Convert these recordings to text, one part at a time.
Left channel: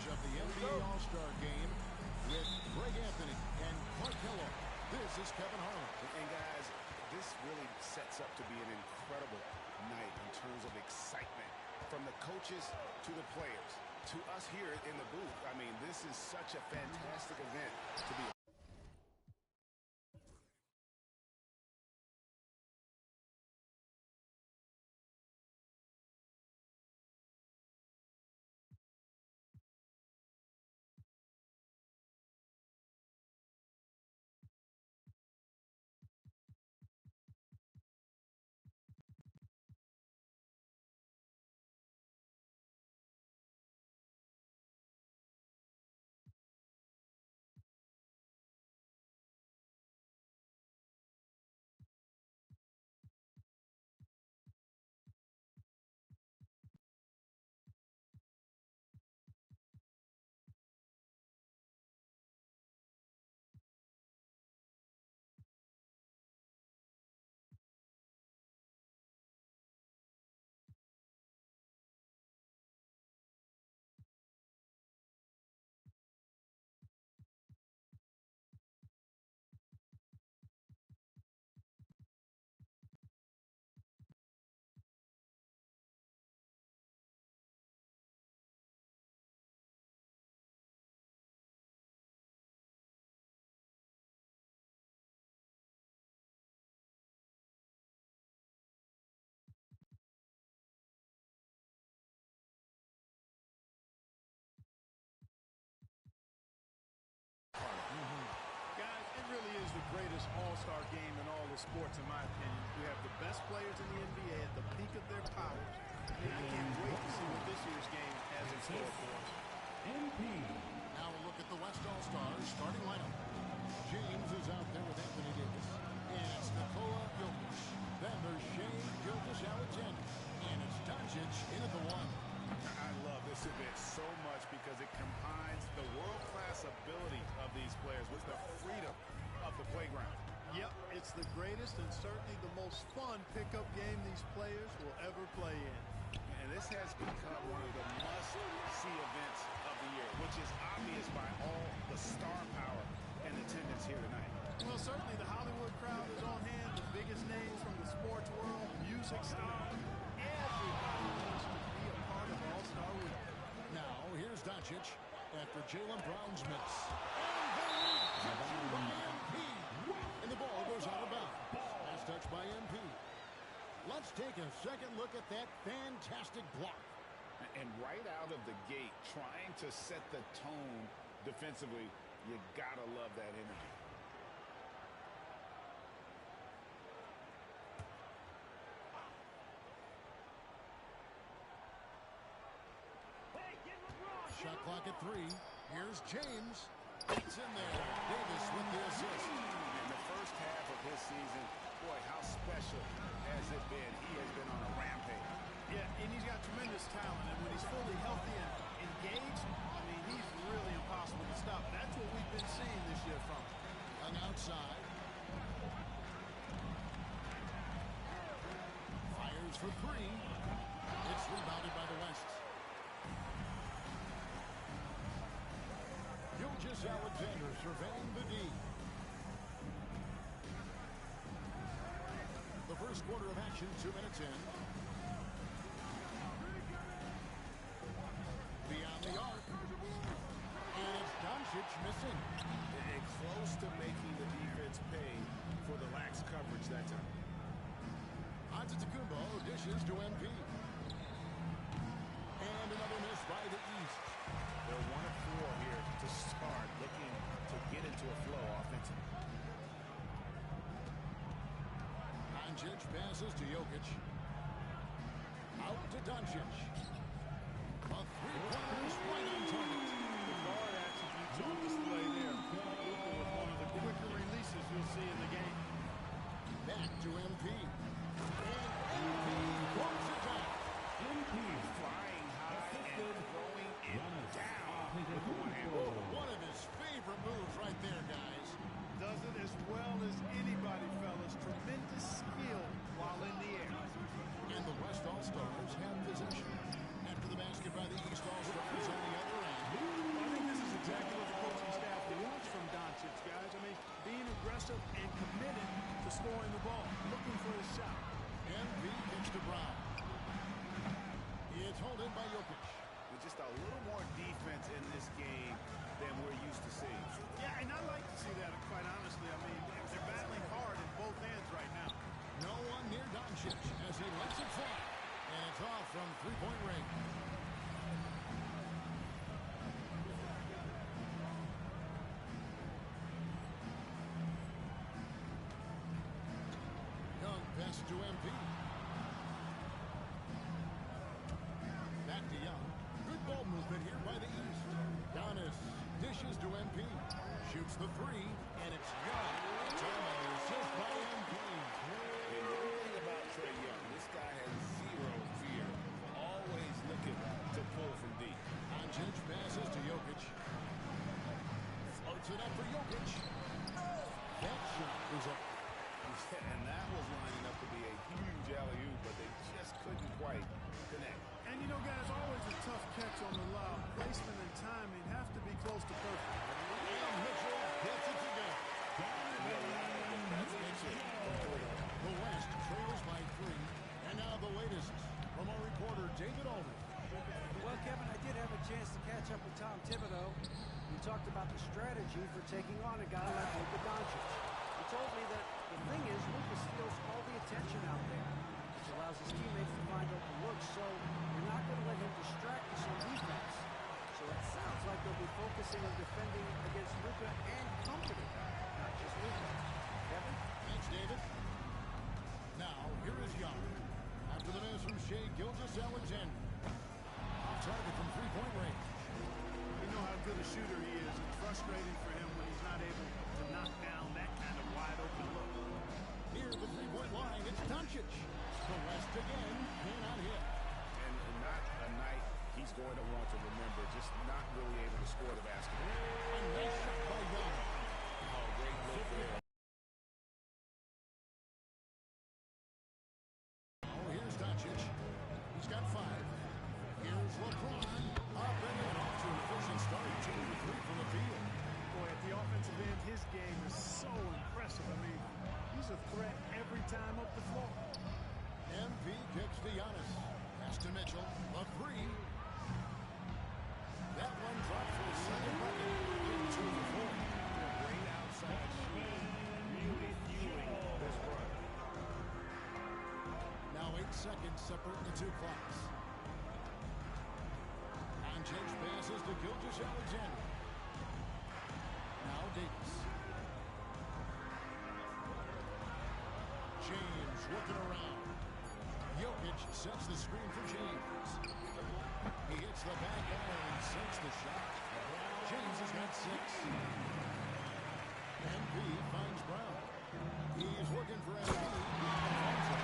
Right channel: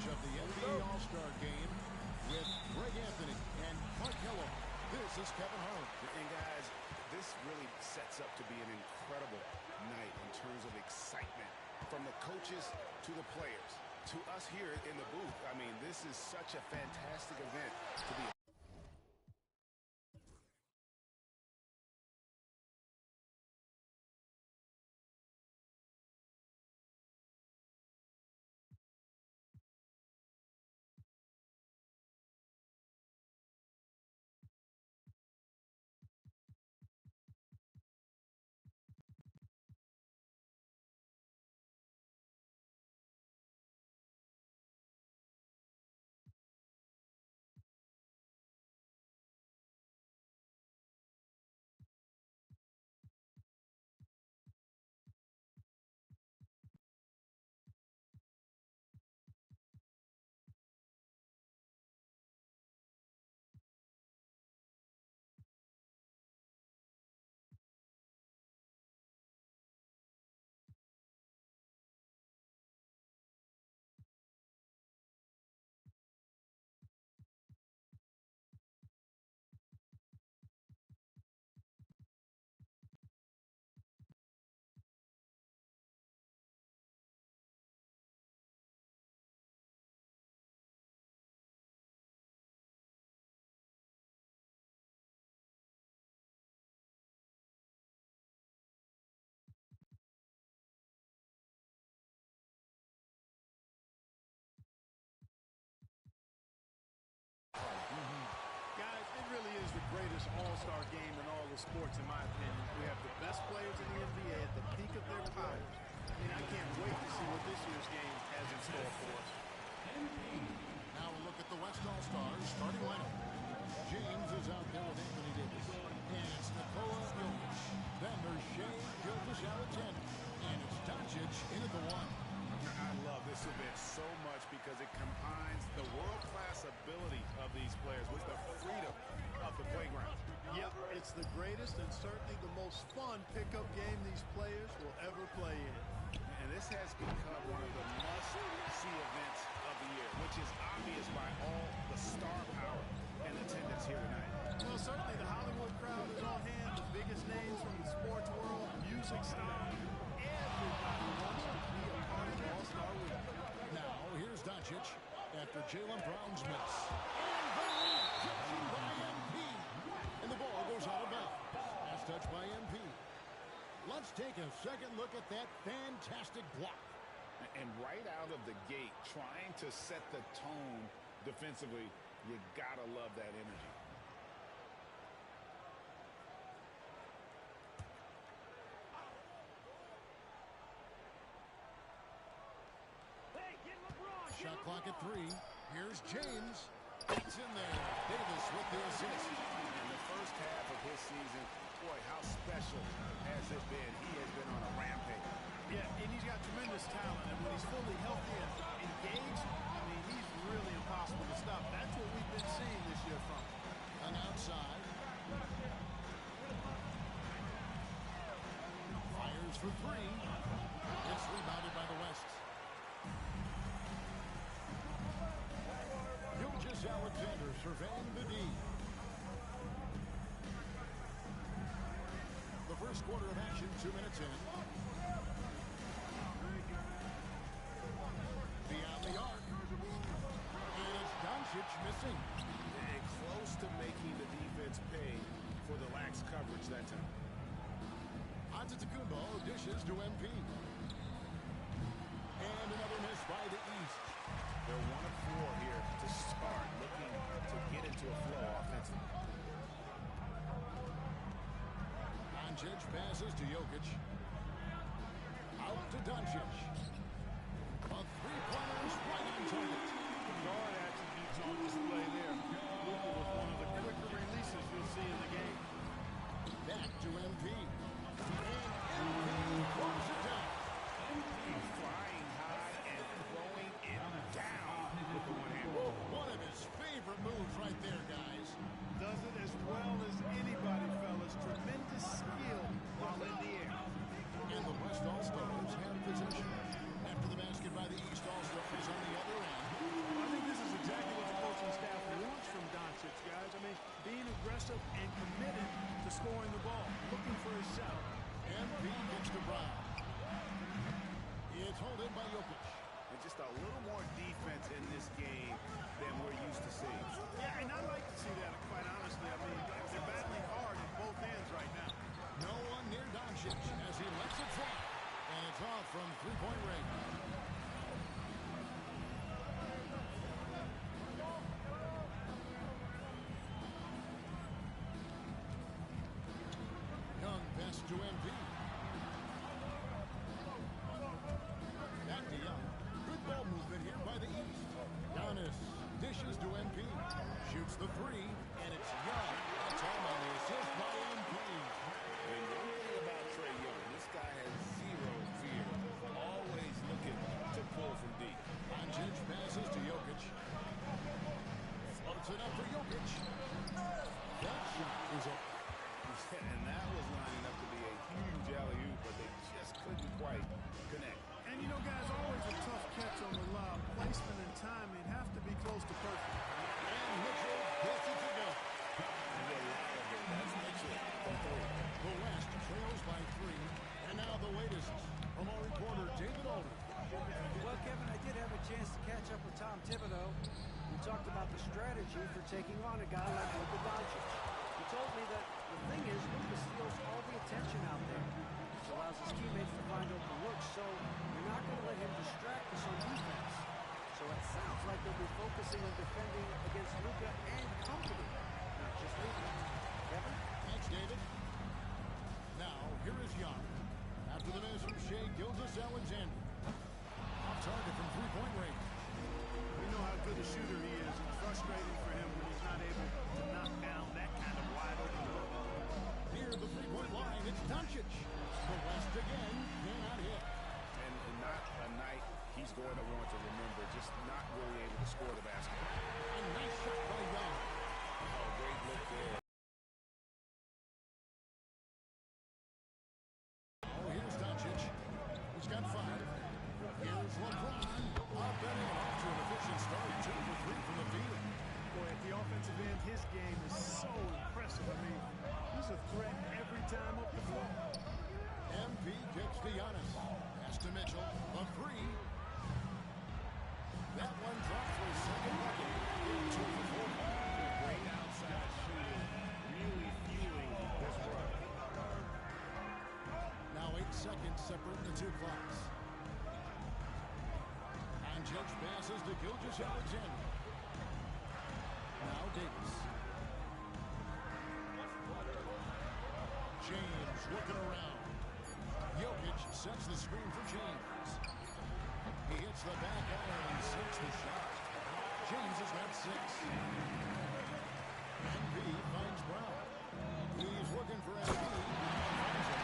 coverage of the NBA All-Star Game with Greg Anthony and Clark Kellogg. This is Kevin Harlan. And guys, this really sets up to be an incredible night in terms of excitement from the coaches to the players to us here in the booth. I mean, this is such a fantastic event to be a Guys, it really is the greatest all-star game in all of sports, in my opinion. We have the best players in the NBA at the peak of their powers. I mean, I can't wait to see what this year's game has in store for us. Now we'll look at the West All-Stars starting lineup. James is out there with Anthony Davis. And it's Nikola Jokic. Then there's Shai Gilgeous-Alexander. And it's Doncic in at the 1. I love this event so much because it combines the world-class ability of these players with the freedom of the playground. Yep, it's the greatest and certainly the most fun pickup game these players will ever play in. And this has become one of the must-see events of the year, which is obvious by all the star power and attendance here tonight. Well, certainly the Hollywood crowd is on hand, the biggest names from the sports world, music stars. Everybody wants to be a part of All-Star Week. Now, here's Doncic after Jaylen Brown's miss. And the rejection by MP. And the ball goes out of bounds. Last touch by MP. Let's take a second look at that fantastic block. And right out of the gate, trying to set the tone defensively, you gotta love that energy. Shot clock at 3. Here's James. It's in there. Davis with the assist. In the first half of his season, boy, how special has it been? He has been on a rampage. Yeah, and he's got tremendous talent, and when he's fully healthy and engaged, I mean, he's really impossible to stop. That's what we've been seeing this year from him. Young outside. Fires for 3. It's rebounded by the West. Gilgeous-Alexander surveying the D. The first quarter of action, 2 minutes in. Beyond the arc. And it's Doncic missing. And close to making the defense pay for the lax coverage that time. Antetokounmpo dishes to MP. And another miss by the East. They're 1 of 4 here to start, looking to get into a flow offensively. Doncic passes to Jokic. Out to Doncic. A three-pointer is right on target. The guard attributes on display there. Luka with one of the quicker releases you'll see in the game. Back to MP. And MP throws it down. MP flying high and throwing it down with the one-hand. One of his favorite moves right there, guys. Does it as well as anybody, fellas. Tremendous skill while in the air. And the West All-Stars have possession. After the basket by the East All-Stars on the other end, exactly what the coaching staff wants from Doncic, guys. I mean, being aggressive and committed to scoring the ball, looking for his shot. MP kicks to Brown. It's hauled in by Jokic. And just a little more defense in this game than we're used to seeing. Yeah, and I like to see that, quite honestly. I mean, they're battling hard in both ends right now. No one near Doncic as he lets it fly. And it's off from three-point range. Young pass to MP. Back to Young. Good ball movement here by the East. Giannis dishes to MP. Shoots the three, and it's Young. That's home on the assist by MP. And one thing about Trae Young, this guy has zero fear. Always looking to pull from deep. Doncic passes to Jokic. Floats it up for Jokic. That shot is up. And that was lining up to be a huge alley-oop, but they just couldn't quite connect. And, you know, guys, always a tough catch on the lob. Placement and timing have to be close to perfect. And Mitchell gets it to go. Reliable. That's Mitchell from three. The West trails by 3. And now the latest from our reporter, David Aldridge. Well, Kevin, I did have a chance to catch up with Tom Thibodeau. We talked about the strategy for taking on a guy like Luka Doncic. He told me that the thing is, Luka steals all the attention out there, which allows his teammates to find open looks, so we're not going to let him distract us on defense. So it sounds like they'll be focusing on defending against Luka and company, not just Luka. Kevin? Thanks, David. Now, here is Young. After the miss from Shai Gilgeous-Alexander. Off target from three-point range. We know how good a shooter he is. It's frustrating for him when he's not able to knock down that kind of wide-open look. Near the three-point line, it's Doncic. The West again cannot hit. And not a night he's going to want to remember, just not really able to score the basketball. A nice shot by Young. Oh, great look there. Oh, here's Doncic. He's got 5. Here's LeBron. Up and in, off to an efficient start. 2 for 3 from the field. Boy, at the offensive end, his game is so impressive. I mean, he's a threat every time up the floor. MP kicks to Giannis. Pass to Mitchell. A 3. That one dropped for his second bucket. In 2 for 4. Great outside shooting, really fueling this run. Now 8 seconds separate the 2 clocks. Doncic passes to Gilgeous-Alexander. Now Davis. James looking around. Jokic sets the screen for James. He hits the back iron and sinks the shot. James has got 6. MP finds Brown. He's looking for MP and finds him.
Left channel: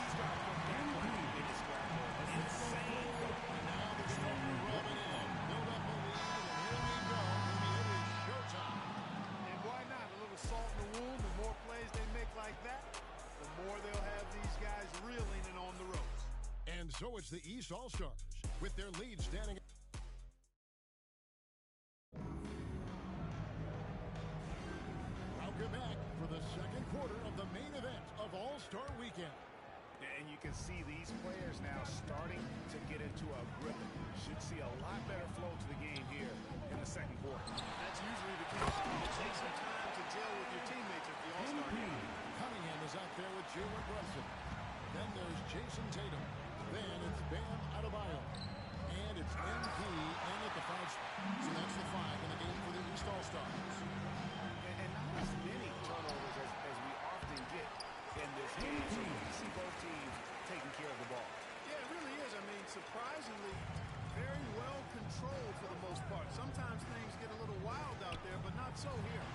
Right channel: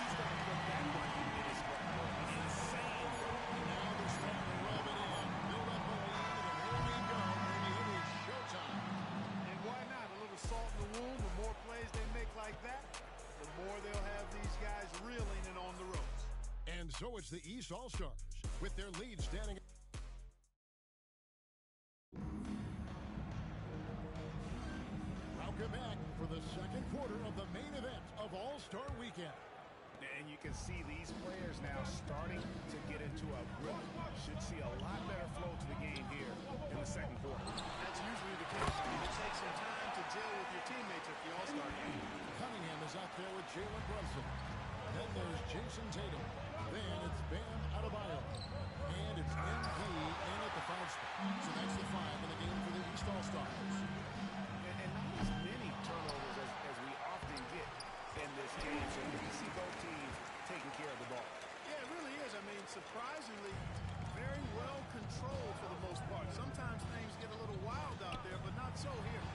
He's got to put that one in his scrapbook. Insane. And now they're starting to rub it in. Build up a lead, and here we go. Maybe it is showtime. And why not? A little salt in the wound. The more plays they make like that, the more they'll have these guys reeling and on the ropes. And so it's the East All-Stars with their lead standing. Welcome back for the second quarter of the main event of All-Star Weekend. And you can see these players now starting to get into a rhythm. Should see a lot better flow to the game here in the second quarter. That's usually the case. I mean, it takes some time to gel with your teammates at the All-Star game. Cunningham is out there with Jalen Brunson. Then there's Jason Tatum. Then it's Bam Adebayo. And it's MP in at the 5 spot. So that's the 5 in the game for the East All-Stars. And not as many turnovers as we often get in this game. So we see both teams taking care of the ball. Yeah, it really is. I mean, surprisingly, very well controlled for the most part. Sometimes things get a little wild out there, but not so here.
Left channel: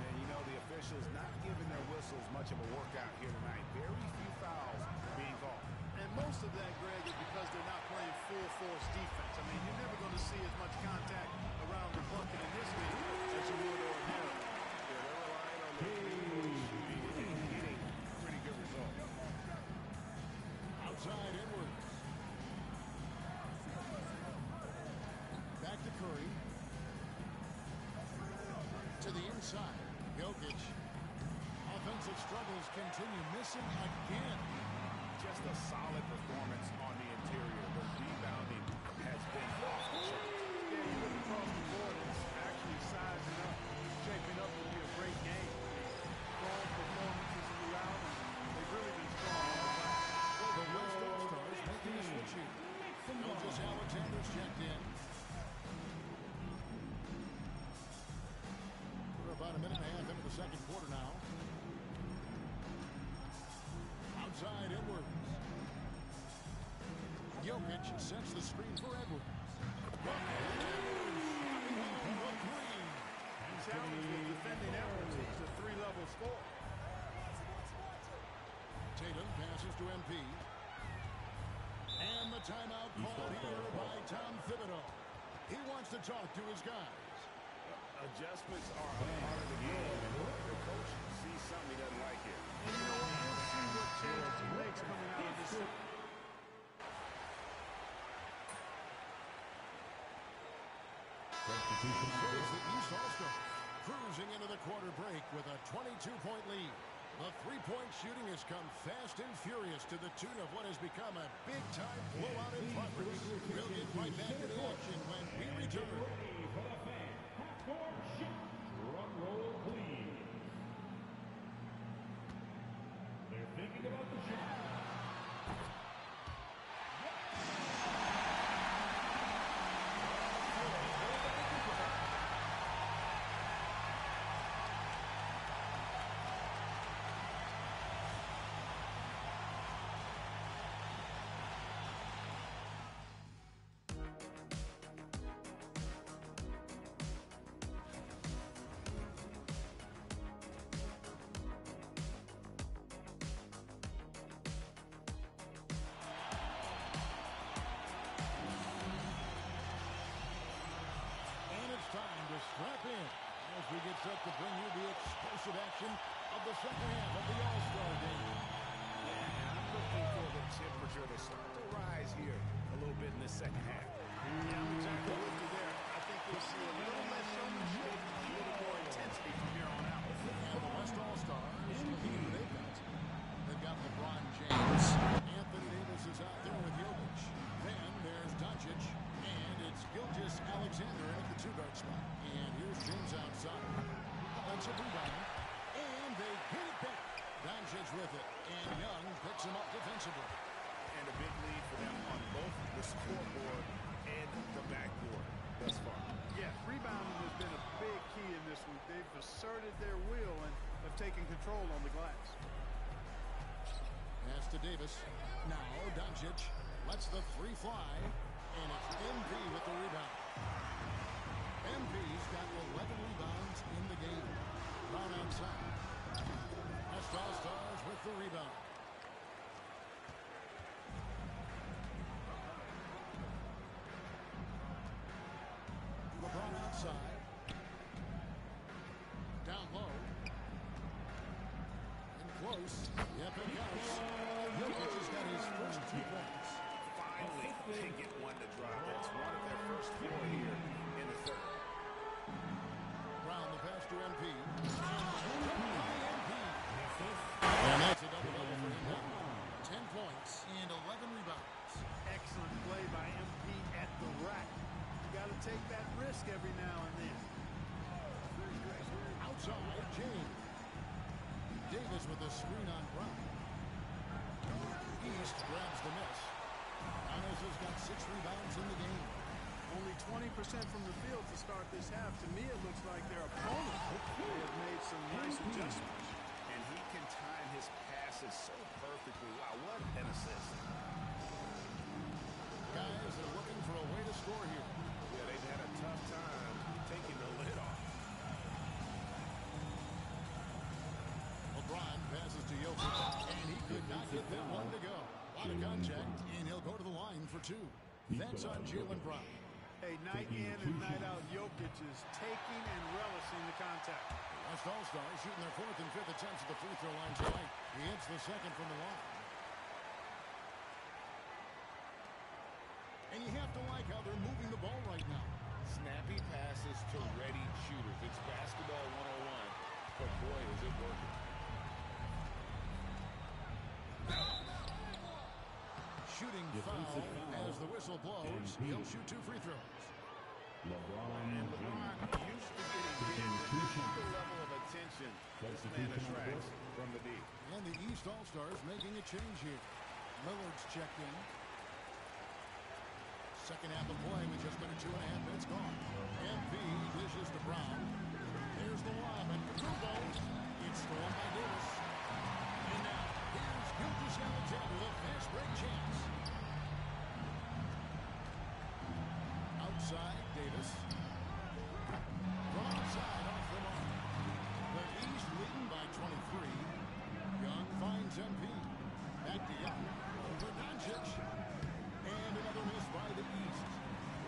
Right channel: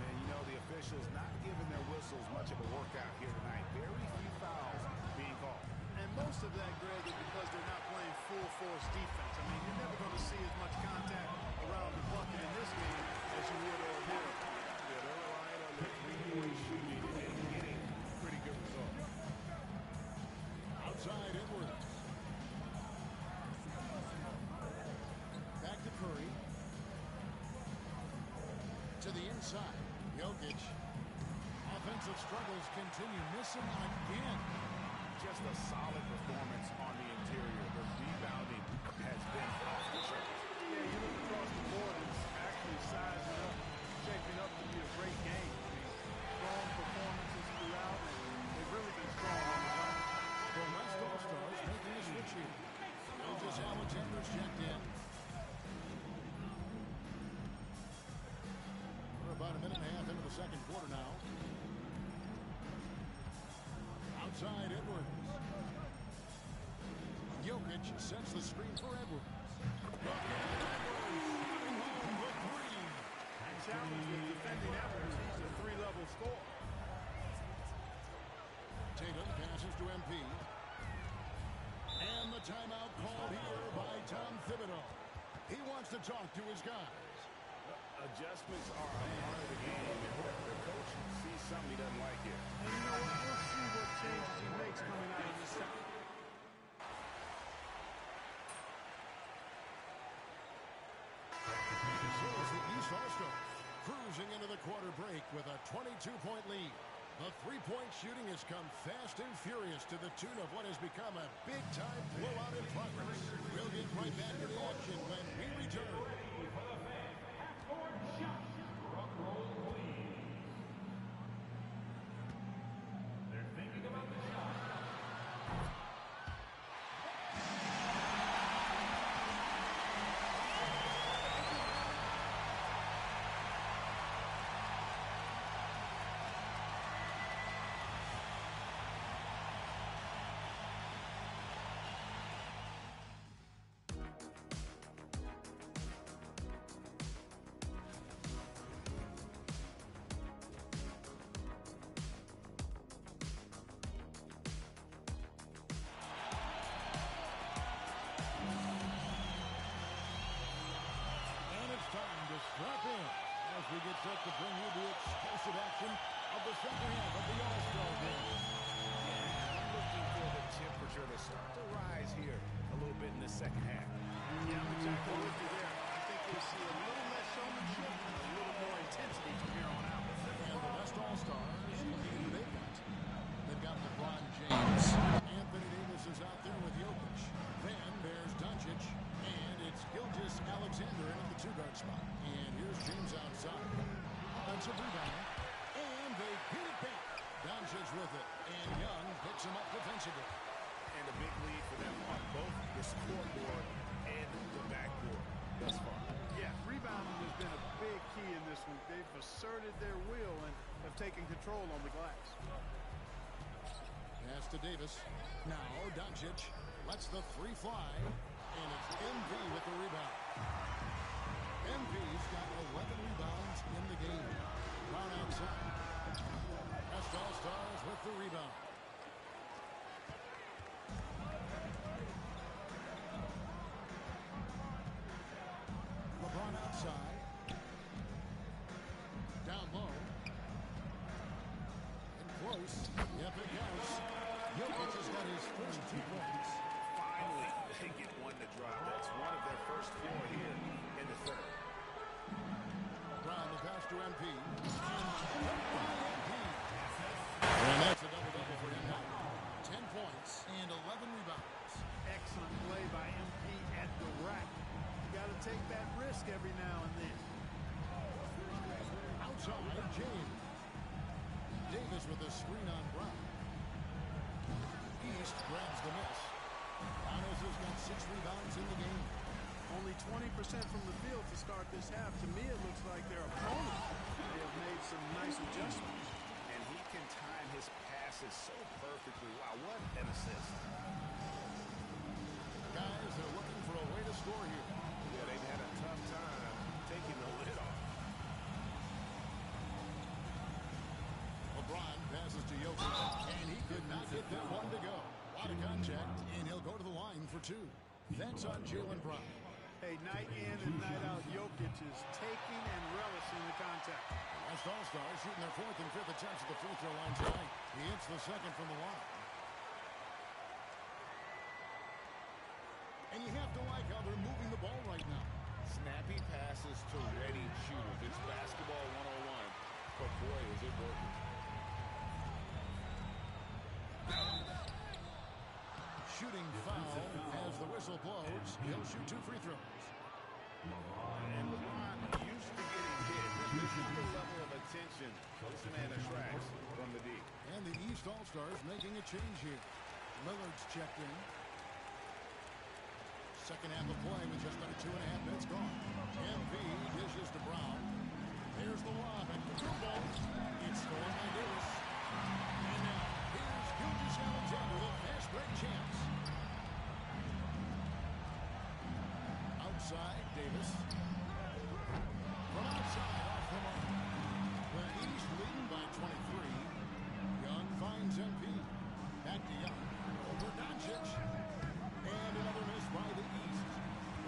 And, you know, the officials not giving their whistles much of a workout here tonight. Very few fouls being called. And most of that, Greg, is because they're not playing full-force defense. I mean, you're never going to see as much contact around the bucket in this game as you would ordinarily. Yeah, they're relying on their three-point shooting and getting pretty good results. Outside Edwards. Back to Curry. To the inside. Jokic. Offensive struggles continue. Missing again. Just a solid performance on the interior. The rebounding has been off the charts. Yeah, you look across the board, it's actually sizing up, shaping up to be a great game. I mean, strong performances throughout, and they've really been strong on the glass. The West All-Stars making the switch here. Gilgeous Alexander's checked in. We're about a minute and a half into the second quarter now. Outside Edwards. Jokic sets the screen for Edwards. Look at Edwards. Coming home with three. And challenge with defending Edwards. He's a three-level scorer. Tatum passes to MP. And the timeout called here by Tom Thibodeau. He wants to talk to his guys. Adjustments are a part of the game, and the coach sees something he doesn't like here. And you know what? We'll see what changes he makes coming out of this. So is the East All-Stars cruising into the quarter break with a 22-point lead. The three-point shooting has come fast and furious to the tune of what has become a big-time blowout in progress. We'll get right back to the action when we return. Drum roll, please. They're thinking about the shot. Time to strap in as we get set to bring you the explosive action of the second half of the All-Star game. Yeah, I'm looking for the temperature to start to rise here a little bit in the second half. Yeah, I'm exactly with you there. I think we'll see a little less showmanship and a little more intensity from here on out. And the West All-Stars, looking at who they've got. They've got LeBron James. Anthony Davis is out there with Jokic. Then there's Doncic. And it's Gilgeous Alexander in at the two-guard spot. And here's James outside. Offensive rebound. And they get it back. Doncic with it. And Young picks him up defensively. And a big lead for them on both the scoreboard and the backboard thus far. Yes, rebounding has been a big key in this one. They've asserted their will and have taken control on the glass. Pass to Davis. Now Doncic lets the three fly. And it's MP with the rebound. MP's got 11 rebounds in the game. Brown outside. West All-Stars with the rebound. LeBron outside. Down low. And close. Yep, it counts. Jokic has got his first 2 points. Finally, they get one to drop. That's one of their first 4 here in the third. Brown, the pass to MP. And cut by MP. And that's a double-double for him now. 10 points and 11 rebounds. Excellent play by MP at the rack. You got to take that risk every now and then. Outside, James. Davis with a screen on Brown. East grabs the miss. Giannis has got 6 rebounds in the game. Only 20% from the field to start this half. To me, it looks like their opponents may have made some nice adjustments. And he can time his passes so perfectly. Wow, what an assist. Guys, they're looking for a way to score here. Yeah, they've had a tough time taking the lid off. LeBron passes to Jokic, and he could not get that one to go. A lot of contact, and he'll go to the line for 2. That's on Jaylen Brown. Hey, night in and night out, Jokic is taking and relishing the contact. The West All-Stars shooting their 4th and 5th attempts at the free throw line tonight. He hits the second from the line. And you have to like how they're moving the ball right now. Snappy passes to ready shooters. It's basketball it working. Shooting foul as the whistle blows. He'll shoot 2 free throws. And LeBron used to getting hit. This is the level of attention this man attracts from the D. And the East All-Stars making a change here. Lillard's checked in. Second half of play with just under 2.5 minutes gone. MP dishes to Brown. There's the lob at Hugo. It's stolen by Davis. And now, here's Gilgeous-Alexander, the fast break champs. Outside, Davis. From outside, off the mark. The East leading by 23. Young finds MP. Back to Young. Over Doncic. And another miss by the East.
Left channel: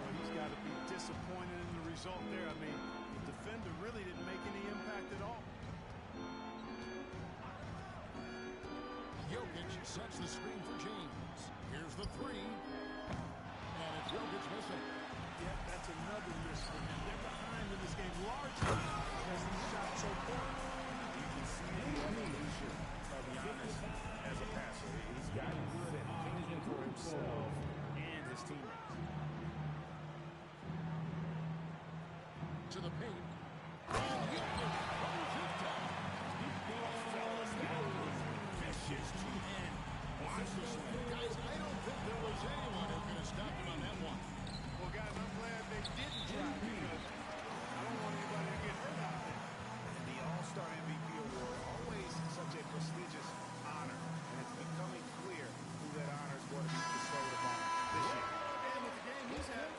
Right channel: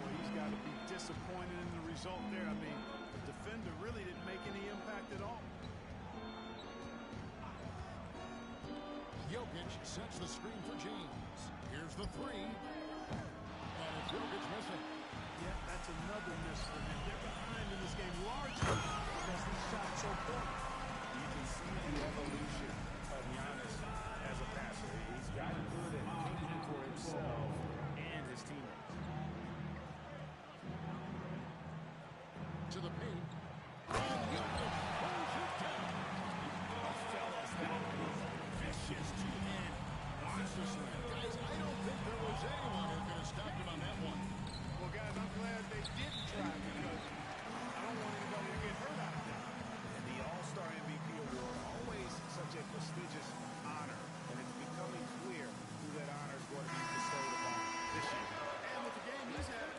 Boy, he's got to be disappointed in the result there. I mean, the defender really didn't make any impact at all. Jokic sets the screen for James. Here's the 3. And it's Jokic missing. Yeah, that's another miss for him. They're behind in this game largely because these shots so poor. You can see the evolution of Giannis as a passer. He's gotten good at thinking for himself and his teammates. To the paint. And Jokic throws it down. Oh, fellas, that was vicious. Two-hand monster slam. Guys, I don't think there was anyone who could have stopped him on that one. Well, guys, I'm glad they didn't try because I don't want anybody to get hurt out there. And the All-Star MVP award, always such a prestigious honor. And it's becoming clear who that honor is going to be bestowed upon this year. And with the game he's had.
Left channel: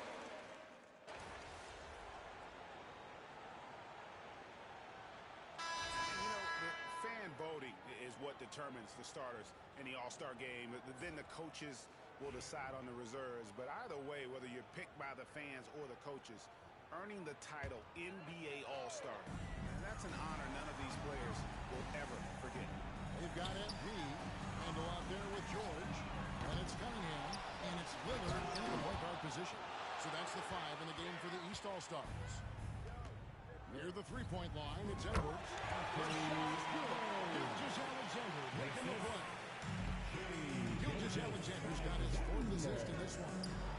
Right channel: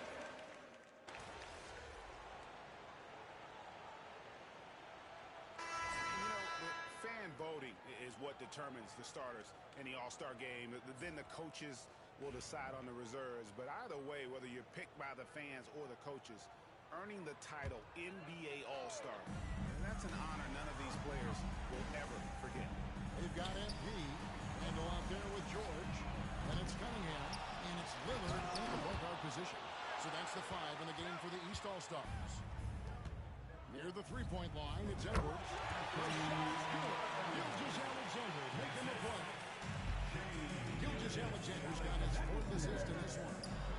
You know, the fan voting is what determines the starters in the All-Star game. Then the coaches will decide on the reserves. But either way, whether you're picked by the fans or the coaches, earning the title NBA All-Star, that's an honor none of these players will ever forget. They've got MP. Handle out there with George. And it's Cunningham. And it's Lillard in the point guard position. So that's the 5 in the game for the East All-Stars. Near the three-point line, it's Edwards. The shot is good. Gilgeous-Alexander making the play. Gilgeous-Alexander's got his 4th assist in this one.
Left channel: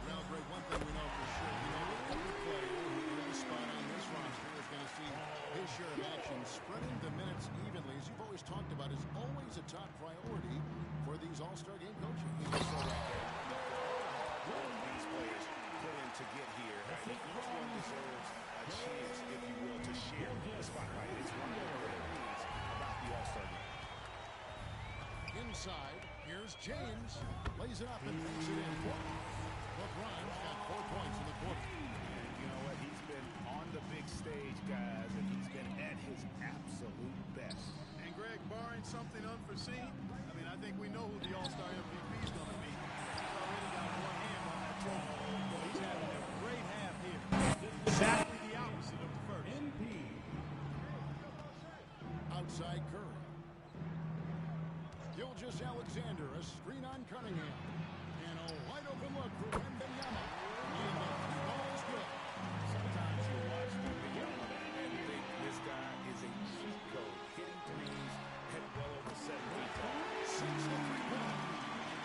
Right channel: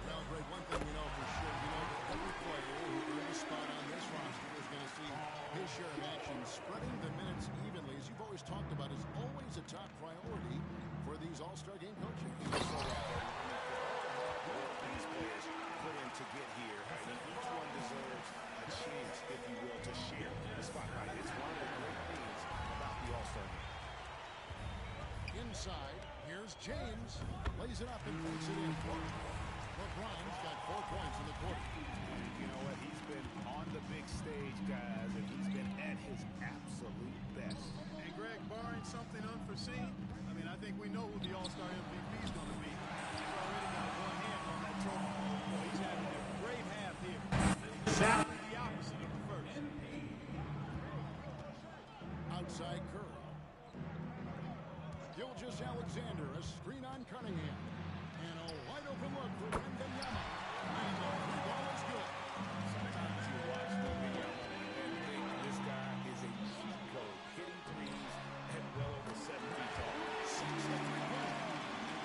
Well, Greg, one thing we know for sure, we know that every player who earned a spot on this roster is going to see his share of action. Spreading the minutes evenly, as you've always talked about, is always a top priority for these All-Star game coaches. So right there. I mean, for all the hard work these players put in to get here, I mean, each one deserves a chance, if you will, to share the spotlight. It's one of the great things about the All-Star game. Inside, here's James. Lays it up and banks it in. LeBron's got 4 points in the quarter. And you know what? He's been on the big stage, guys, and he's been at his absolute best. And Greg, barring something unforeseen, I mean, I think we know who the All-Star MVP is going to be. He's already got one hand on that trophy. Boy, he's having a great half here. Exactly the opposite of the first. Outside Curry. Gilgeous-Alexander, a screen on Cunningham. And a wide-open look for Wembanyama. And the 3 ball is good. Sometimes you watch Wembanyama and think this guy is a cheat code, hitting threes at well over 7 feet tall. 6 the three-pointer.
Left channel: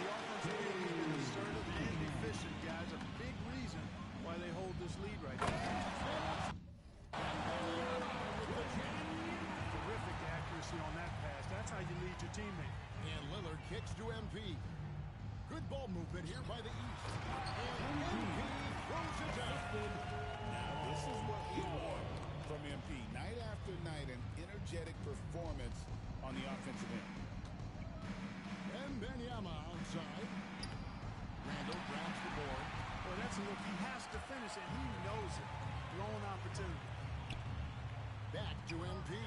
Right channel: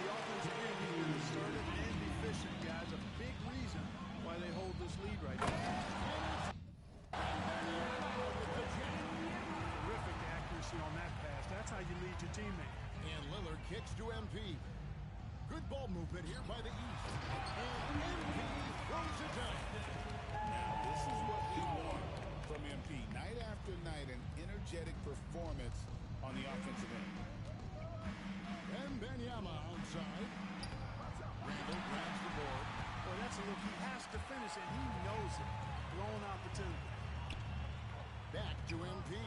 The offensive game has been assertive and efficient, guys. A big reason why they hold this lead right now. And it's Wembanyama with the jam. Terrific accuracy on that pass. That's how you lead your teammate. And Lillard kicks to MP. Good ball movement here by the East. And MP throws it down. Now, this is what we want from MP. Night after night, an energetic performance on the offensive end. Wembanyama outside. Randall grabs the board. Boy, that's a look he has to finish, and he knows it. Blown opportunity. Back to MP.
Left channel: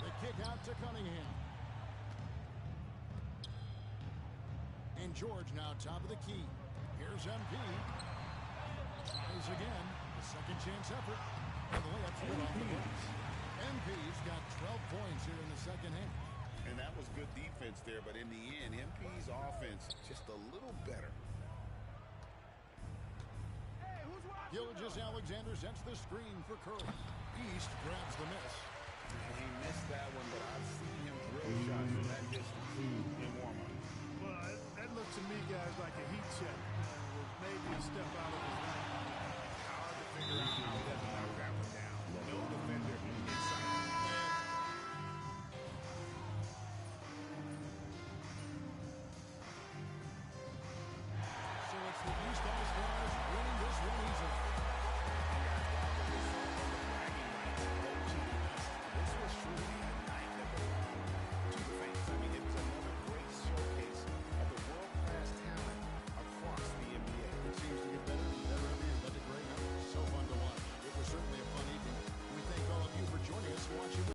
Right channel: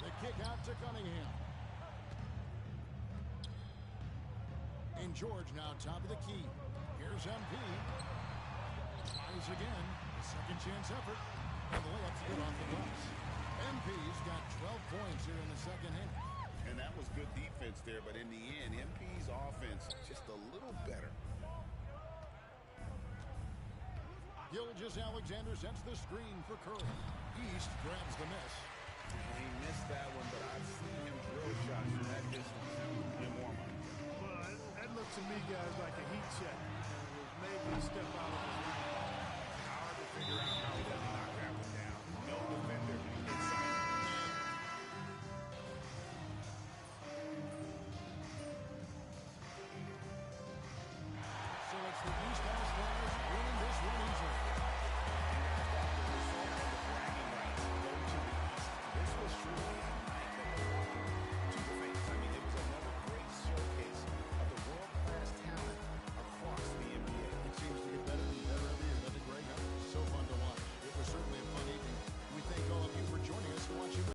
The kick out to Cunningham. And George now top of the key. Here's MP. Tries again. The second chance effort. And the layup's good off the glass. MP's got 12 points here in the second half. And that was good defense there, but in the end, MP's offense just a little better. Gilgeous-Alexander sets the screen for Curry. East grabs the miss. He missed that one, but I've seen him drill shots from that distance in warm-up. Well, that looked to me, guys, like a heat check. And it was maybe a step out of his range. Hard to figure out how he doesn't knock that one down. No defender in sight. So it's the East All-Stars winning this one easily. And guys, while the result and the bragging rights go to the East, this was truly a night that belonged to the fans. I mean, it was another great showcase of the world-class talent across the NBA. It seems to get better and better every year, doesn't it, Greg? So fun to watch. It was certainly a fun evening. We thank all of you for joining us and watching.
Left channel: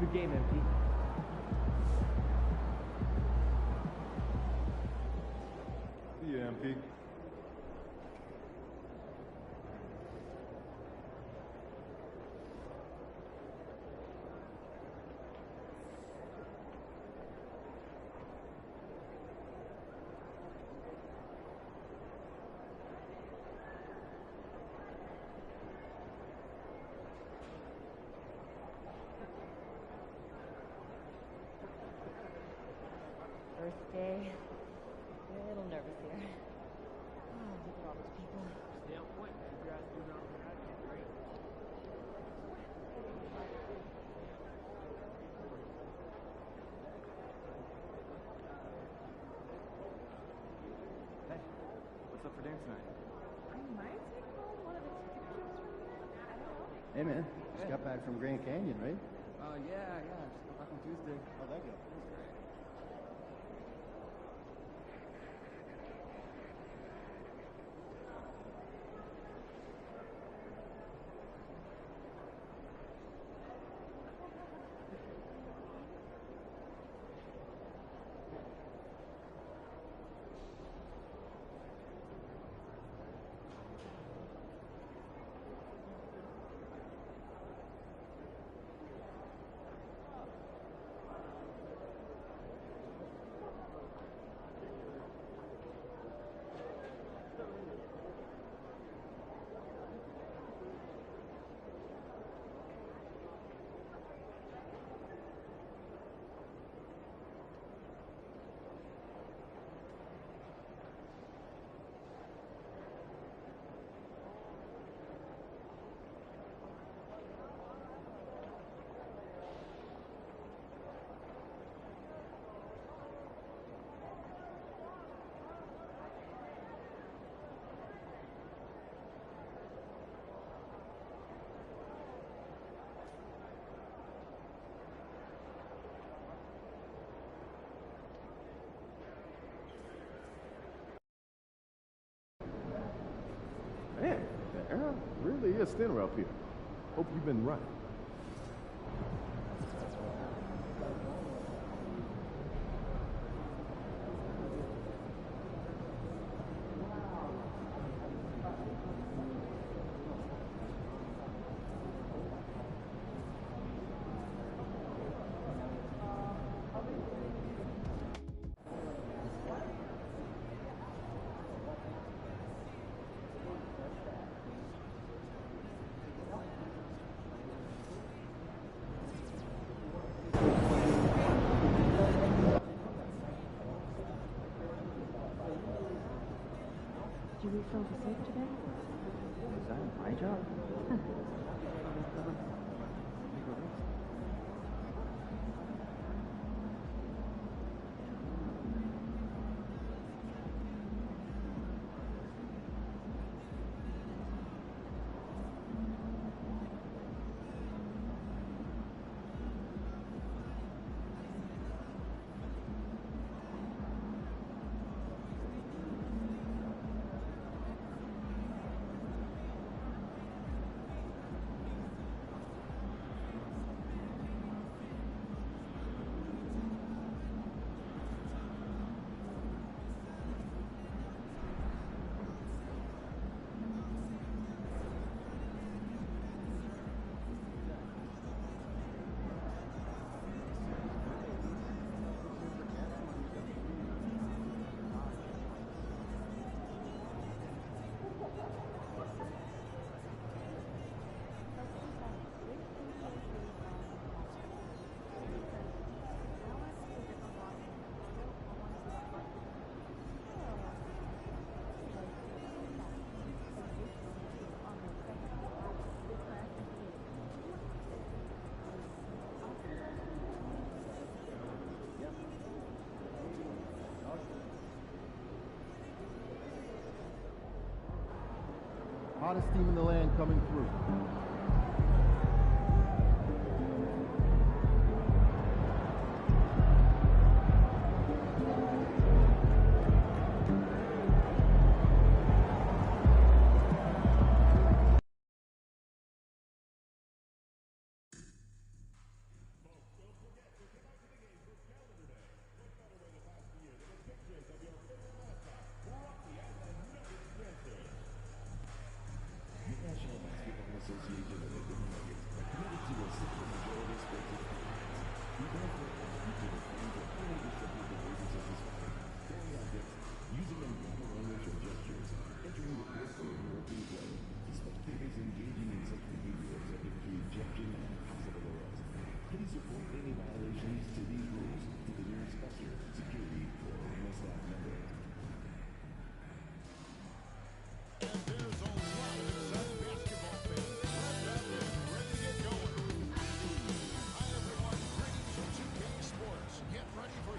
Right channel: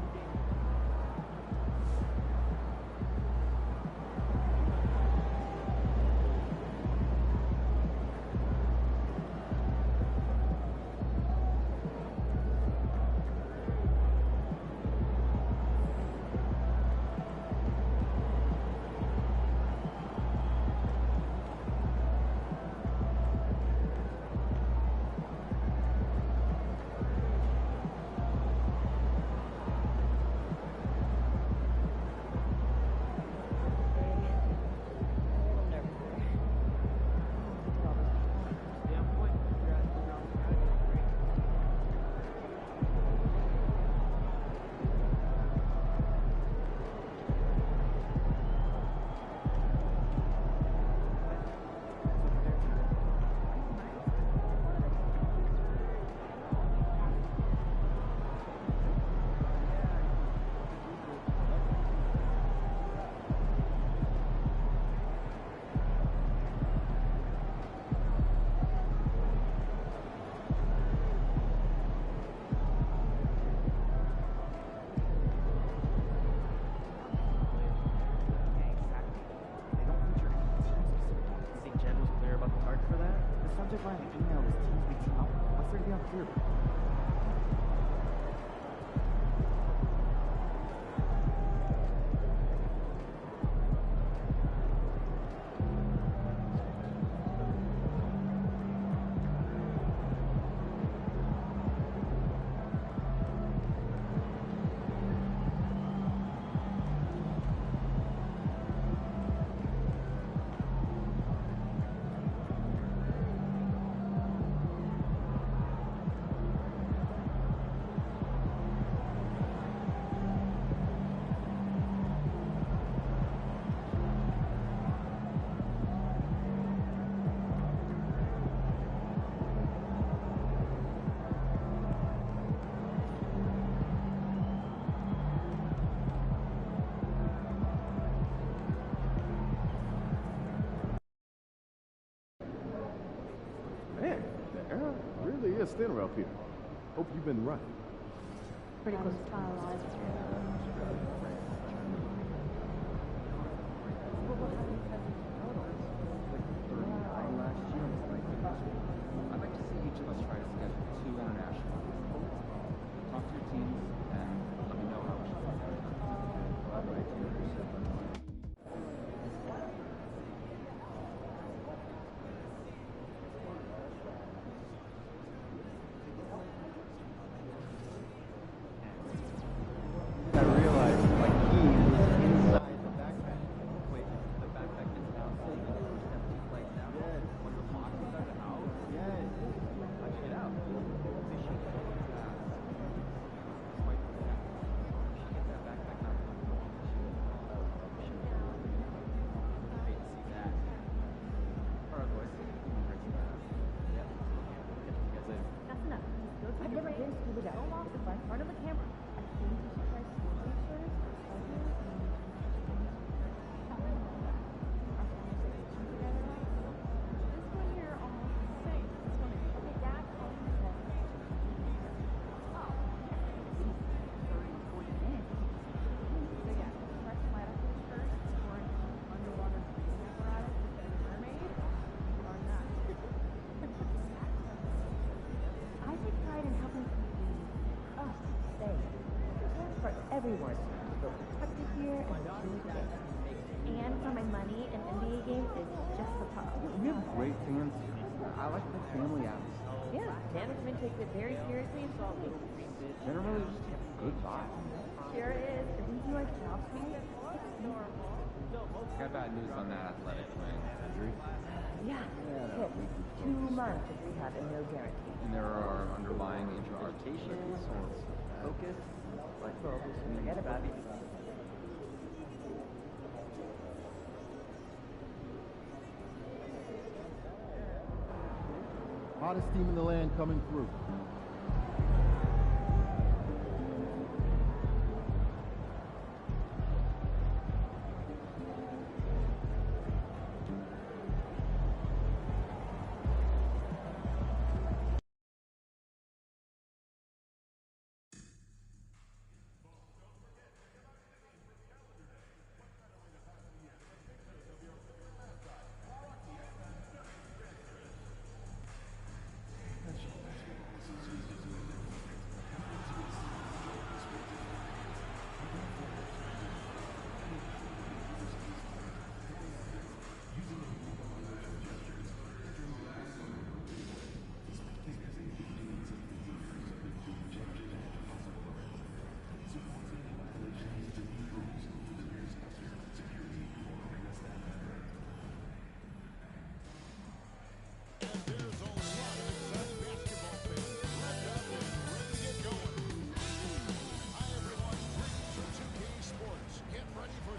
Good game, MP. Man, the air really is thinner up here. Hope you've been right. Pretty close to finalized. Hottest team in the land coming through.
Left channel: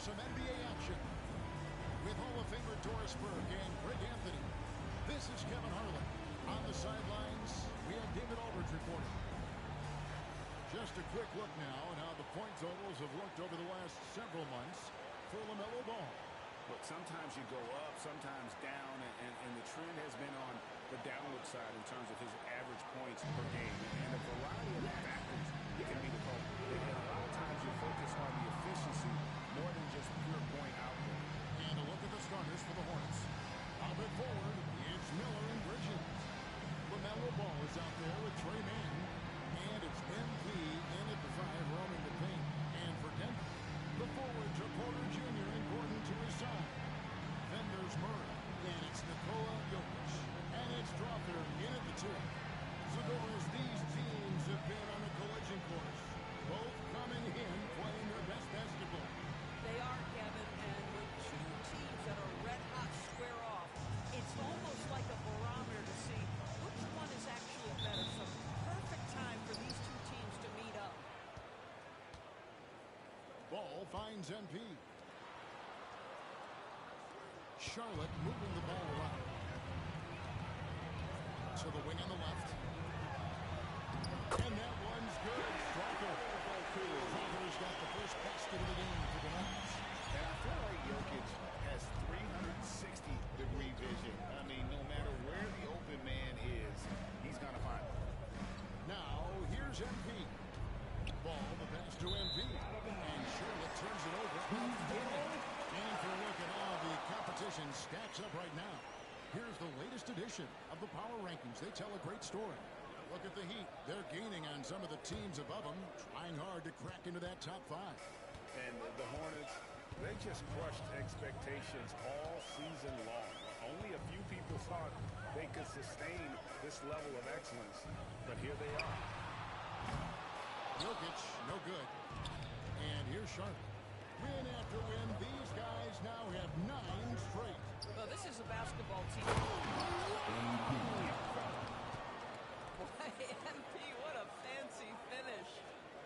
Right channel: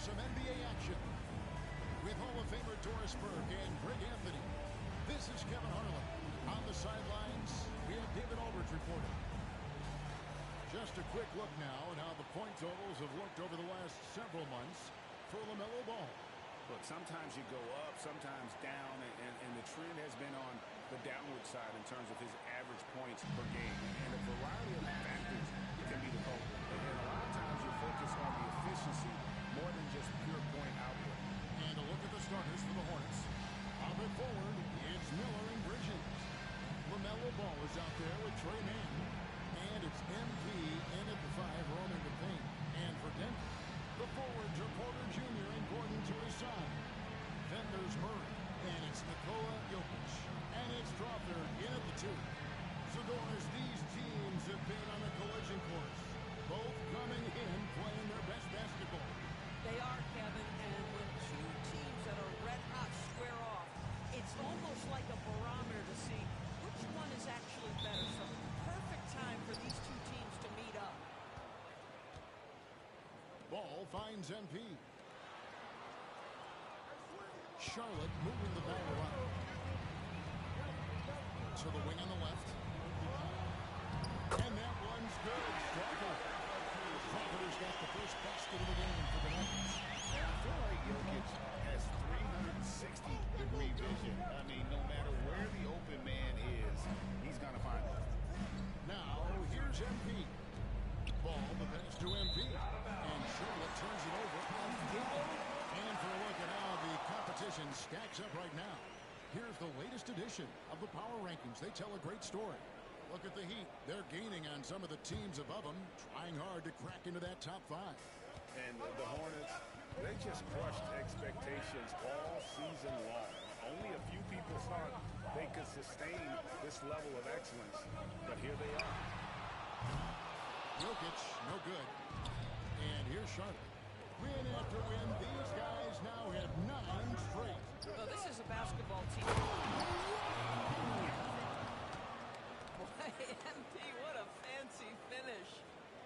Some NBA action with Hall of Famer Doris Burke and Greg Anthony. This is Kevin Harlan. On the sidelines, we have David Aldridge reporting. Just a quick look now at how the point totals have looked over the last several months for LaMelo Ball. Look, sometimes you go up, sometimes down, and the trend has been on the downward side in terms of his average points per game. And a variety of factors can be the culprit. And a lot of times you focus on the efficiency more than just pure point output. And a look at the starters for the Hornets. Up and forward, it's Miller and Bridges. LaMelo Ball is out there with Trey Mann. And it's MP in at the 5 roaming the paint. And for Denver, the forwards are Porter Jr. and Gordon to his side. Then there's Murray. And it's Nikola Jokic. And it's Strother in at the 2. So Doris, these teams have been on a collision course. Both coming in playing their best basketball. They are, Kevin, and when two teams that are red-hot square off, it's almost like a barometer to see which one is actually better. So perfect time for these two teams to meet up. Ball finds MP. Charlotte moving the ball around. To the wing on the left. And that one's good. Strother's got the first basket of the game for the Nuggets. And I feel like Jokic has 360-degree vision. I mean, no matter where the open man is, he's going to find it. Now, here's MP. Ball, the pass to MP. And Charlotte turns it over again. And for a look at how the competition stacks up right now, here's the latest edition of the Power Rankings. They tell a great story. Look at the Heat. They're gaining on some of the teams above them, trying hard to crack into that top 5. And the Hornets, they just crushed expectations all season long. Only a few people thought they could sustain this level of excellence, but here they are. Jokic, no good. And here's Charlotte. Win after win, these guys now have 9 straight. Well, this is a basketball team. Boy, MP, what a fancy finish.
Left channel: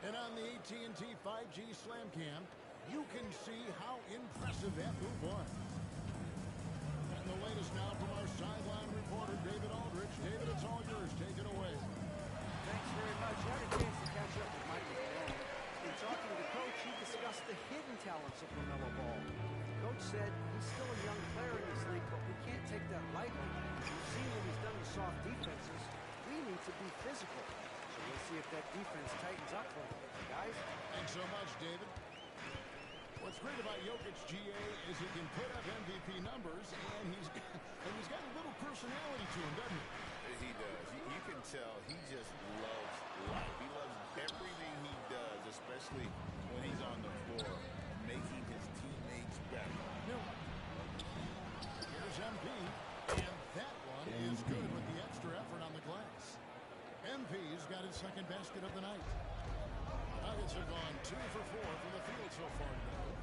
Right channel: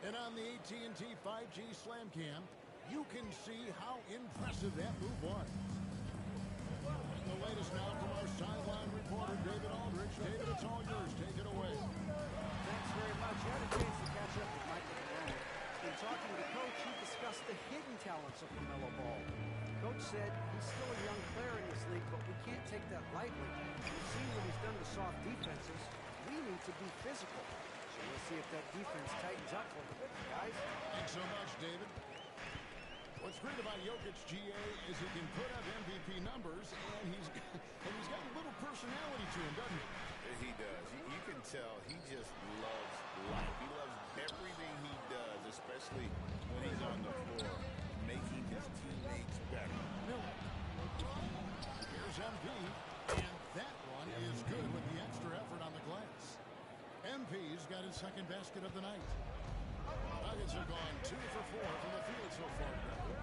And on the AT&T 5G Slam Cam, you can see how impressive that move was. And the latest now from our sideline reporter, David Aldridge. David, it's all yours. Take it away. Thanks very much. I had a chance to catch up with Michael Malone. In talking to Coach, he discussed the hidden talents of LaMelo Ball. Coach said he's still a young player in this league, but we can't take that lightly. We've seen what he's done to soft defenses. We need to be physical. So we'll see if that defense tightens up for him. Guys? Thanks so much, David. What's great about Jokic, GA, is he can put up MVP numbers, and he's got a little personality to him, doesn't he? He does. You can tell he just loves life. He loves everything he does, especially when he's on the floor, making his teammates better. Miller. Here's MP, and that one is good with the extra effort on the glass. MP's got his second basket of the night. Nuggets have gone 2 for 4 from the field so far today.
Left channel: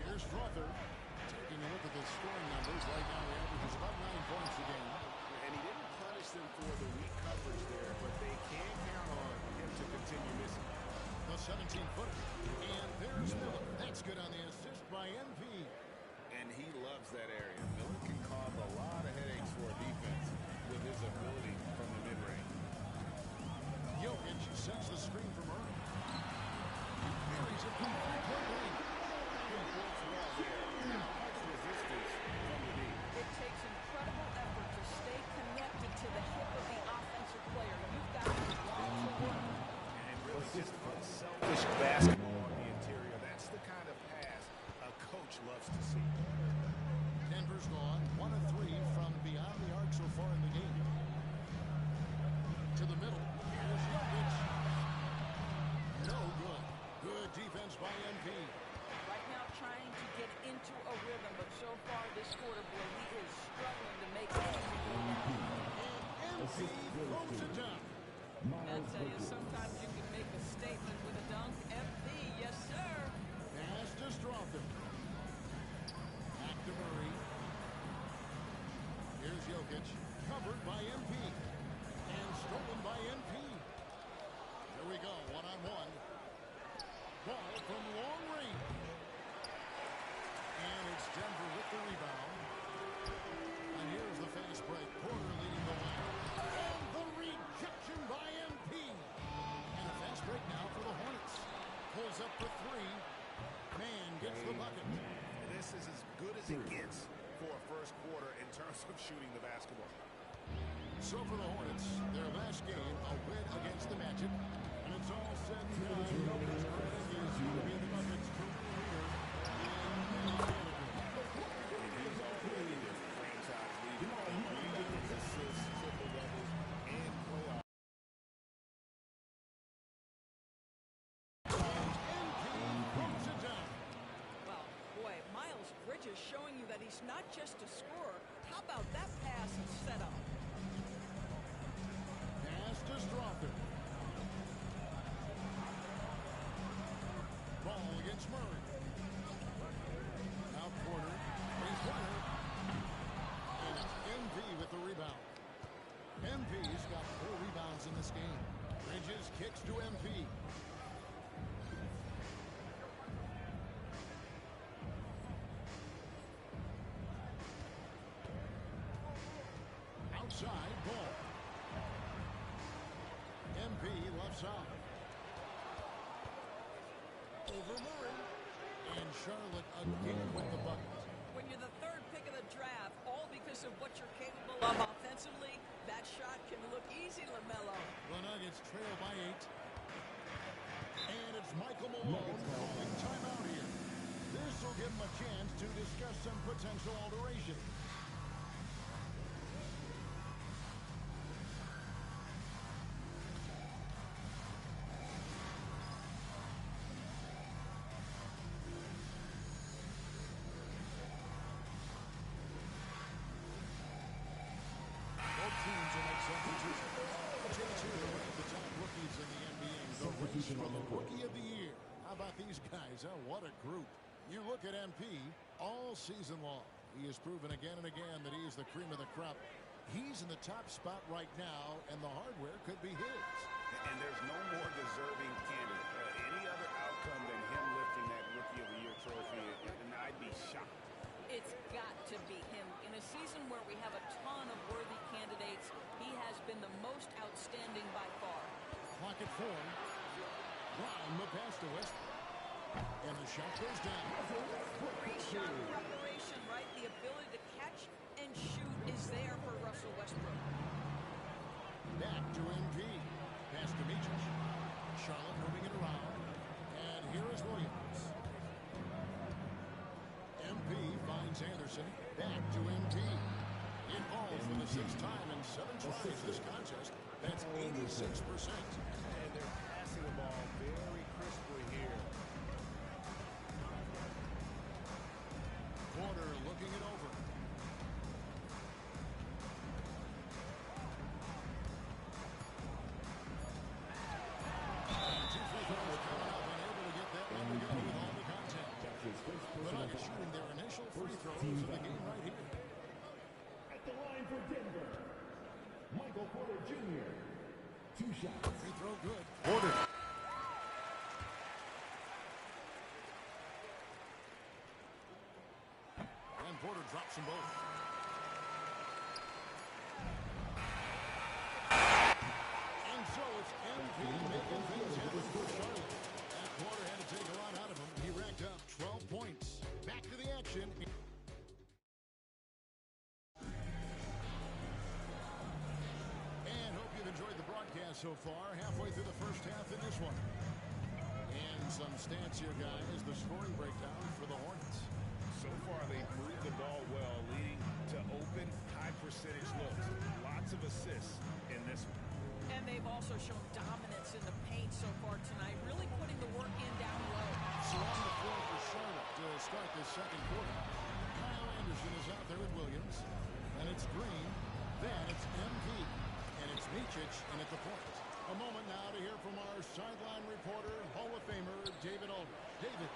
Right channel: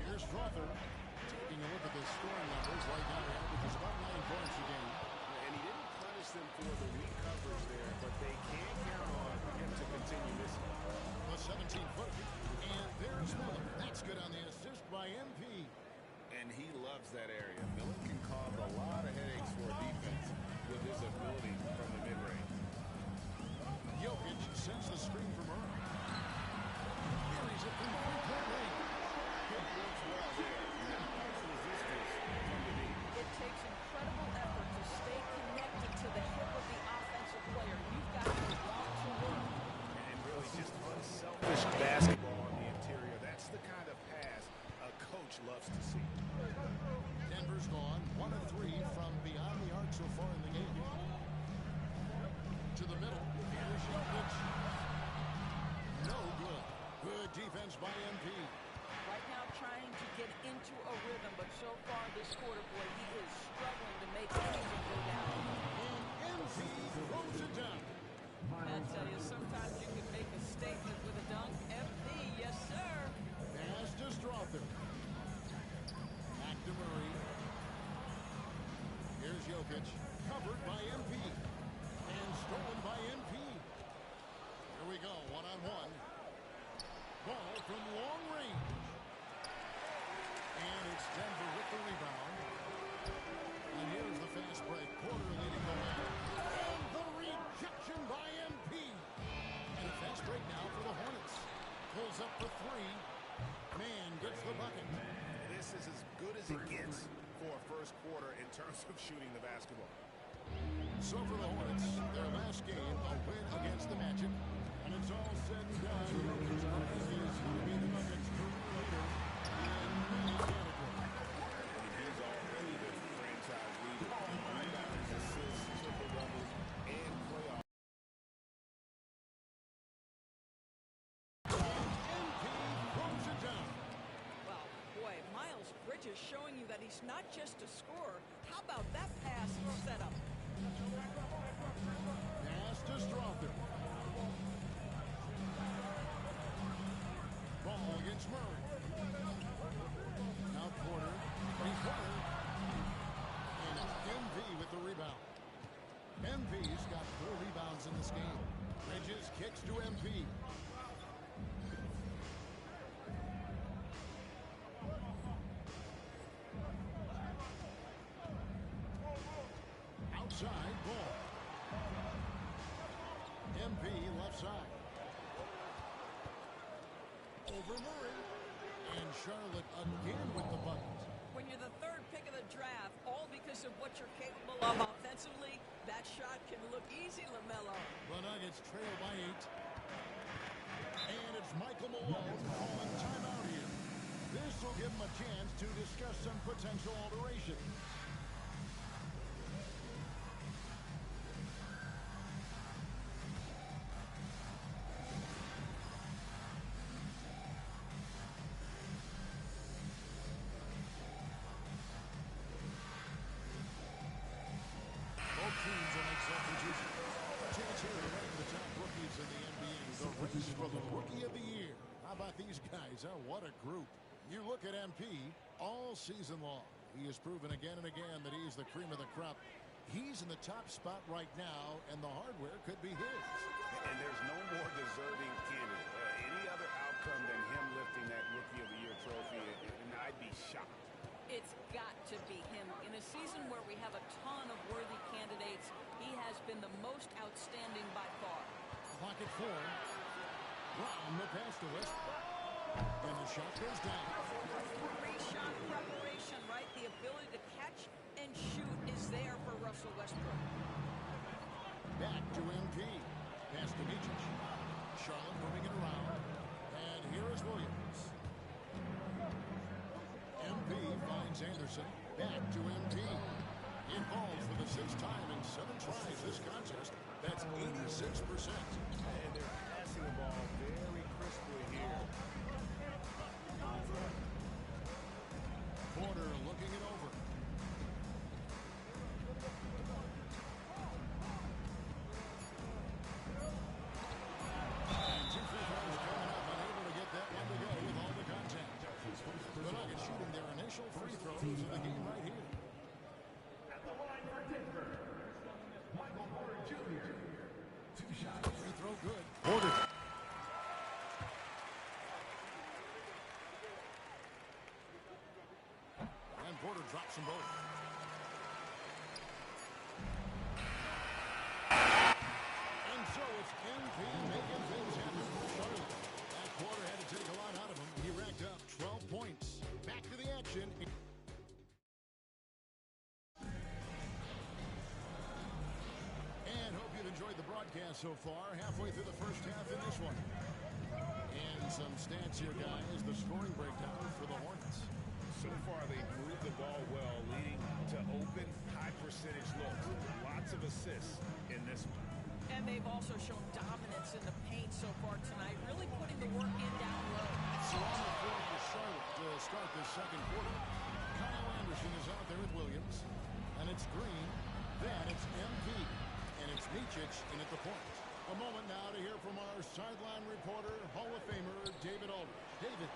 Here's Strother. Taking a look at the scoring numbers right now, he averages about 9 points a game. And he didn't punish them for the weak coverage there, but they can count on him to continue missing. The 17-footer. And there's Miller. That's good on the assist by MP. And he loves that area. Miller can cause a lot of headaches for defense with his ability from the mid-range. Jokic sends the screen from Murray. Buries it from three-point range. It works well there. Not much resistance from the deep. It takes incredible effort to stay connected to the hip of the offensive player. You've got to want to work. And really just unselfish basketball on the interior. That's the kind of pass a coach loves to see. Denver's gone 1 of 3 from beyond the arc so far in the game. To the middle. Here's Jokic. No good. Good defense by MP. Right now trying to get into a rhythm, but so far this quarter, boy, he is struggling to make anything go down. And MP throws it down. I'll tell you, sometimes you can make a statement with a dunk. MP, yes, sir. Pass to Strother. Back to Murray. Here's Jokic. Covered by MP. And stolen by MP. Here we go, one-on-one. Ball from long range. And it's Denver with the rebound. And here's the fast break. Porter leading the way. And the rejection by MP. And a fast break now for the Hornets. Pulls up for three. Man gets the bucket. This is as good as it gets for a first quarter in terms of shooting the basketball. So for the Hornets, their last game, a win against the Magic. And it's all said and done. Jokic is going to be the Nuggets' career leader in many categories. And he's already their franchise leader in rebounds, assists, triple-doubles, and playoffs. MP throws it down. Well, boy, Miles Bridges showing you that he's not just a scorer. How about that pass and setup? Pass to Strother. Ball against Murray. Now Porter. Three-pointer. And it's MP with the rebound. MP's got 4 rebounds in this game. Bridges kicks to MP. Outside ball. MP left side. Over Murray. And Charlotte again with the bucket. When you're the third pick of the draft, all because of what you're capable of offensively, that shot can look easy, LaMelo. The Nuggets trail by 8. And it's Michael Malone calling timeout here. This will give him a chance to discuss some potential alterations. Teams will make substitutions. A chance here to rank the top rookies in the NBA. The race for the Rookie of the Year. How about these guys? Huh? What a group. You look at MP all season long. He has proven again and again that he is the cream of the crop. He's in the top spot right now, and the hardware could be his. And there's no more deserving candidate. Any other outcome than him lifting that Rookie of the Year trophy, and I'd be shocked. It's got to be him. In a season where we have a ton of worthy candidates, he has been the most outstanding by far. Clock at 4. Brown the pass to Westbrook. And the shot goes down. Pre-shot preparation, right? The ability to catch and shoot is there for Russell Westbrook. Back to MP. Pass to Mijic. Charlotte moving it around. And here is Williams. MP finds Anderson. Back to MP. It falls for the 6th time in 7 tries this contest. That's 86%. And they're passing the ball very crisply here. Porter looking it over. And 2 free throws coming up. Unable to get that one to go with all the contact. The Nuggets shooting their initial free throws of the game right here. At the line for Denver, Michael Porter Jr. 2 shots. Free throw good. Porter. Porter drops them both. And so it's MP making things happen for Charlotte. That quarter had to take a lot out of him. He racked up 12 points. Back to the action. And hope you've enjoyed the broadcast so far. Halfway through the first half in this one. And some stats here, guys. The scoring breakdown for the Hornets. So far, they've moved the ball well, leading to open, high-percentage looks. Lots of assists in this one. And they've also shown dominance in the paint so far tonight, really putting the work in down low. So on the floor for Charlotte to start this second quarter. Kyle Anderson is out there with Williams. And it's Green. Then it's MP. And it's Micic in at the point. A moment now to hear from our sideline reporter, Hall of Famer David Aldridge. David.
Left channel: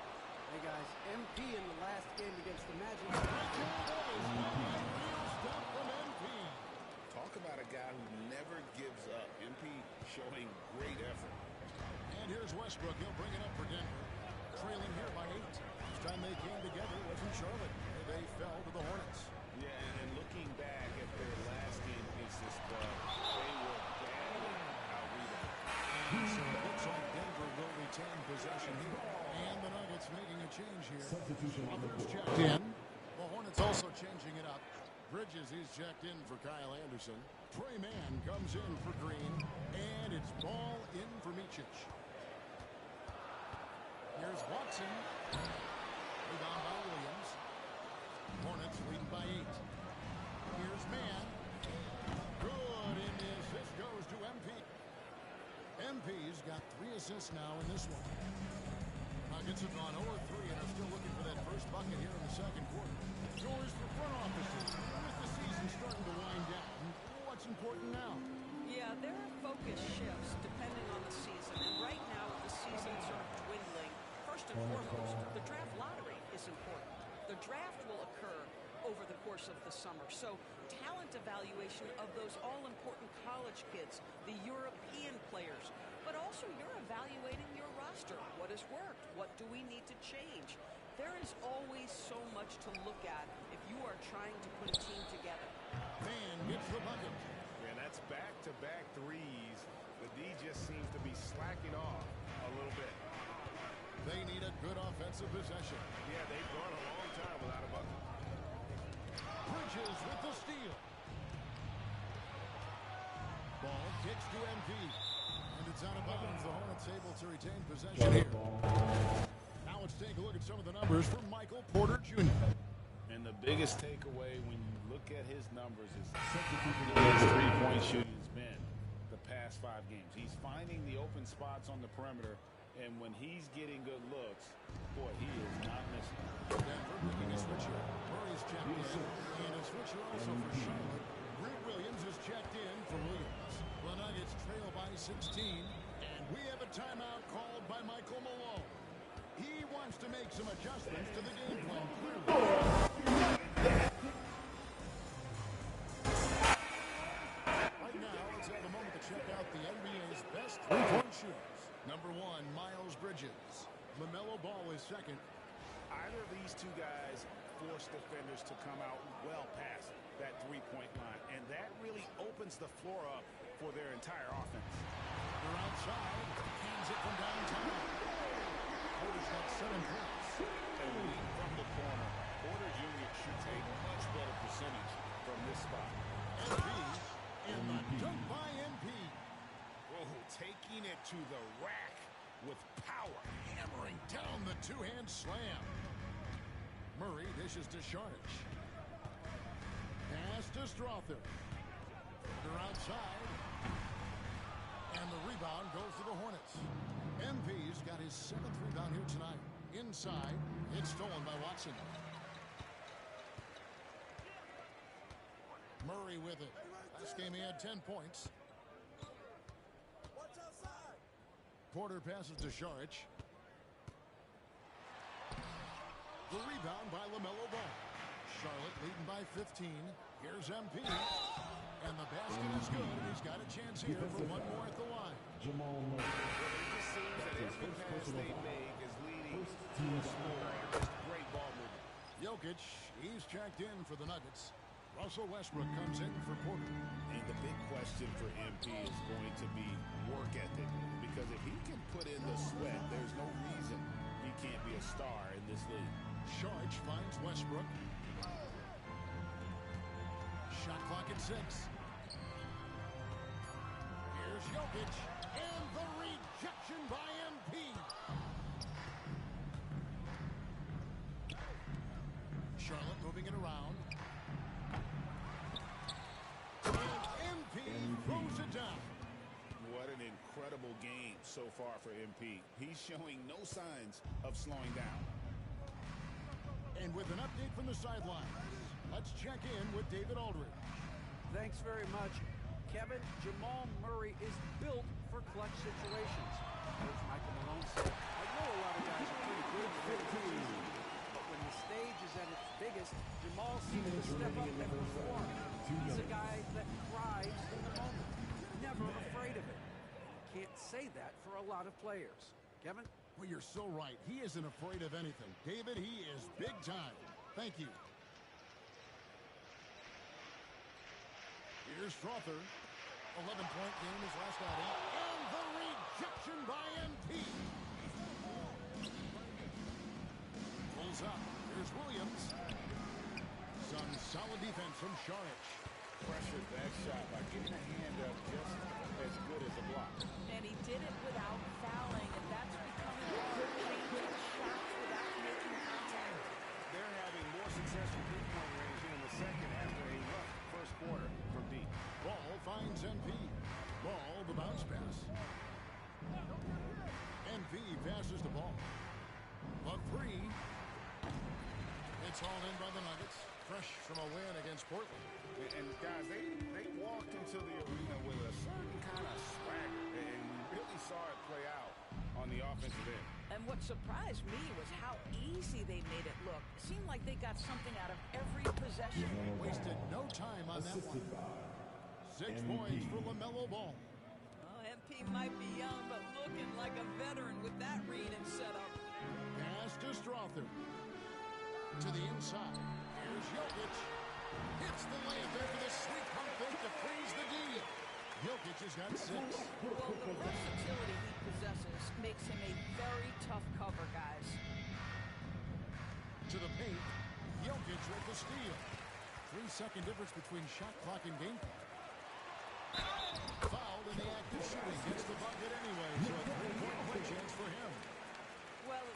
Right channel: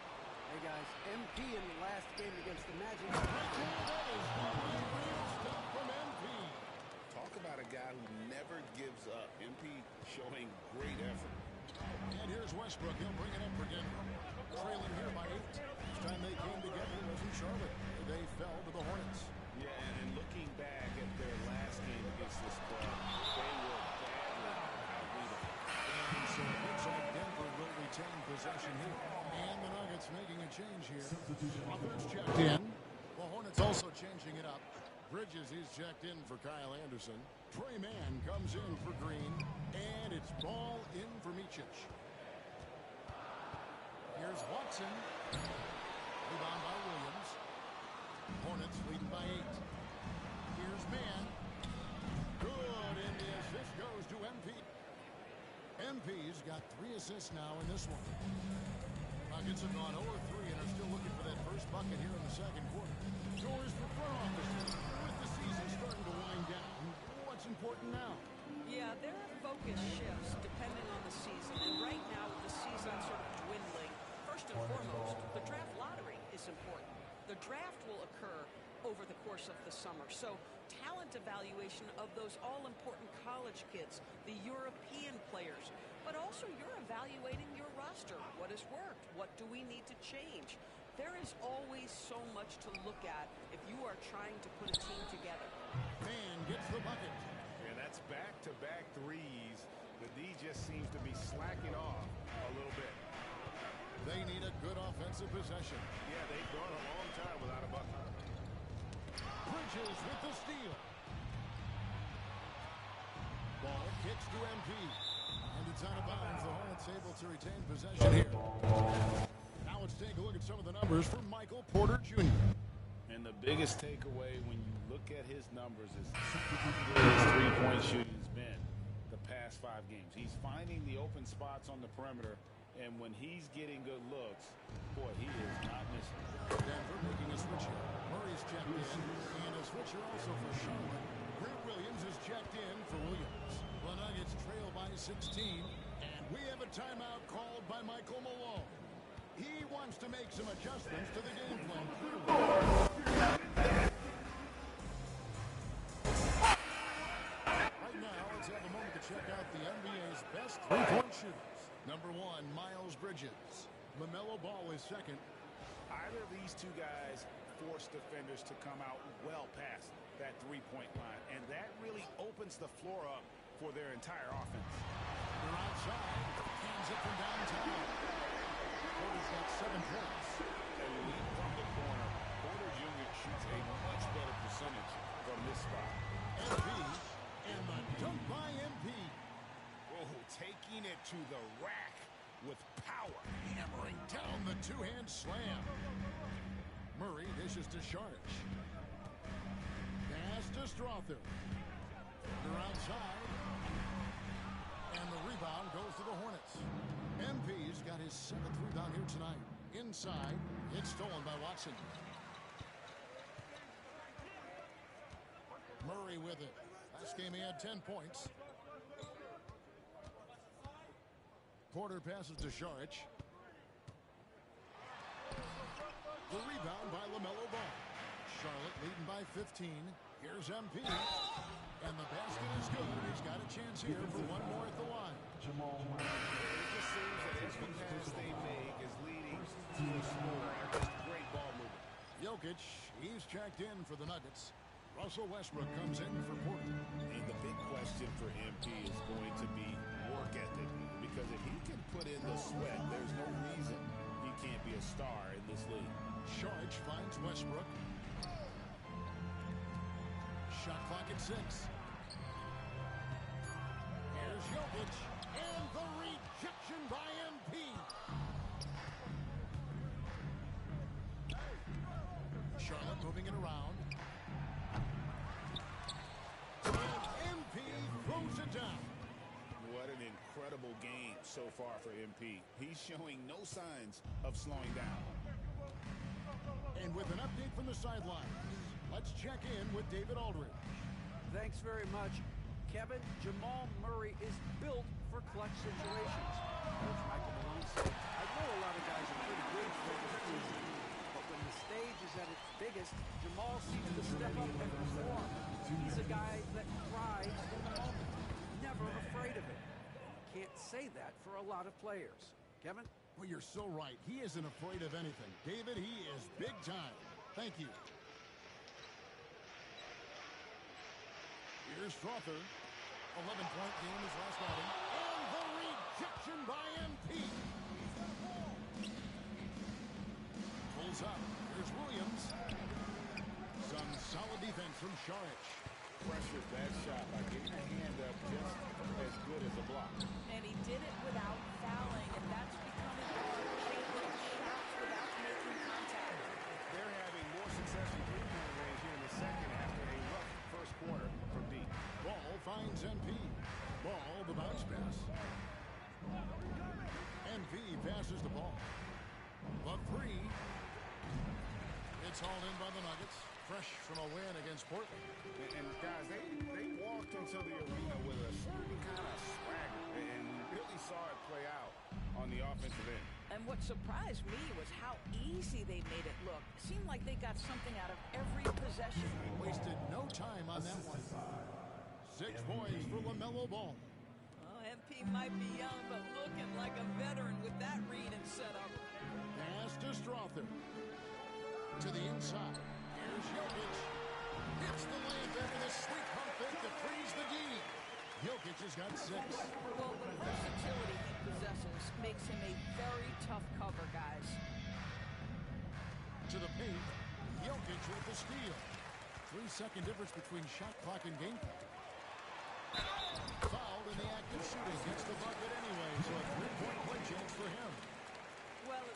Hey, guys. MP in the last game against the Magic. Right there, that is one-night real stuff from MP. Talk about a guy who never gives up. MP showing great effort. And here's Westbrook. He'll bring it up for Denver. Trailing here by 8. Last time they came together was in Charlotte, where they fell to the Hornets. Yeah, and looking back at their last game against this club, they were badly out-rebounded. And so it looks like Denver will retain possession here. And the Nuggets making a change here. Others checked in. The Hornets also changing it up. Bridges, he's checked in for Kyle Anderson. Trey Mann comes in for Green. And it's ball in for Micic. Here's Watson. Rebound by Williams. Hornets leading by 8. Here's Mann. Good in the assist goes to MP. MP's got 3 assists now in this one. Nuggets have gone 0-3 and are still looking for that first bucket here in the second quarter. Doors for front offices. With the season starting to wind down, what's important now? Yeah, there are focus shifts depending on the season. And right now, with the season sort of dwindling, first and foremost, the draft lottery is important. The draft will occur over the course of the summer. So talent evaluation of those all-important college kids, the European players, but also you're evaluating your roster. What has worked? What do we need to change? There is always so much to look at if you are trying to put a team together. Man gets the bucket. Yeah, that's back-to-back threes. The D just seems to be slacking off a little bit. They need a good offensive possession. Yeah, they've gone a long time without a bucket. Bridges with the steal. Ball kicks to MP. And it's out of bounds. The Hornets able to retain possession here. Now let's take a look at some of the numbers for Michael Porter Jr. And the biggest takeaway when you look at his numbers is how good his three-point shooting has been the past 5 games. He's finding the open spots on the perimeter, and when he's getting good looks, boy, he is not missing. Denver making a switch here. Murray's checked in, and a switcher also for Charlotte. Grant Williams is checked in for Williams. The Nuggets trail by 16, and we have a timeout called by Michael Malone. He wants to make some adjustments to the game plan, clearly. Right now, let's have a moment to check out the NBA's best three-point shooters. Number 1, Miles Bridges. LaMelo Ball is second. Either of these two guys force defenders to come out well past that three-point line, and that really opens the floor up for their entire offense. They're outside. Hands it from downtown. Porter's got 7 points. A lead from the corner. Porter Jr. shoots a much better percentage from this spot. MP, and the dunk by MP. Oh, taking it to the rack with power. Hammering down the two-hand slam. Murray dishes to Sharch. Pass to Strother. They're outside. And the rebound goes to the Hornets. MP's got his 7th rebound here tonight. Inside, it's stolen by Watson. Murray with it. Last game he had 10 points. Porter passes to Sharch. The rebound by LaMelo Ball. Charlotte leading by 15. Here's MP. And the basket is good, and he's got a chance here for one more at the line. It just seems that every pass they make is leading to a score. Just great ball movement. You Jokic, he's checked in for the Nuggets. Russell Westbrook comes in for Porter. And the big question for MP is going to be work ethic. Because if he can put in the sweat, there's no reason he can't be a star in this league. Sharch finds Westbrook. Shot clock at 6. Here's Jokic. And the rejection by MP. Charlotte moving it around. And MP throws it down. What an incredible game so far for MP. He's showing no signs of slowing down. And with an update from the sidelines, let's check in with David Aldridge. Thanks very much. Kevin, Jamal Murray is built for clutch situations. Coach Michael Malone said, I know a lot of guys are pretty good in the regular season, but when the stage is at its biggest, Jamal seems to step up and perform. He's a guy that thrives in the moment, never afraid of it. And you can't say that for a lot of players. Kevin? Well, you're so right. He isn't afraid of anything. David, he is big time. Thank you. Here's Strother. 11-point game his last outing. And the rejection by MP. Pulls up. Here's Williams. Some solid defense from Saric. Pressured that shot by getting a hand up just as good as a block. And he did it without fouling, and that's becoming hard, changing shots without making contact. They're having more success from three-point range here in the second after a rough first quarter from deep. Ball finds MP. Ball, the bounce pass. MP passes the ball. The three. It's hauled in by the Nuggets. Fresh from a win against Portland. And guys, they walked into the arena with a certain kind of swagger. And we really saw it play out on the offensive end. And what surprised me was how easy they made it look. It seemed like they got something out of every possession. Wasted no time on that one. 6 points for LaMelo Ball. Oh, MP might be young, but looking like a veteran with that read and setup. Pass to Strother. To the inside. Here's Jokic. Hits the layup after the sweet pump fake to freeze the D. Jokic has got 6. Well, the versatility he possesses makes him a very tough cover, guys. To the paint. Jokic with the steal. 3-second difference between shot clock and game clock. Fouled in the act of shooting. Gets the bucket anyway, so a 3-point play chance for him. Well,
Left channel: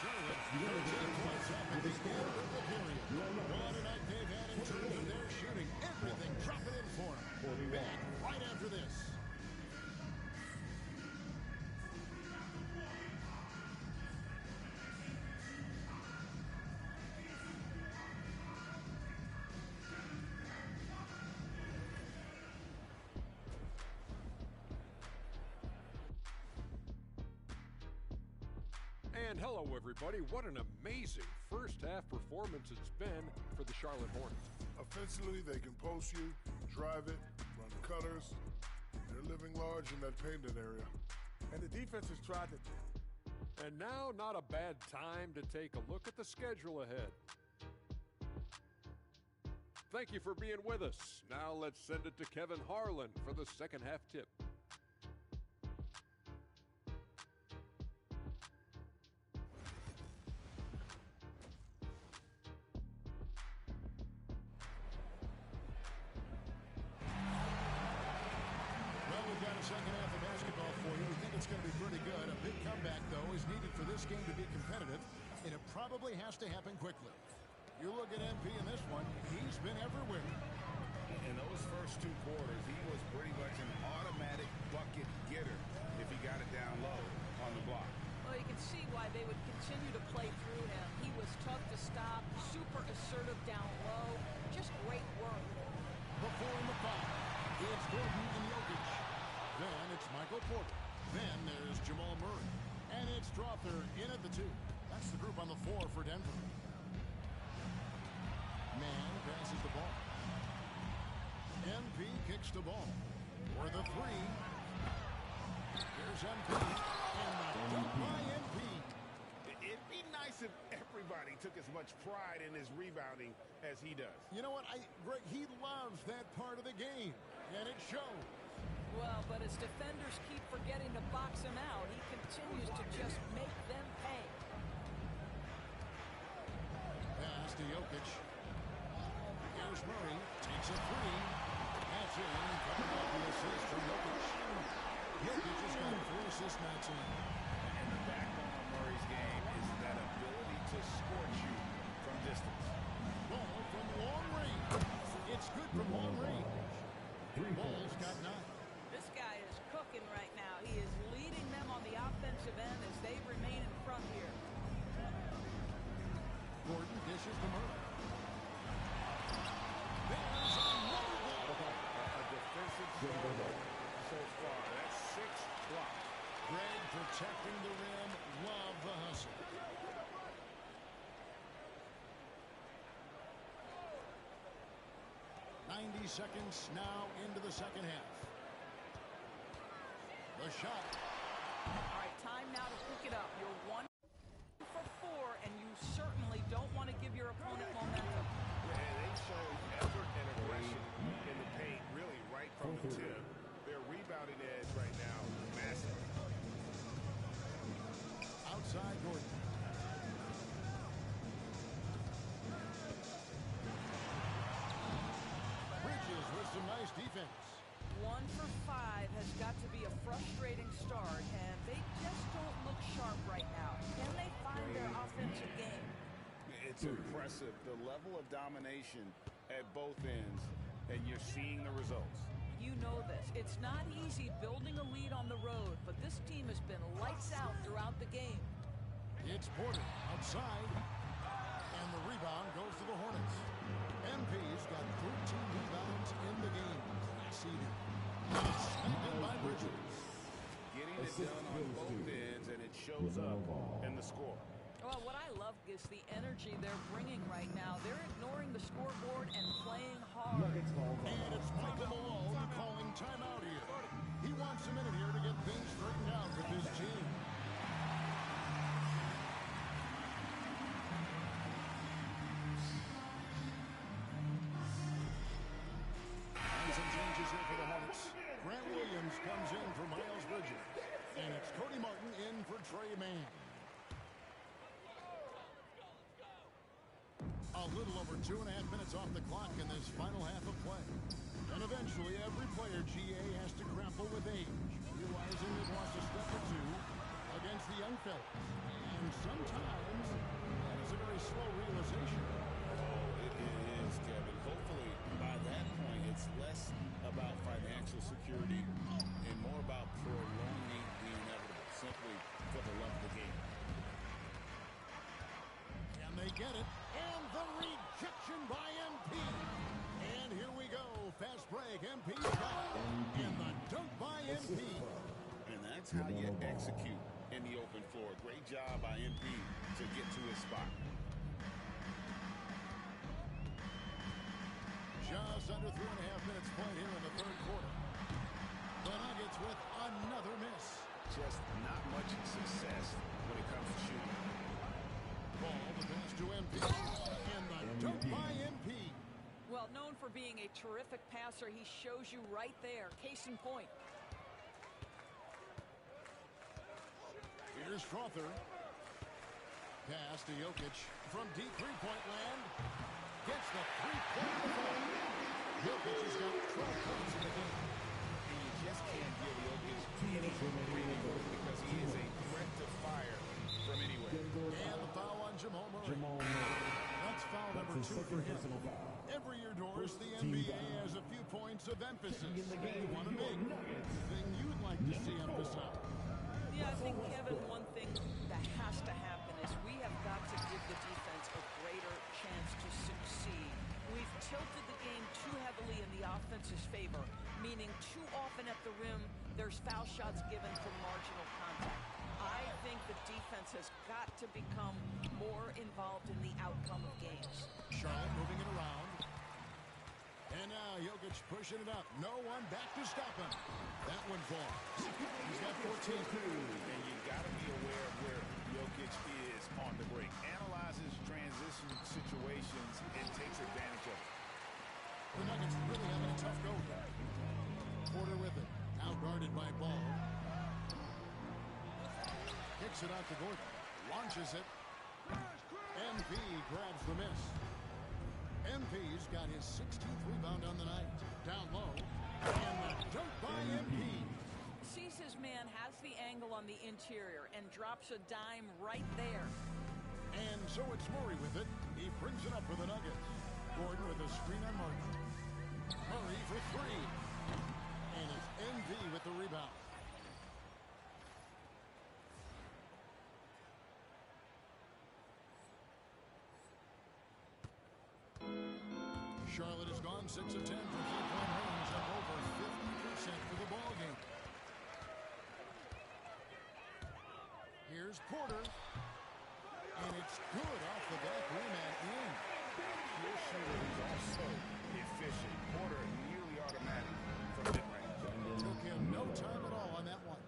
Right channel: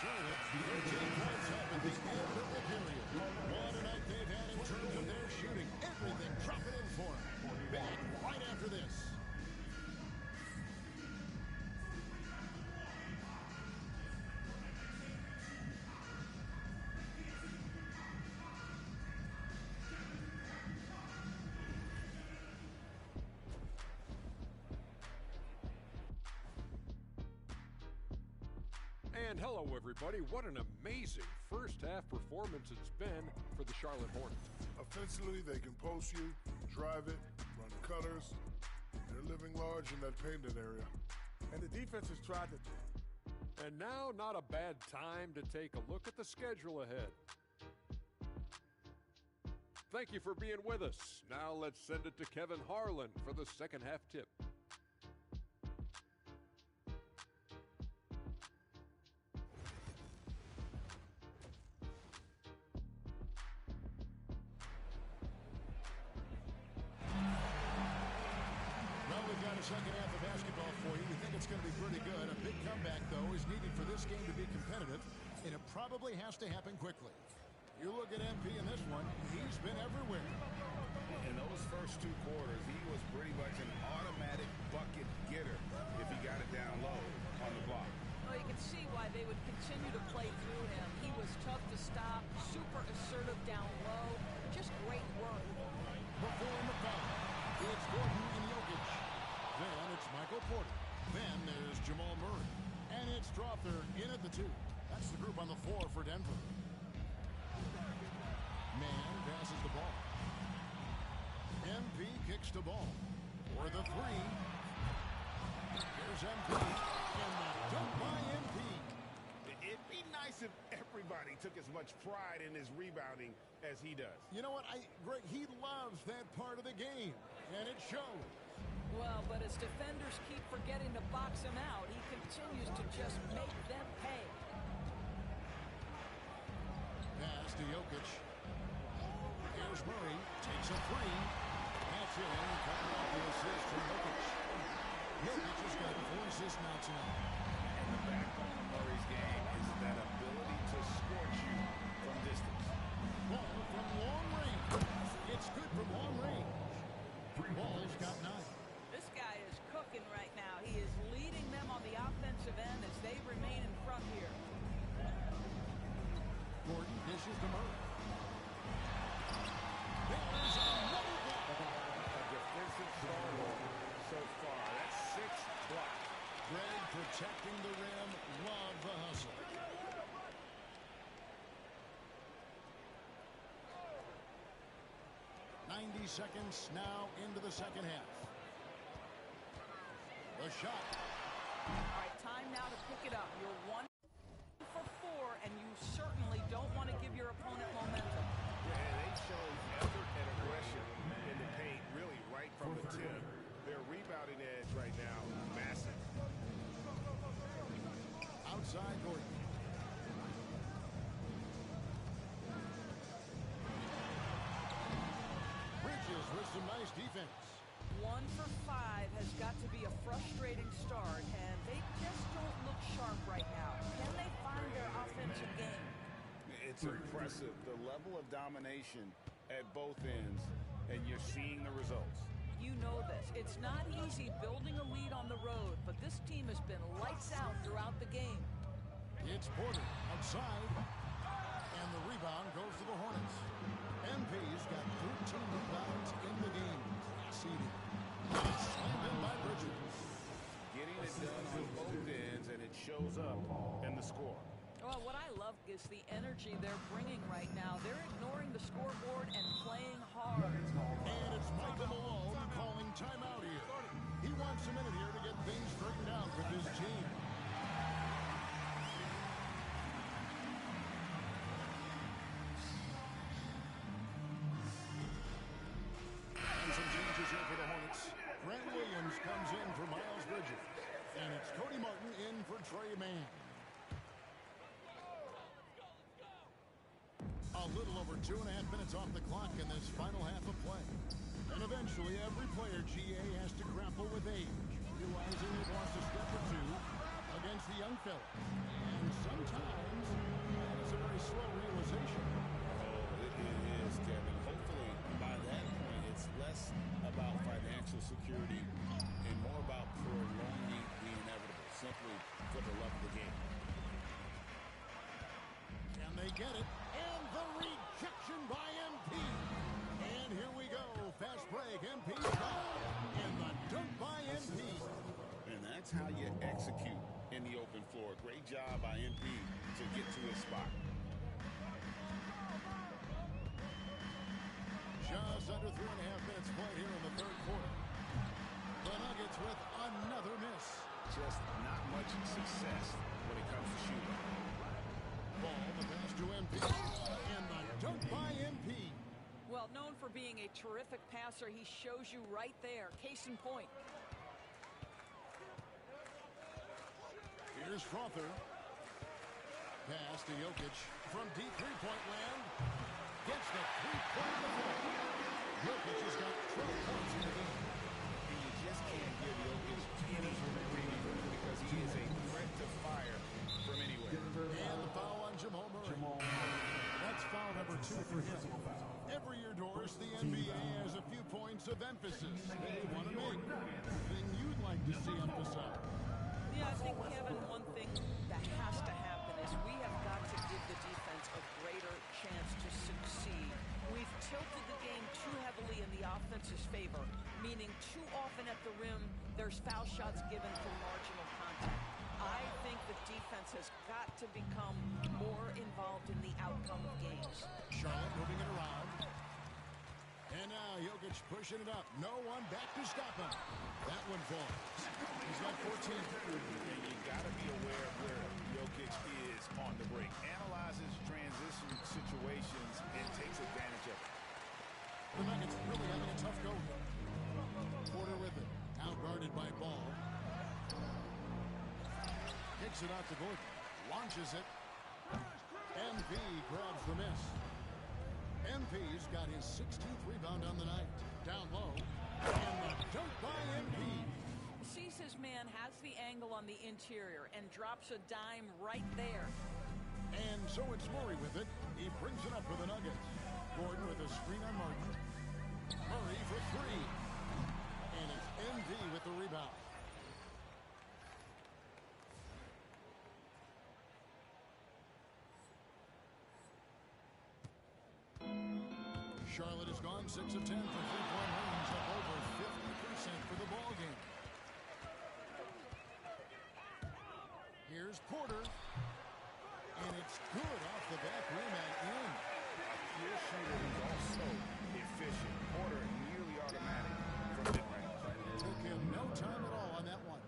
Charlotte, 13 points up at the end of the period. What a night they've had in terms of their shooting. Everything dropping in for them. Back right after this. And hello, everybody. What an amazing first-half performance it's been for the Charlotte Hornets. Offensively, they can post you, drive it, run cutters. They're living large in that painted area. And the defense has tried to... And now, not a bad time to take a look at the schedule ahead. Thank you for being with us. Now let's send it to Kevin Harlan for the second half tip. Well, we've got a second half of basketball for you. We think it's going to be pretty good. A big comeback, though, is needed for this game to be competitive, and it probably has to happen quickly. You look at MP in this one, he's been everywhere. In those first 2 quarters, he was pretty much an automatic bucket getter if he got it down low on the block. well, you can see why they would continue to play through him. He was tough to stop, super assertive down low, just great work. Before in the foul, it's Gordon and Jokic. Then it's Michael Porter. Then there's Jamal Murray. And it's Strother in at the 2. That's the group on the 4 for Denver. Mann passes the ball. MP kicks the ball. For the 3. Here's MP, and the dunk by MP. It'd be nice if everybody took as much pride in his rebounding as he does. You know what, Greg, he loves that part of the game, and it shows. Well, but as defenders keep forgetting to box him out, he continues to just make them pay. Pass to Jokic. Here's Murray, takes a three. That's in, coming off the assist from Jokic. Jokic has got 4 assists now tonight. And the backbone of Murray's game is that ability to scorch you from distance. Ball from long range. It's good from long range. Ball's got 9. This guy is cooking right now. He is leading them on the offensive end as they remain in front here. Gordon dishes to Murray. There's another block. A defensive stalwart so far. That's 6 blocks. Greg protecting the rim. Love the hustle. "90 seconds now into the second half. The shot. All right, time now to pick it up. You're 1 for 4, and you certainly don't want to give your opponent momentum. Yeah, they've shown effort and aggression in the paint, really right from the tip. Their rebounding edge right now, massive. Outside Gordon. Bridges with some nice defense. 1 for 5 has got to be a frustrating start, and they just don't look sharp right now. Can they find their offensive game? It's impressive, the level of domination at both ends, and you're seeing the results. You know this. It's not easy building a lead on the road, but this team has been lights out throughout the game. It's Porter outside, and the rebound goes to the Hornets. MP's got 13 rebounds in the game. Class eating. Slammed in by Bridges. Getting it done on both ends, and it shows up in the score. Well, what I love is the energy they're bringing right now. They're ignoring the scoreboard and playing hard. And it's Michael Malone calling timeout here. He wants a minute here to get things straightened out with his team. And some changes here for the Hornets. Grant Williams comes in for Miles Bridges. And it's Cody Martin in for Trey Mann. A little over 2.5 minutes off the clock in this final half of play. And eventually, every player, GA, has to grapple with age, realizing they've lost a step or two against the young fellas. And sometimes, that is a very slow realization. Oh, it is, Kevin. Hopefully, by that point, it's less about financial security and more about prolonging the inevitable, simply for the love of the game. Can they get it? And the rejection by MP. And here we go. Fast break. MP got it. And the dunk by MP. And that's how you execute in the open floor. Great job by MP to get to his spot. Just under 3.5 minutes played here in the third quarter. The Nuggets with another miss. Just not much success when it comes to shooting. Ball, the pass to MP, and the dunk by MP. Well, known for being a terrific passer, he shows you right there. Case in point. Here's Strother. Pass to Jokic from deep three-point land. Gets the three-point in the fall. Jokic has got 12 points in the game. And you just can't give Jokic any breathing room because he is a threat to fire from anywhere. And the foul on Jamal Murray. That's foul number 2 for him. Every year, Doris, the NBA has a few points of emphasis they want to make. Thing you'd like to see emphasized. Yeah, I think, Kevin, one thing that has to happen is we have got to give the defense a greater chance to succeed. We've tilted the game too heavily in the offense's favor, meaning too often at the rim, there's foul shots given for marginal contact. I think the defense has got to become more involved in the outcome of games. Charlotte moving it around. And now Jokic pushing it up. No one back to stop him. That one falls. He's got 14. And you got to be aware of where Jokic is on the break. Analyzes transition situations and takes advantage of it. The Nuggets really having a tough go here. Porter with it. Now guarded by Ball. Kicks it out to Gordon. Launches it. MP grabs the miss. MP's got his 16th rebound on the night. Down low. And the dunk by MP. Sees his man, has the angle on the interior, and drops a dime right there. And so it's Murray with it. He brings it up for the Nuggets. Gordon with a screen on Martin. Murray for three. And it's MP with the rebound. Charlotte has gone 6 of 10 from three-point range, up over 50% for the ball game. Here's Porter. And it's good off the back rim and in. A pure shooter who's also efficient. Porter nearly automatic from mid-range. Took him no time at all on that one.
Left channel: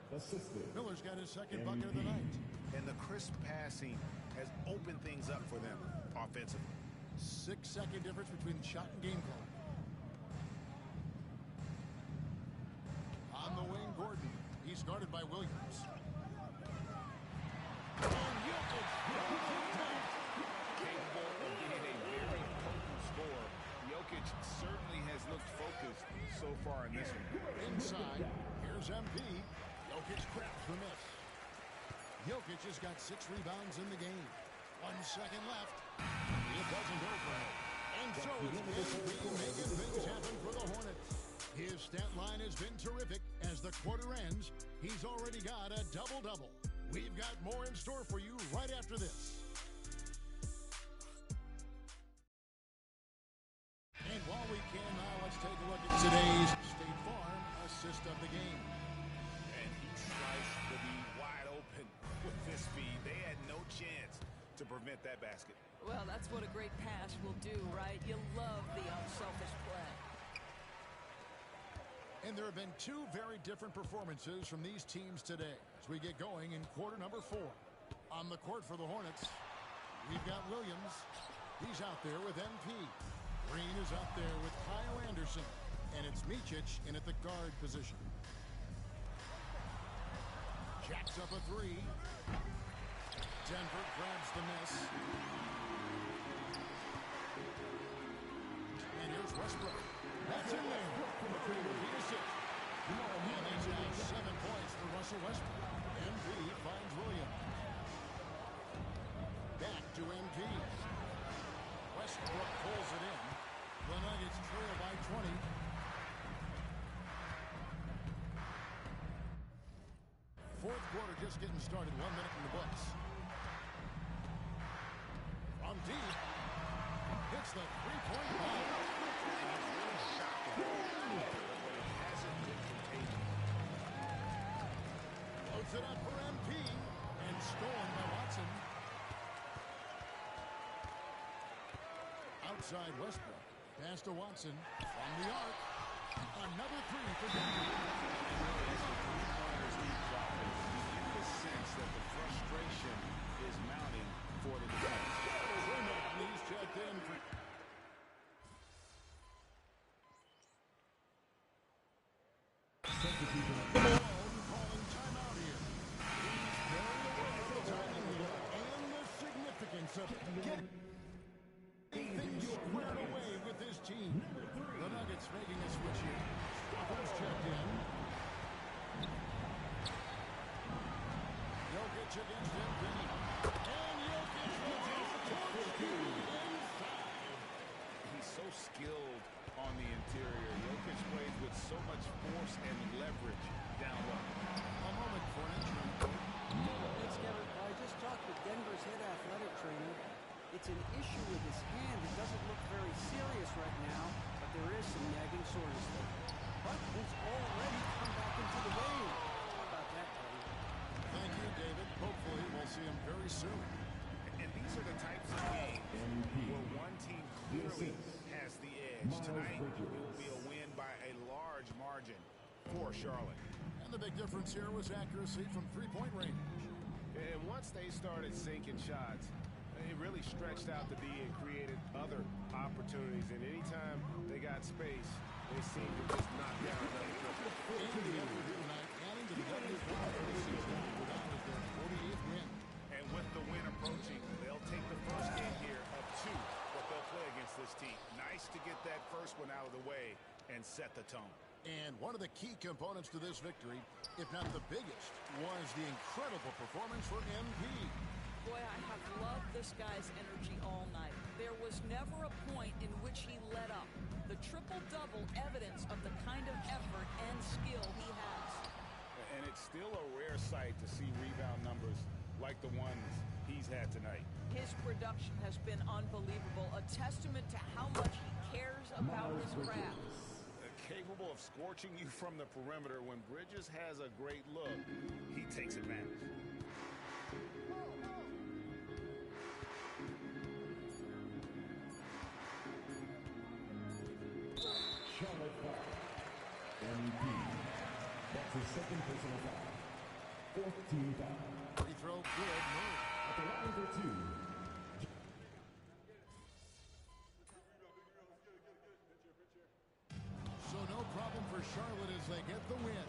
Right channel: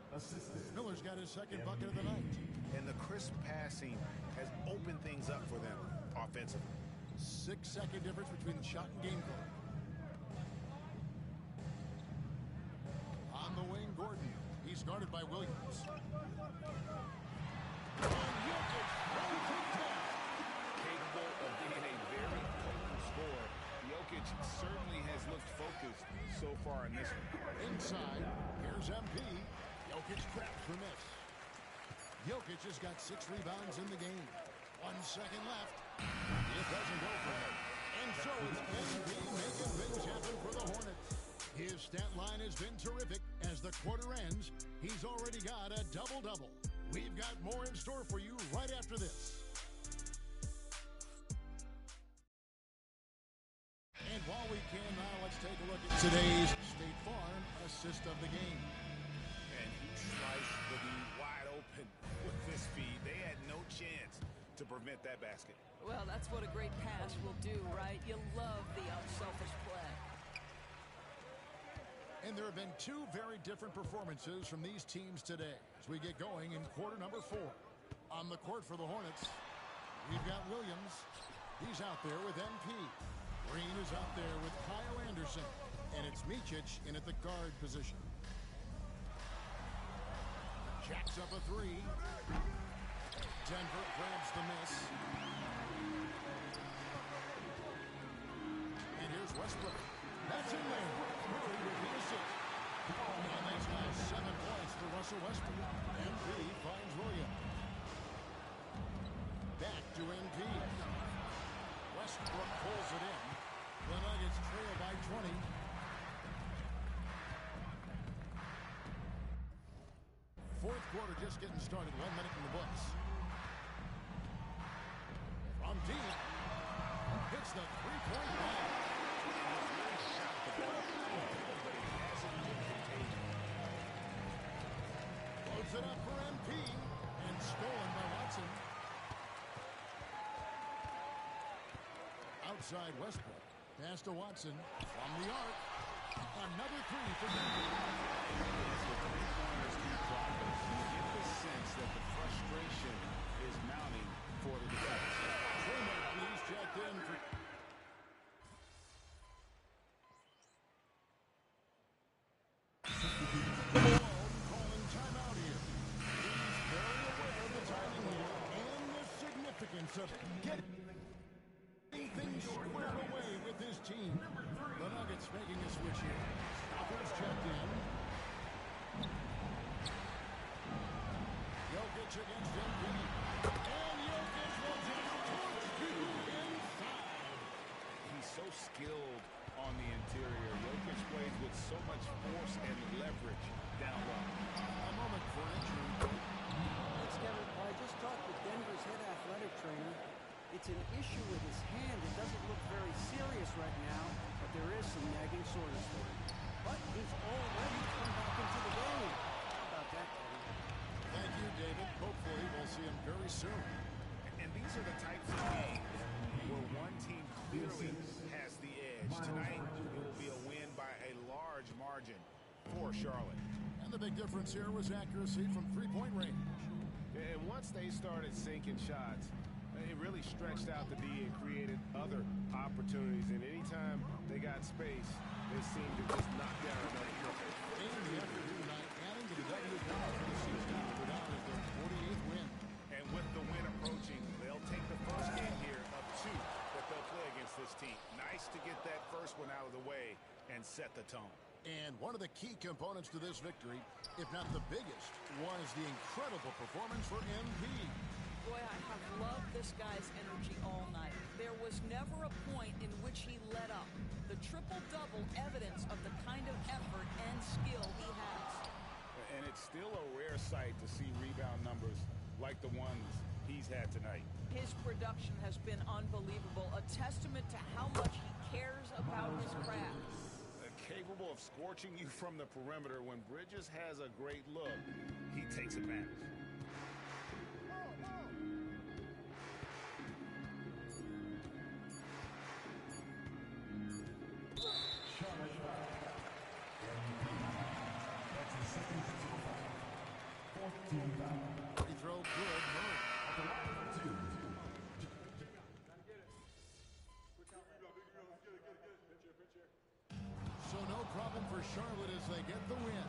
Miller's got his second bucket of the night. And the crisp passing has opened things up for them offensively. 6-second difference between the shot and game clock. On the wing, Gordon. He's guarded by Williams. And Jokic runs it down. Capable of being a very potent scorer, Jokic certainly has looked focused so far in this one. Inside, here's MP. Jokic grabs the miss. Jokic has got 6 rebounds in the game. 1 second left. It doesn't go for him. And so it's MP making things happen for the Hornets. His stat line has been terrific. As the quarter ends, he's already got a double-double. We've got more in store for you right after this. And while we can now, let's take a look at today's State Farm assist of the game. And he sliced the D wide open with this feed. They had no chance to prevent that basket. Well, that's what a great pass will do, right? You love the unselfish play. And there have been 2 very different performances from these teams today as we get going in quarter number 4. On the court for the Hornets, we've got Williams. He's out there with MP. Green is out there with Kyle Anderson. And it's Micic in at the guard position. Jacks up a 3. Denver grabs the miss. And here's Westbrook. That's in there. Murray with the assist. And that's now 7 points for Russell Westbrook. MP finds Williams. Back to MP. Westbrook pulls it in. The Nuggets trail by 20. Fourth quarter just getting started. 1 minute in the books. From deep. Hits the three-point ball. And he's really shot the ball well, but it hasn't been contagious. Floats it up for MP. And stolen by Watson. Outside Westbrook. Pass to Watson. From the arc. Another 3 for Denver. As the three-pointers keep dropping, you get the sense that the frustration is mounting for the defense. Truman, he's checked in for... Malone calling timeout here. He's very aware of the timing here and the significance of getting things squared away with his team. The Nuggets making a switch here. Offense checked in. Jokic against MP. And Jokic will just torch you inside. He's so skilled on the interior. Jokic plays with so much force and leverage down low. A moment for an injury report. Thanks, Kevin. I just talked with Denver's head athletic trainer. It's an issue with his hand. It doesn't look very serious right now, but there is some nagging soreness there. But he's already come back into the game. How about that, Eddie? Thank you, David. Hopefully we'll see him very soon. And these are the types of games where one team clearly has the edge. edge. Tonight, it will be a win by a large margin for Charlotte. And the big difference here was accuracy from three-point range. And once they started sinking shots, it really stretched out the D and created other opportunities. And anytime they got space, they seemed to just knock down another couple. And the effort here tonight, adding to the W power for the season. Go down as their 48th win. And with the win approaching, they'll take the first game here of 2 that they'll play against this team. Nice to get that first one out of the way and set the tone. And one of the key components to this victory, if not the biggest, was the incredible performance for MP. Boy, I have loved this guy's energy all night. There was never a point in which he let up. The triple-double evidence of the kind of effort and skill he has. And it's still a rare sight to see rebound numbers like the ones he's had tonight. His production has been unbelievable, a testament to how much he cares about his craft. Capable of scorching you from the perimeter. When Bridges has a great look, he takes advantage. Charlotte foul. MP. That's his second personal foul. 4th team foul. Free throw good. Murray. At the line for 2. So no problem for Charlotte as they get the win.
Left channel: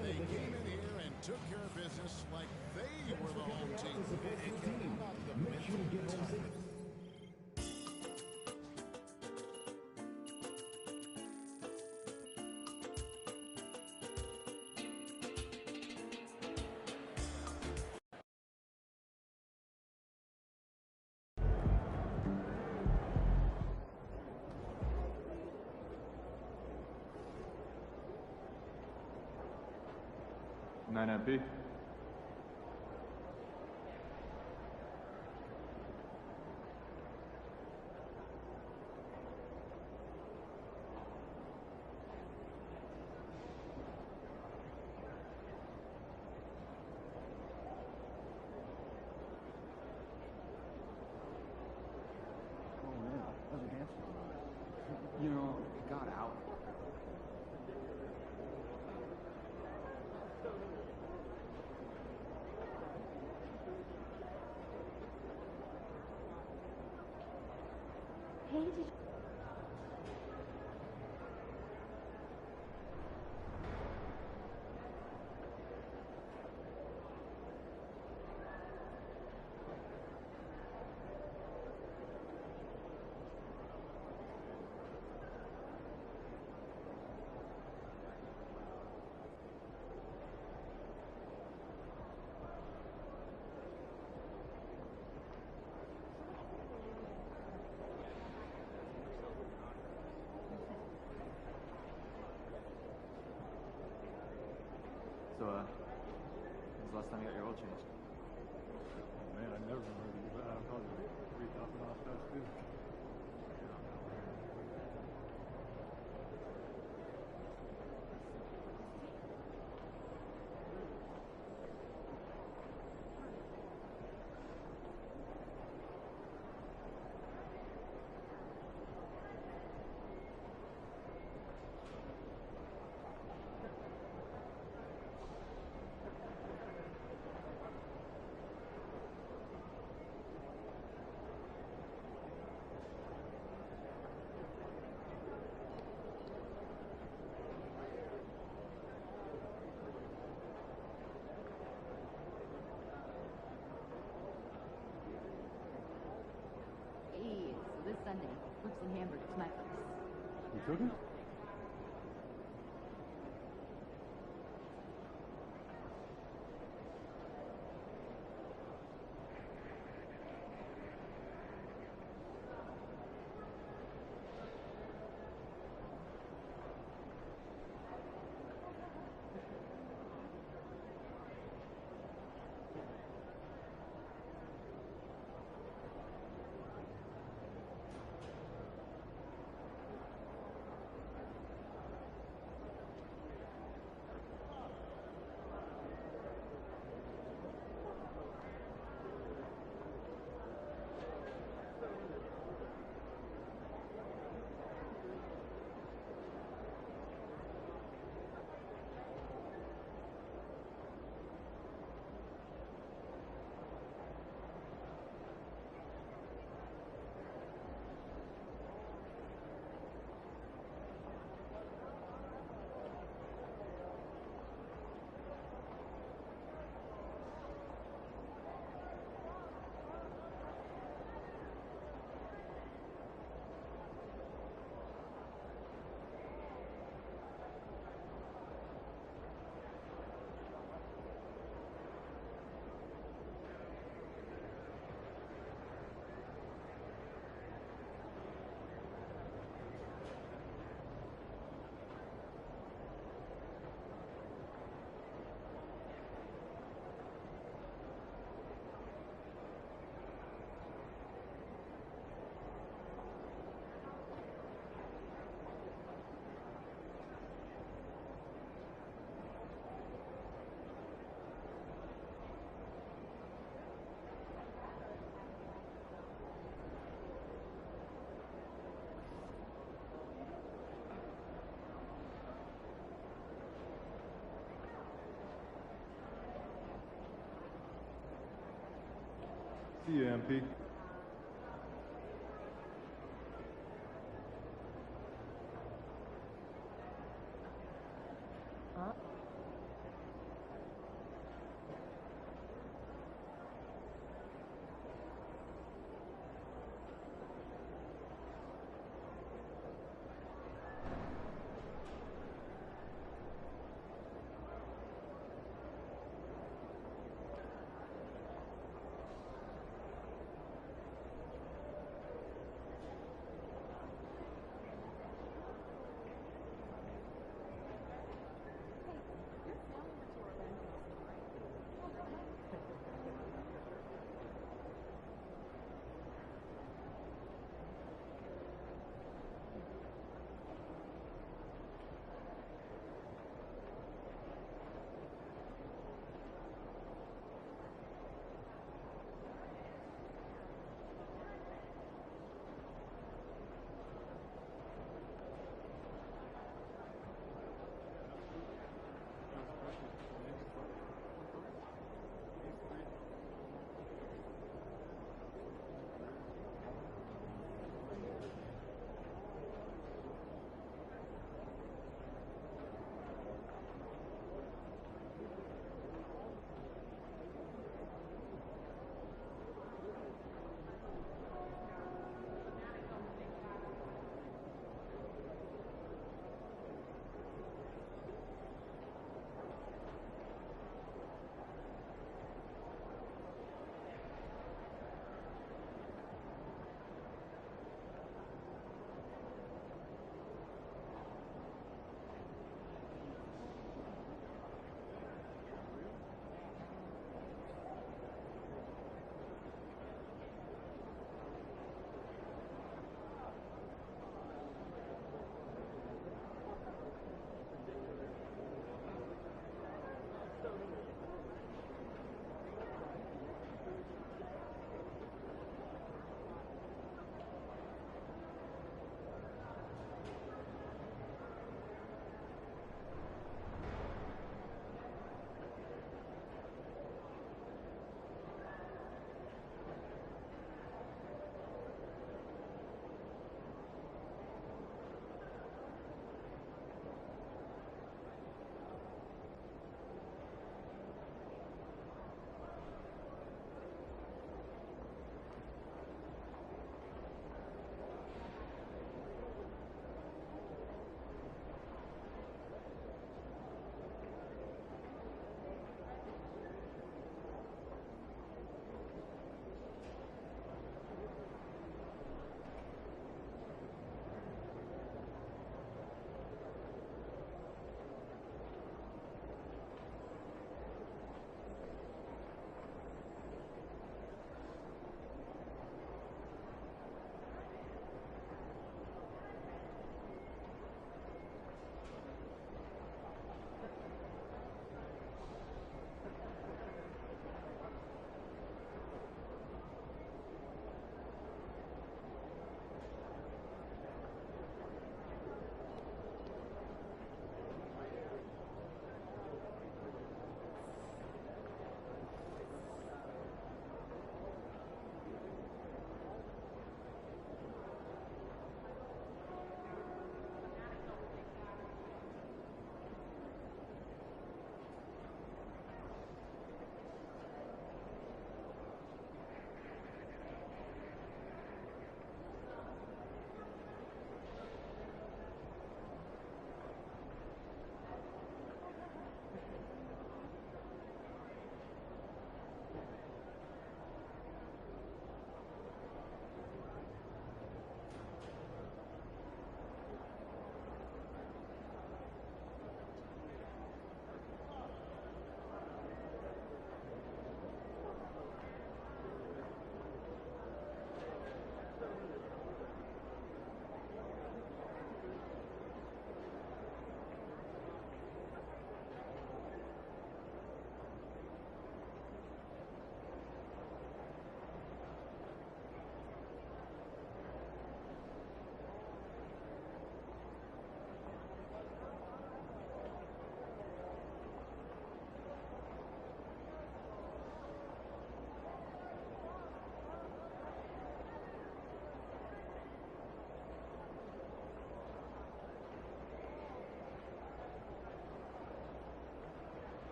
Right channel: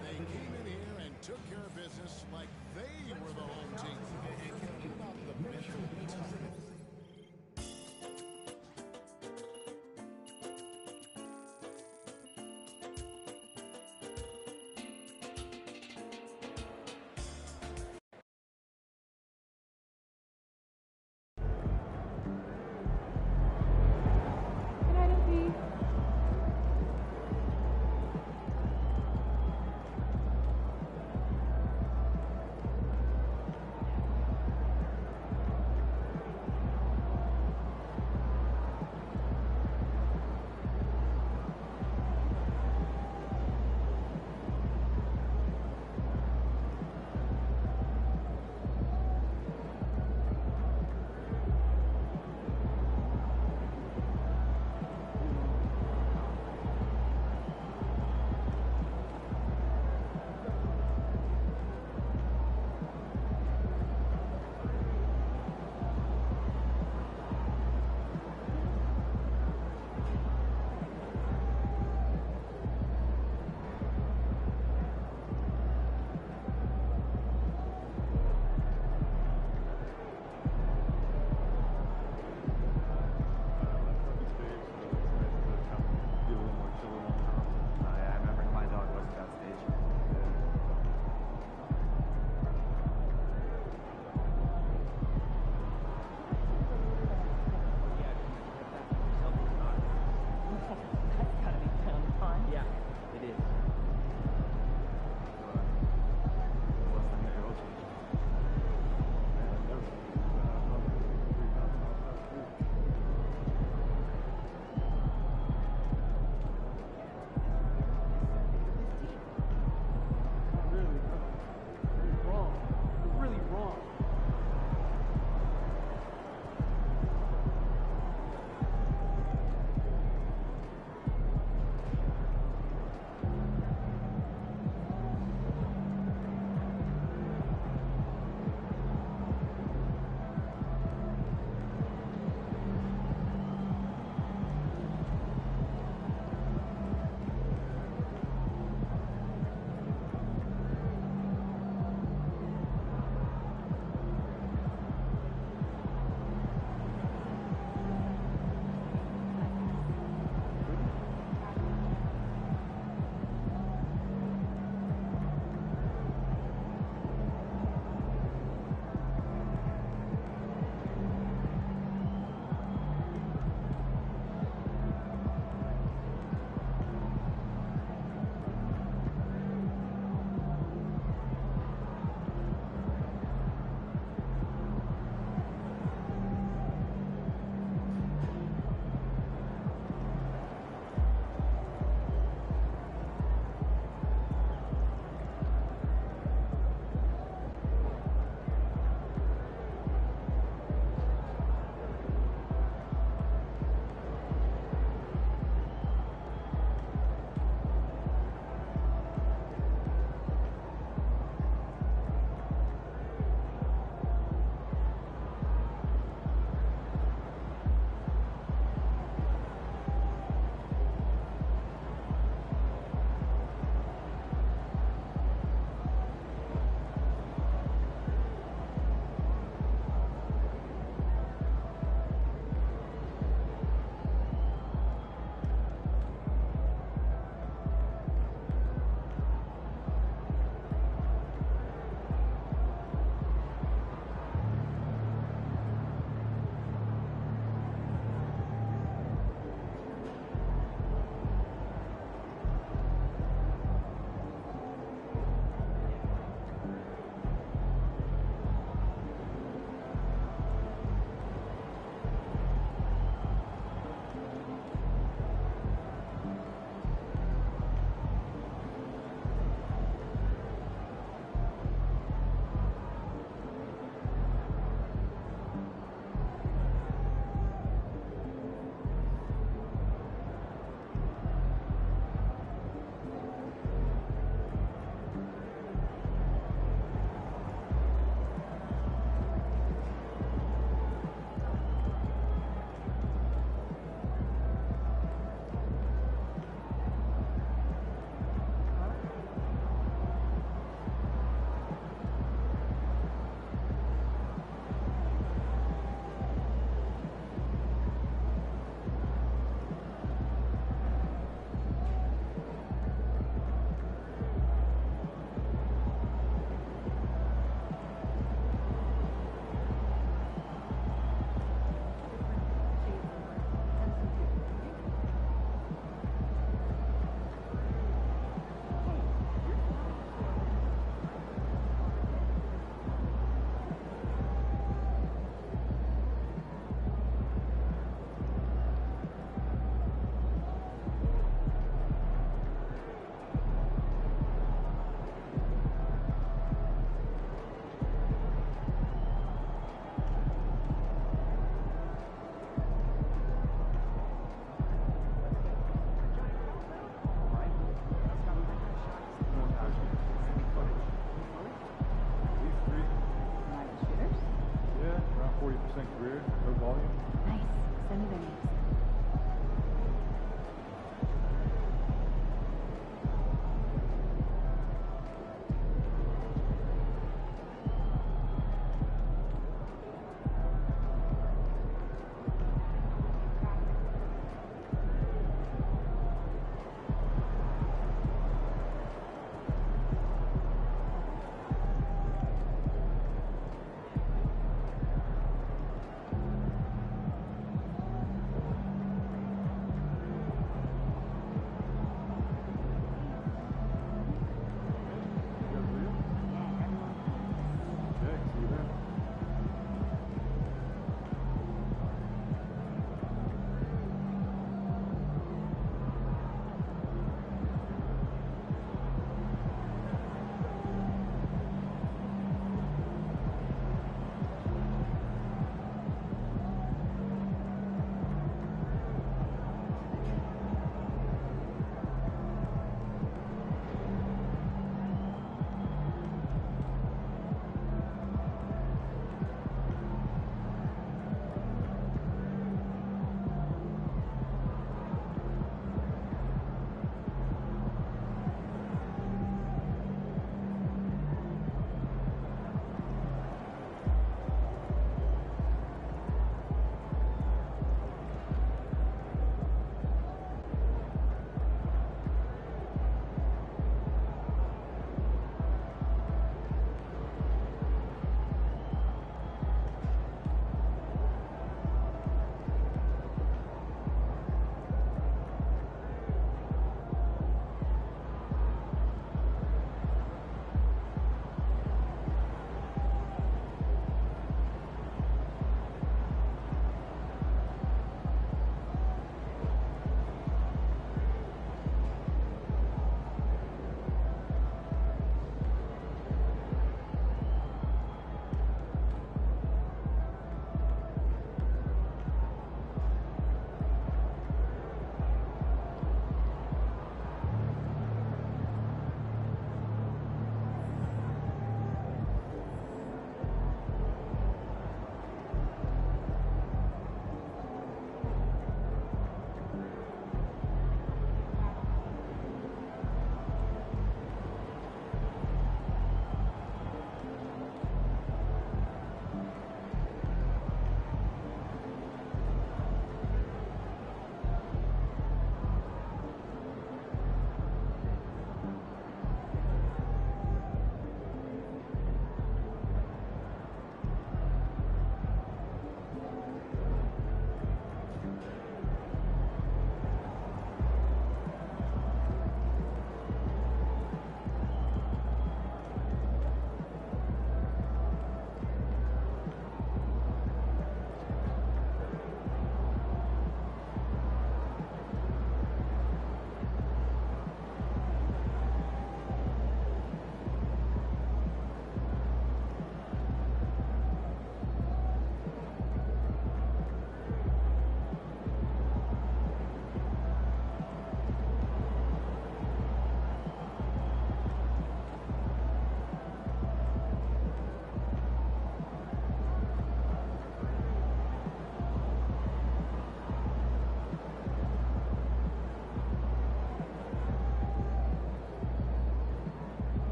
They came in here and took care of business like they were the home team. And Kevin, about the mental toughness. MP.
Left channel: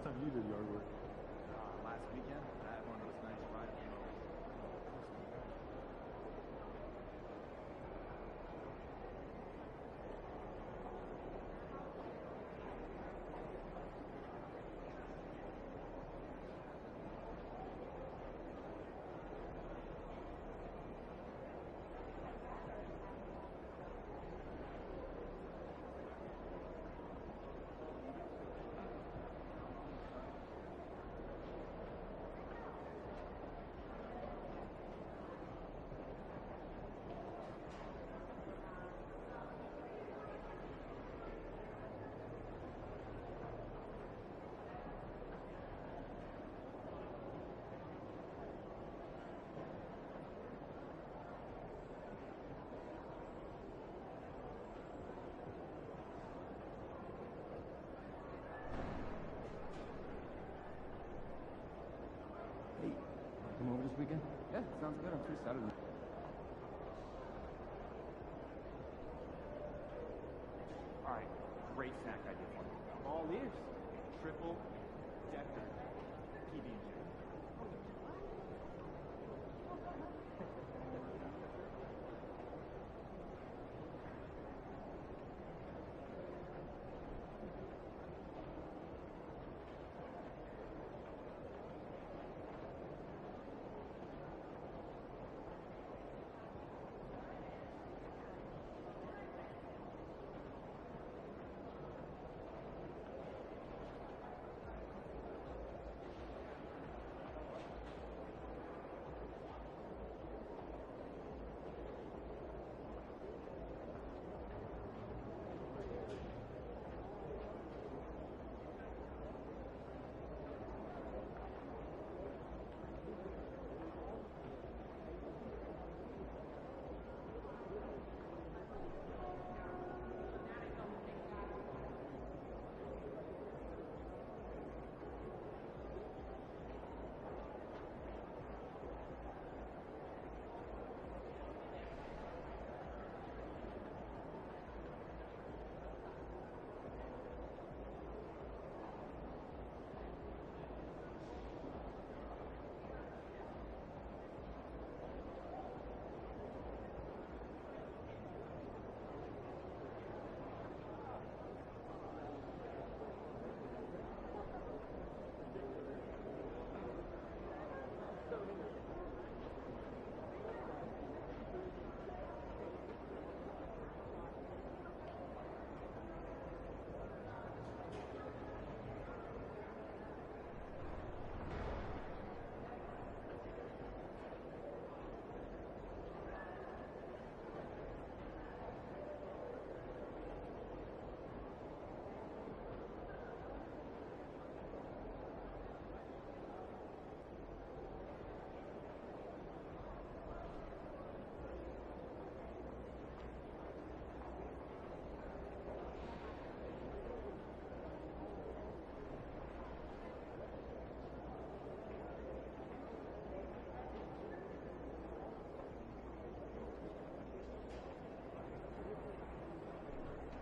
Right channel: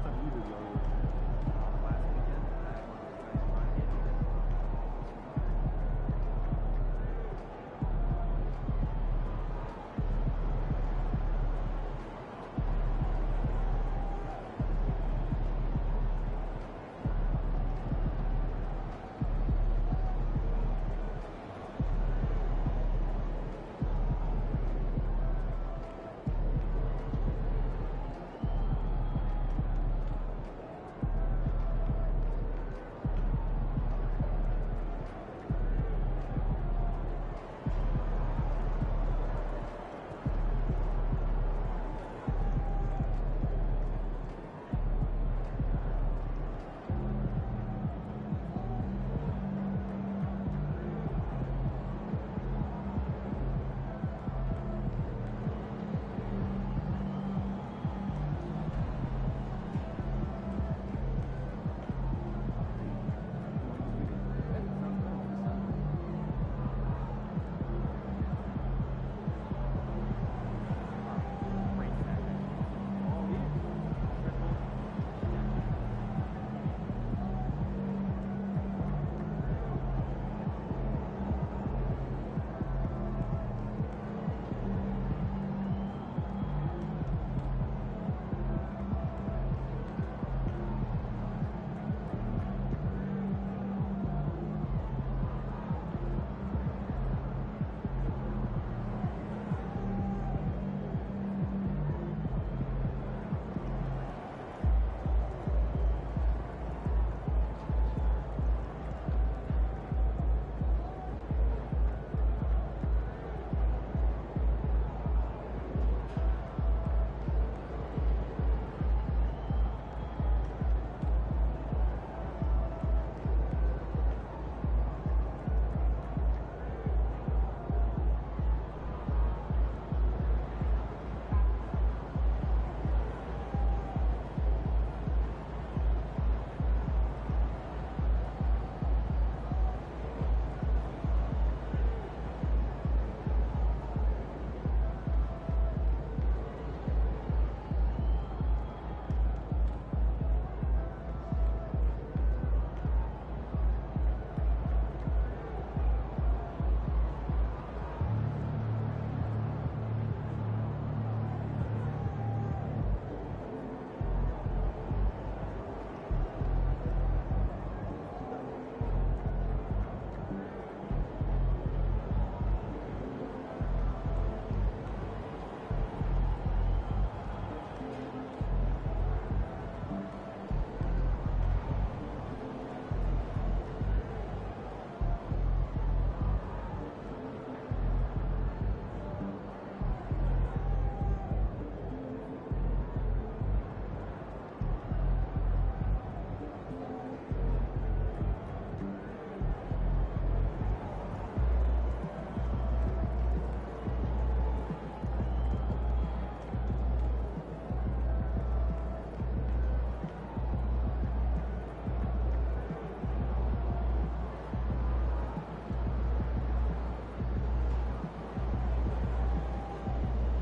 last time you did yard work? Last weekend, I had one of those nice 5 game days.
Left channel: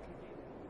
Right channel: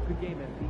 Good game, MP.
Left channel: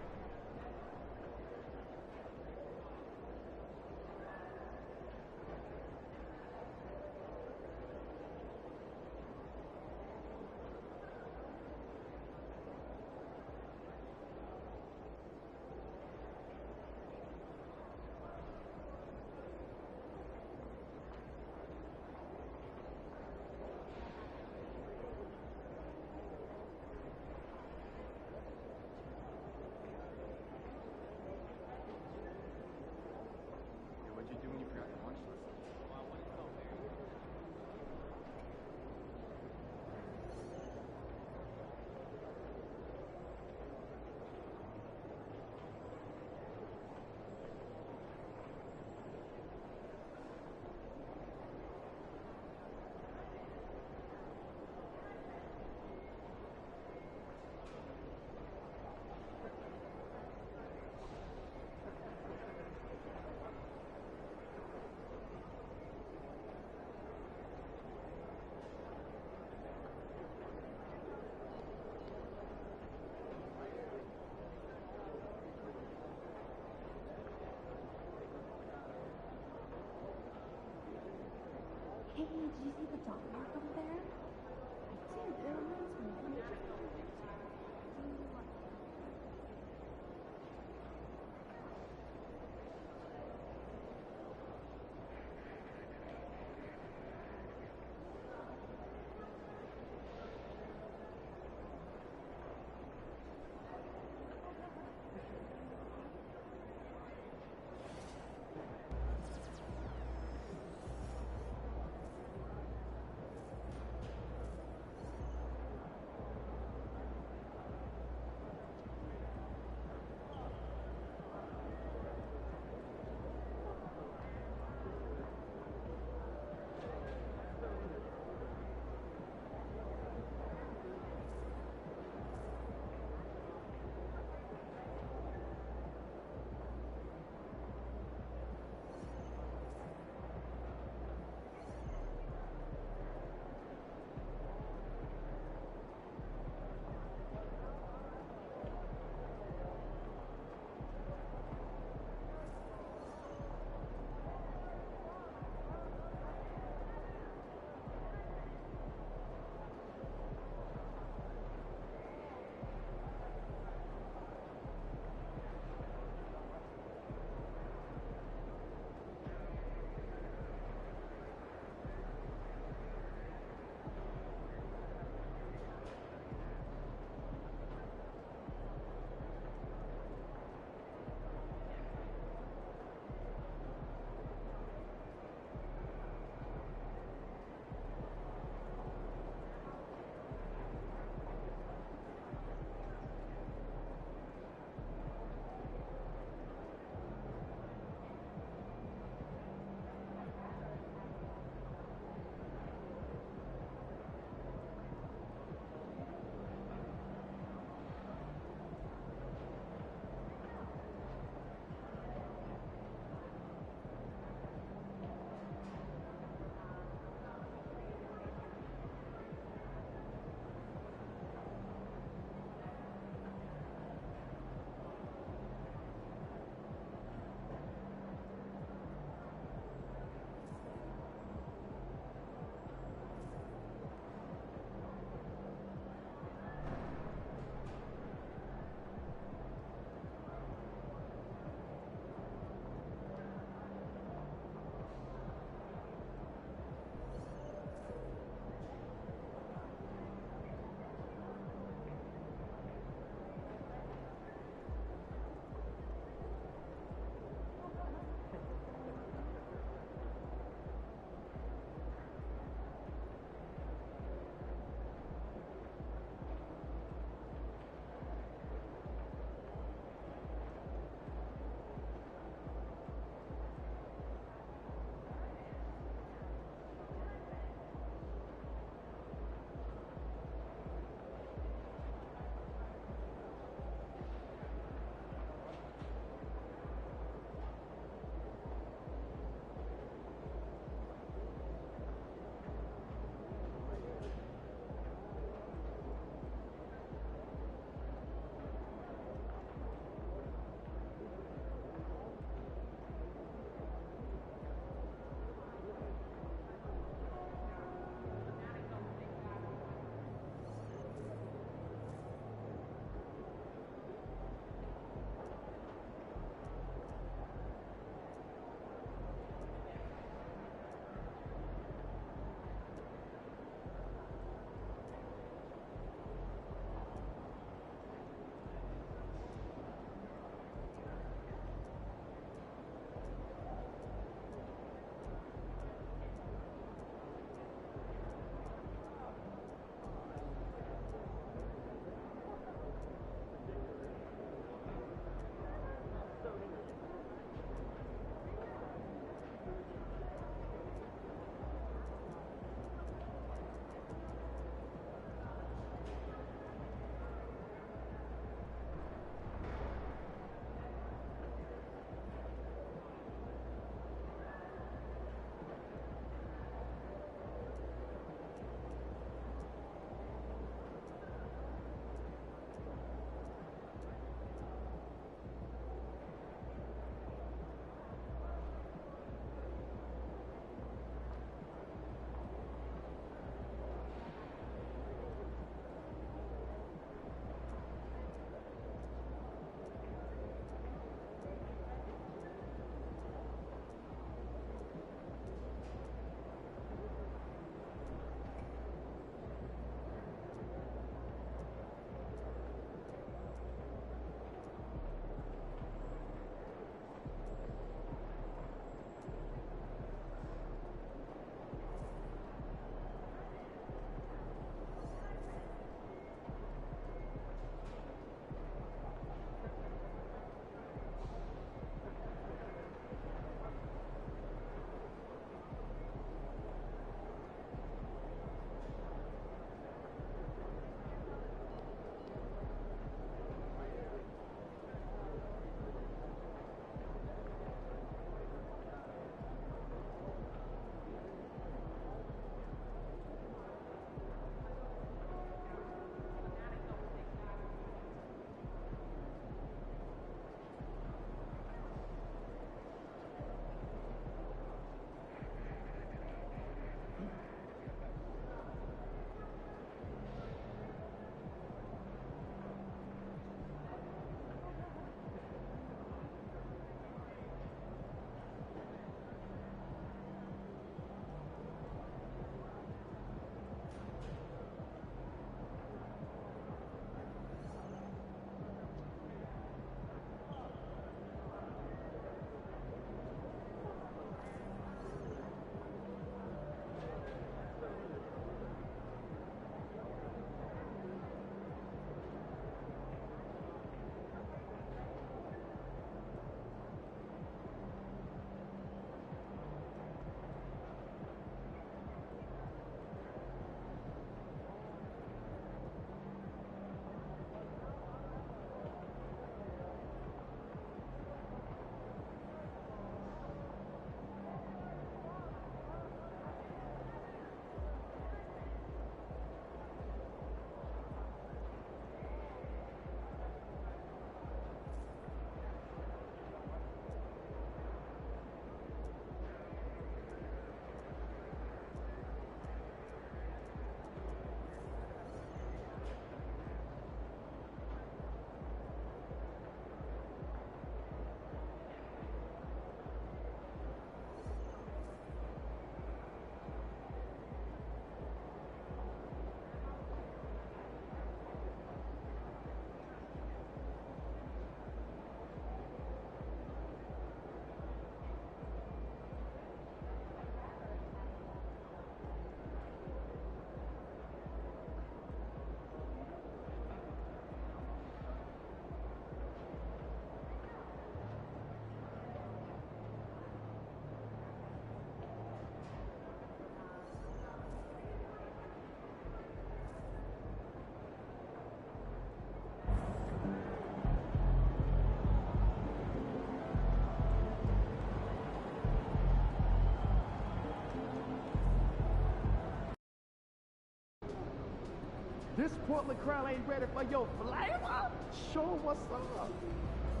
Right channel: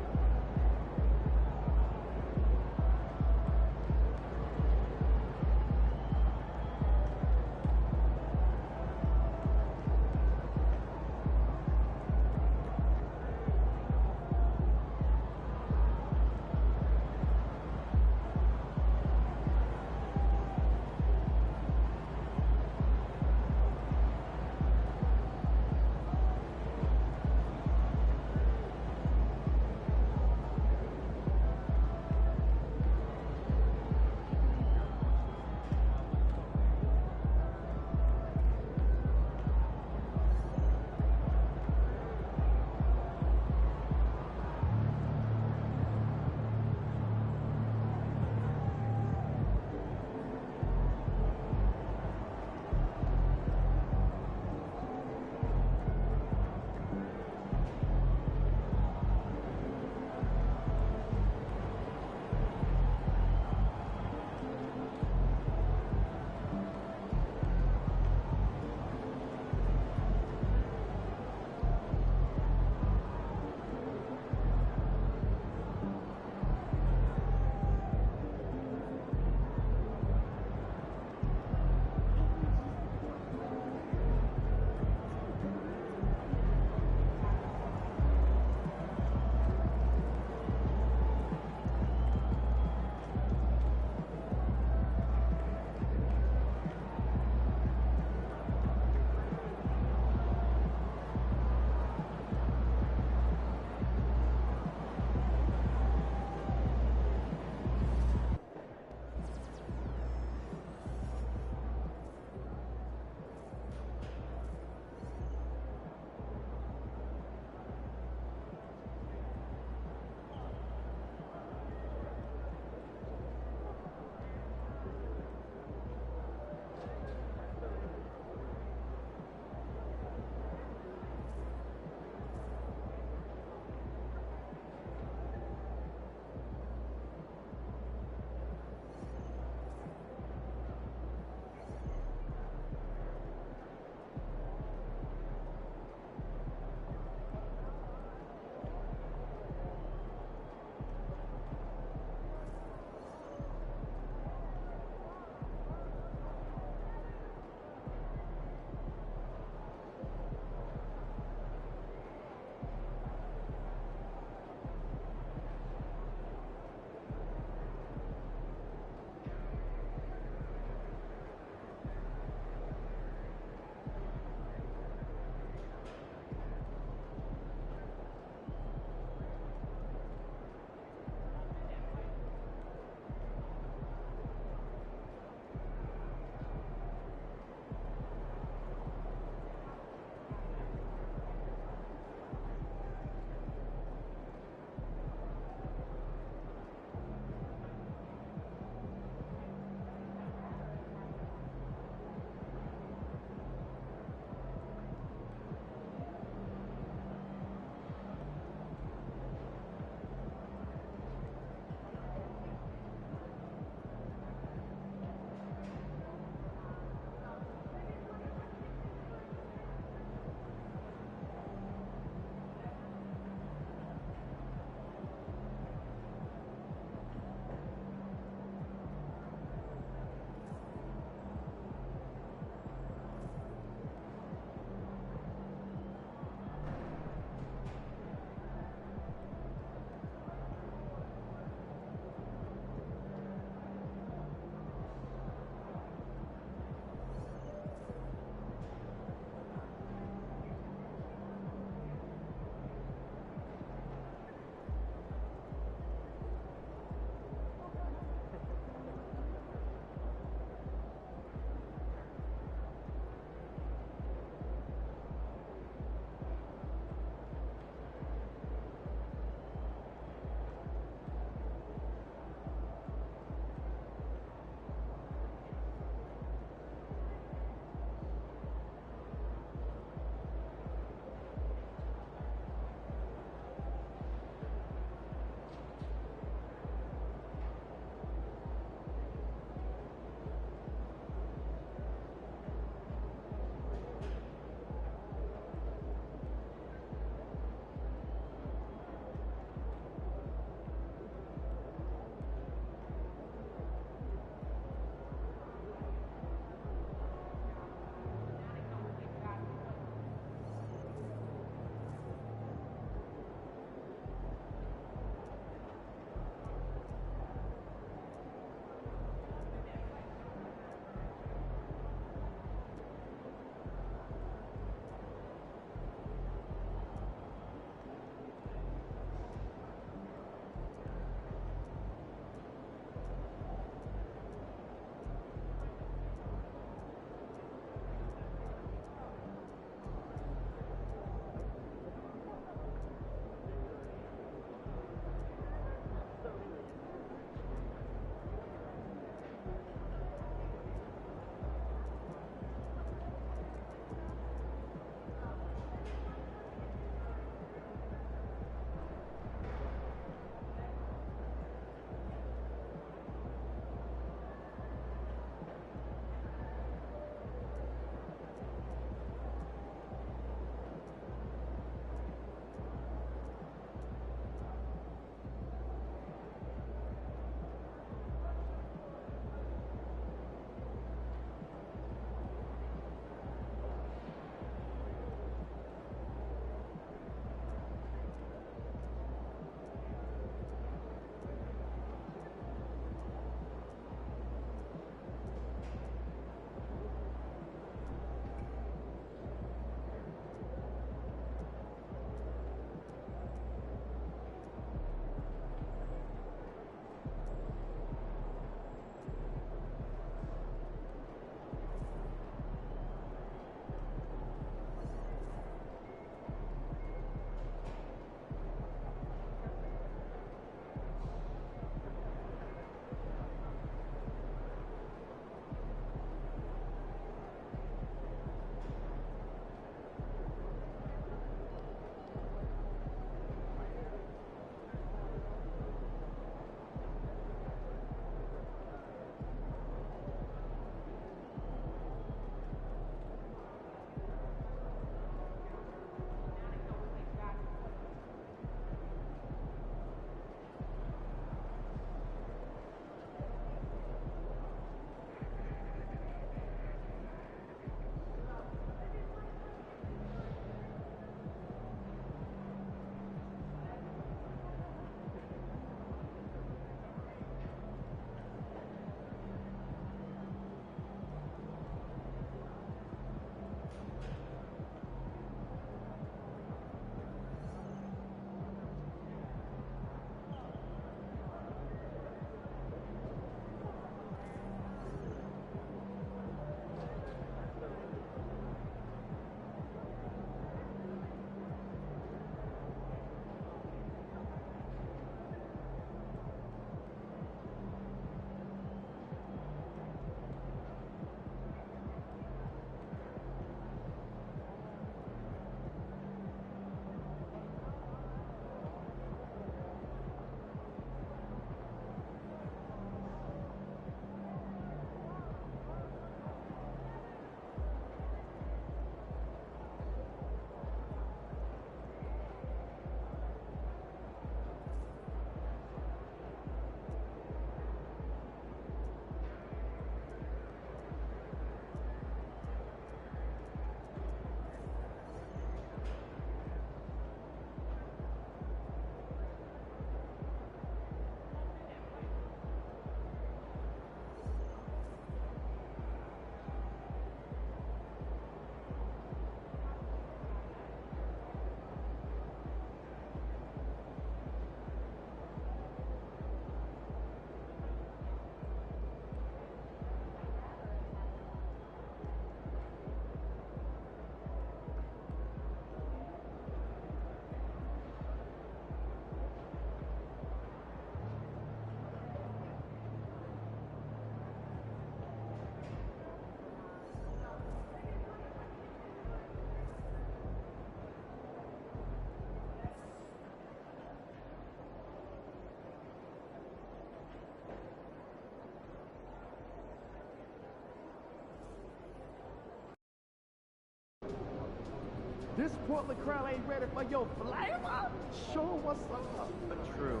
This Portland crowd ain't ready for your flavor? Show 'em what's up. True.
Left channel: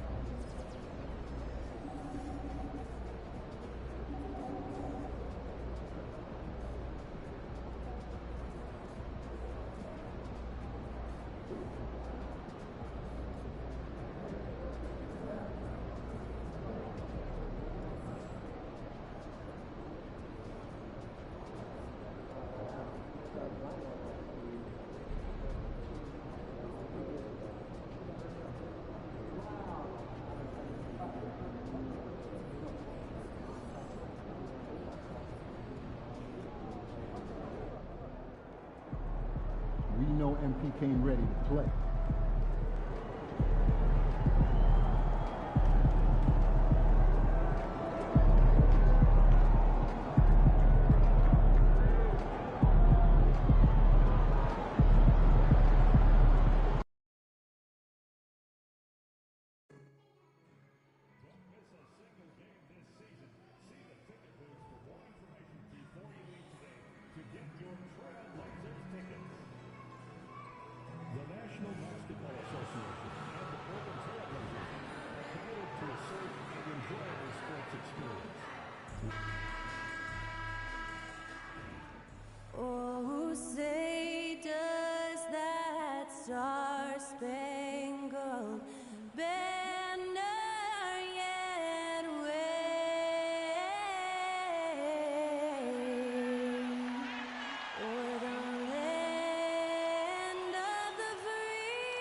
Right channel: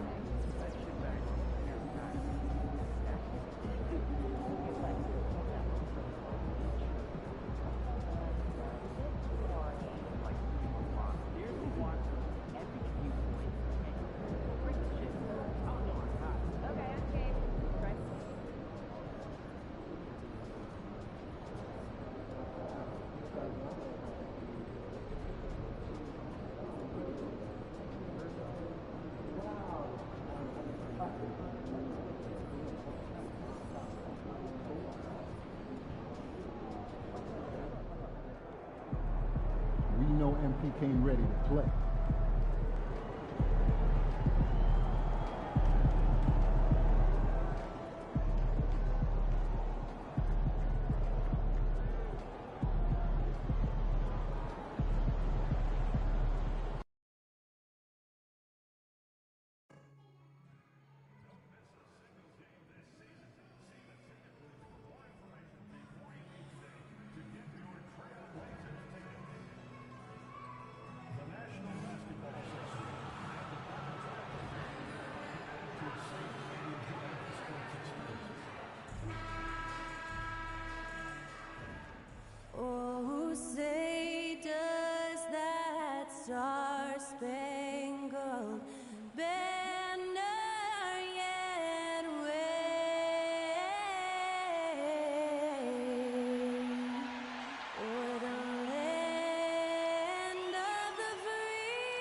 We know MP came ready to play. Oh, say does that star-spangled banner yet wave o'er the land of the free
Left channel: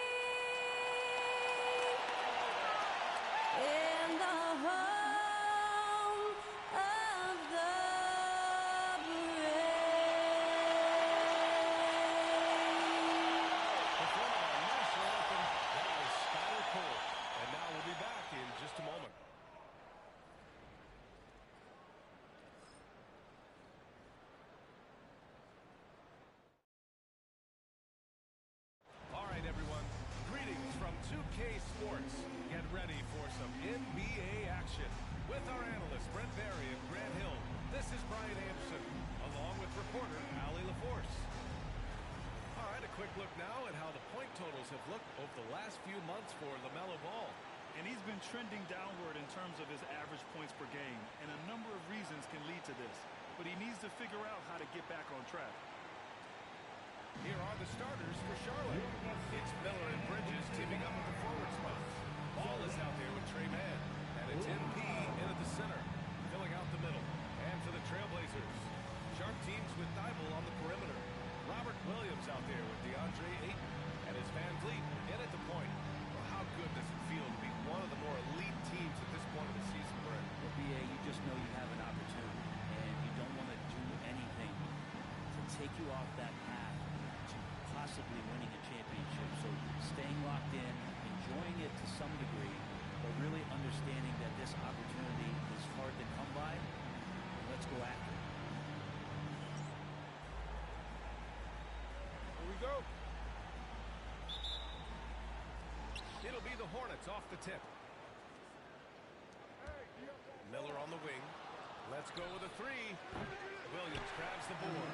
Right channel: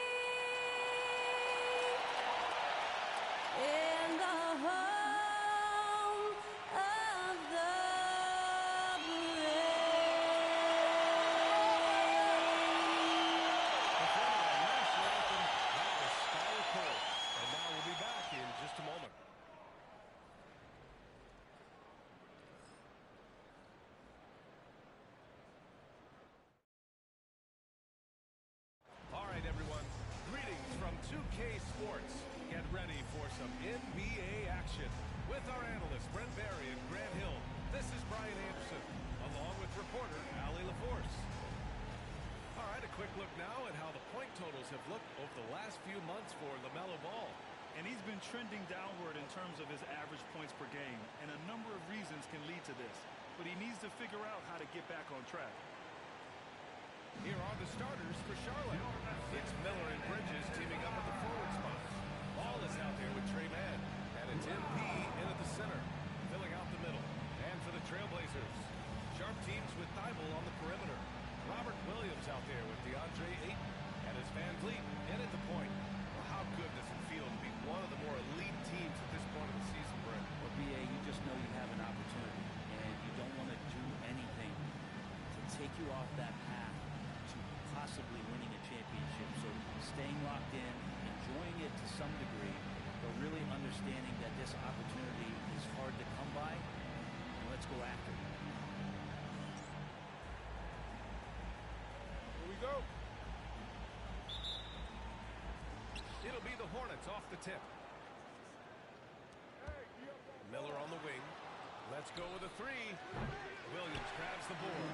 and the home of the just a moment. All right, everyone. Greetings from 2K Sports. Get ready for some NBA action with our analysts Brent Barry and Grant Hill. This is Brian Anderson, along with reporter Allie LaForce. All right, a quick look now at how the point totals have looked over the last few months for LaMelo Ball. And he's been trending downward in terms of his average points per game, and a number of reasons can lead to this. But he needs to figure out how to get back on track. Here are the starters for Charlotte. It's Miller and Bridges teaming up at the forward spots. Ball is out there with Trey Mann, and it's MP in at the center, filling out the middle. And for the Trailblazers, sharp teams with Thibault on the perimeter. Robert Williams out there with DeAndre Ayton, and it's Van Vliet in at the point. How good does it feel to be one of the more elite teams at this point of the season, Brett? Well, BA, you just know you have an opportunity, and you don't want to do anything to take you off that path to possibly winning a championship. So staying locked in, enjoying it to some degree, but really understanding that this opportunity is hard to come by, and let's go after it. Here we go. It'll be the Hornets off the tip. Miller on the wing. Let's go with a three. Williams grabs the board.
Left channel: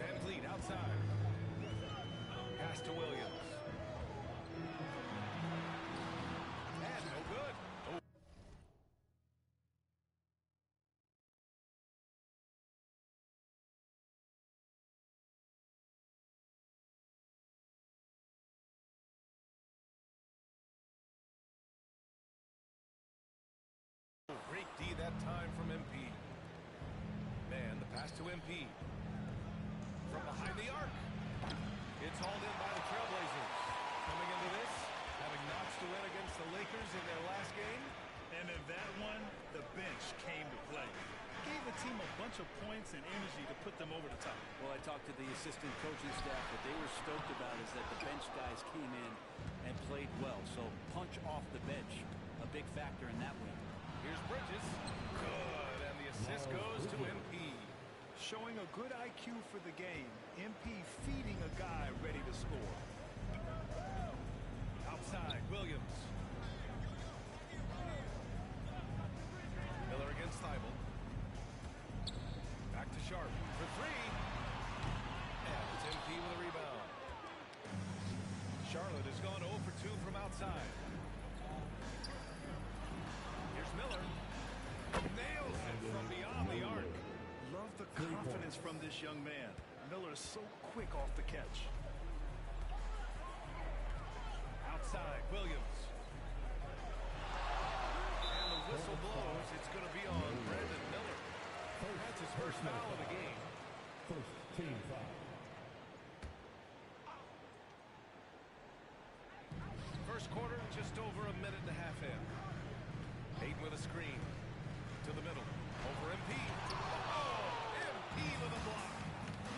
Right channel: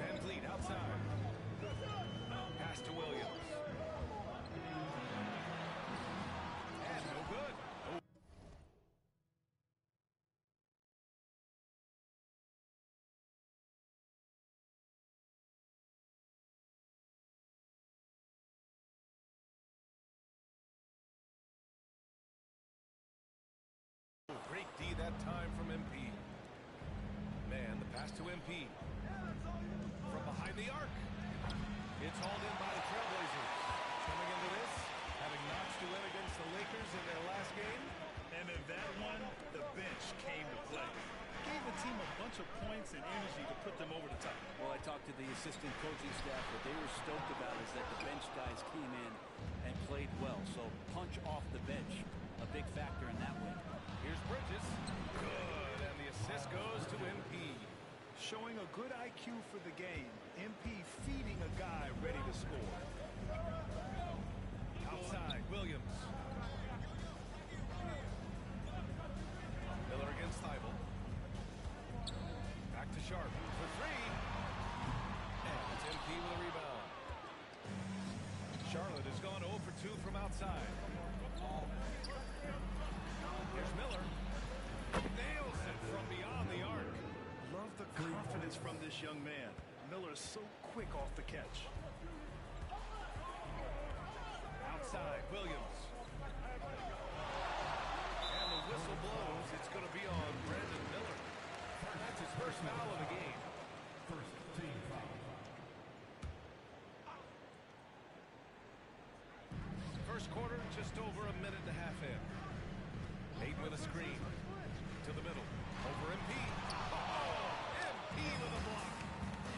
Van Vliet outside. Pass to Williams. And no good. Oh. Great D that time from MP. Man, the pass to MP. From behind the arc. It's hauled in by the Trailblazers. Coming into this, having notched to win against the Lakers in their last game. And in that one, the bench came to play. Gave the team a bunch of points and energy to put them over the top. Well, I talked to the assistant coaching staff. What they were stoked about is that the bench guys came in and played well. So punch off the bench, a big factor in that win. Here's Bridges. Good, and the assist goes to MP. Showing a good IQ for the game. MP feeding a guy ready to score. Outside, Williams. Miller against Thibault. Back to Sharp for three. MP with a rebound. Charlotte has gone 0 for 2 from outside. Here's Miller. Nails it from beyond the arc. Love the confidence from this young man. Miller is so quick off the catch. Outside, Williams. And the whistle blows. It's going to be on Brandon Miller. That's his first foul of the game. First team foul. First quarter, just over a minute and a half in. Hayden with a screen. To the middle. Over MP. Oh, MP with a block.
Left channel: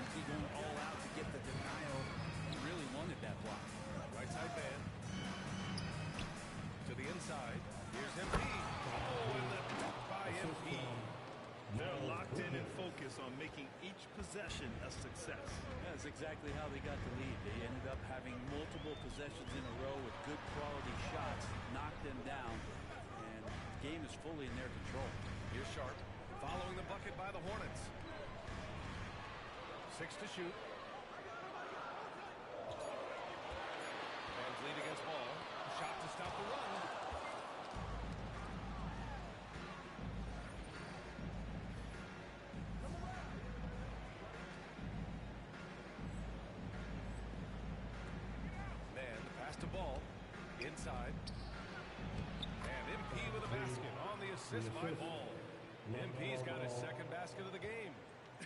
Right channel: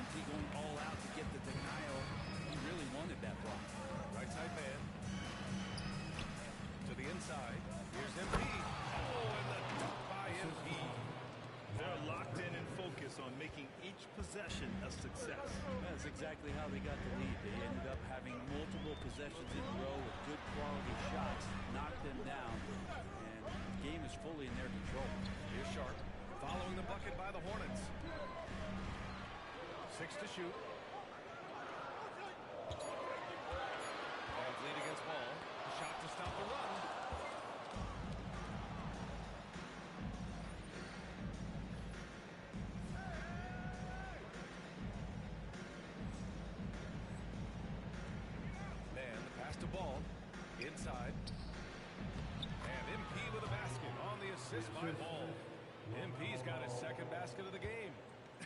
MP going all out to get the denial. He really wanted that block. Right side man. To the inside. Here's MP. Oh, and the dunk by MP. They're locked in and focused on making each possession a success. That's exactly how they got the lead. They ended up having multiple possessions in a row with good quality shots, knocked them down, and the game is fully in their control. Here's Sharp, following the bucket by the Hornets. 6 to shoot. Rams lead against ball. Shot to stop the run. To ball inside, and MP with a basket on the assist by Ball. MP's got his second basket of the game.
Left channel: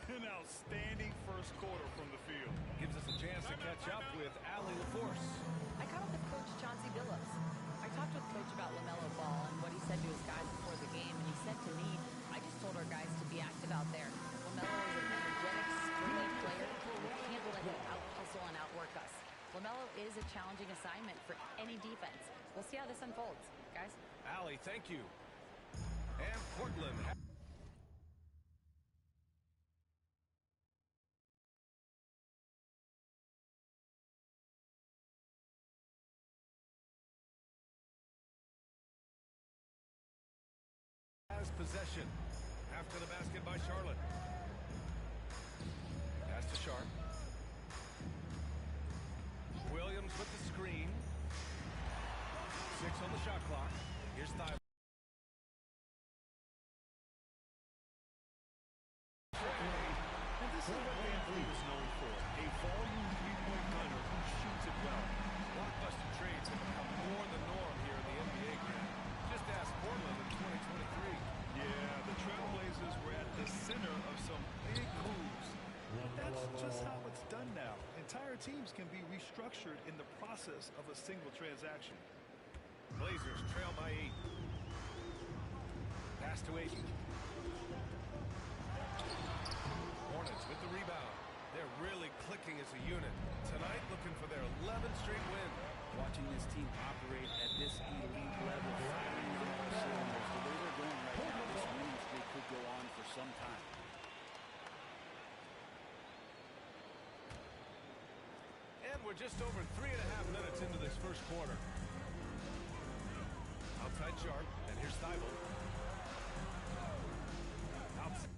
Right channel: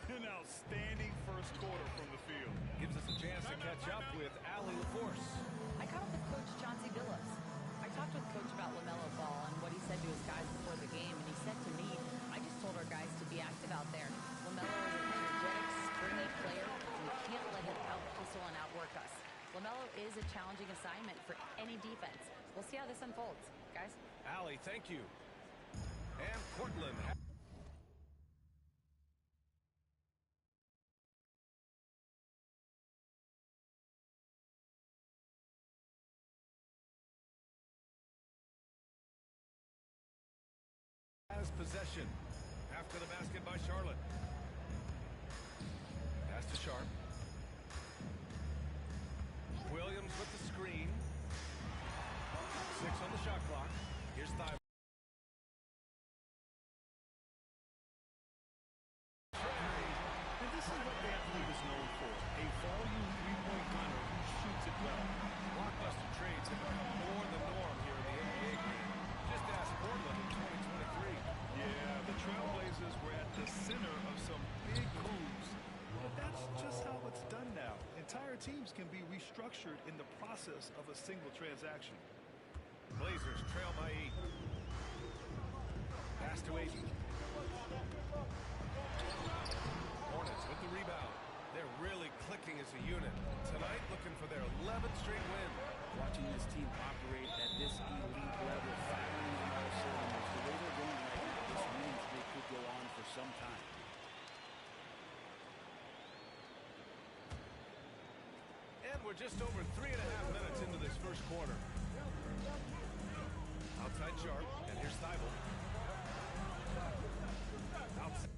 An outstanding first quarter from the field. Gives us a chance to catch up with Allie LaForce. I caught up with Coach Chauncey Billups. I talked with Coach about LaMelo Ball and what he said to his guys before the game, and he said to me, I just told our guys to be active out there. LaMelo is an energetic, springy player, and we can't let him out-hustle and outwork us. LaMelo is a challenging assignment for any defense. We'll see how this unfolds, guys. Allie, thank you. And Portland. Has possession. After the basket by Charlotte. Pass to Sharp. Williams with the screen. 6 on the shot clock. Here's Thibault. And this is what Van Vliet is known for. A volume three-point gunner who shoots it well. Blockbuster trades have become more the norm here in the NBA, Grant. Just ask Portland in 2023. Yeah, the Trailblazers were at the center of some big moves. But that's just how it's done now. Entire teams can be restructured in the process of a single transaction. Blazers trail by 8. Pass to Ayton. Hornets with the rebound. They're really clicking as a unit. Tonight looking for their 11th straight win. Watching this team operate at this elite level, firing on all cylinders, the way they're going right now, this winning streak could go on for some time. And we're just over 3.5 minutes into this first quarter. Outside Sharp, and here's Thibault. Outside.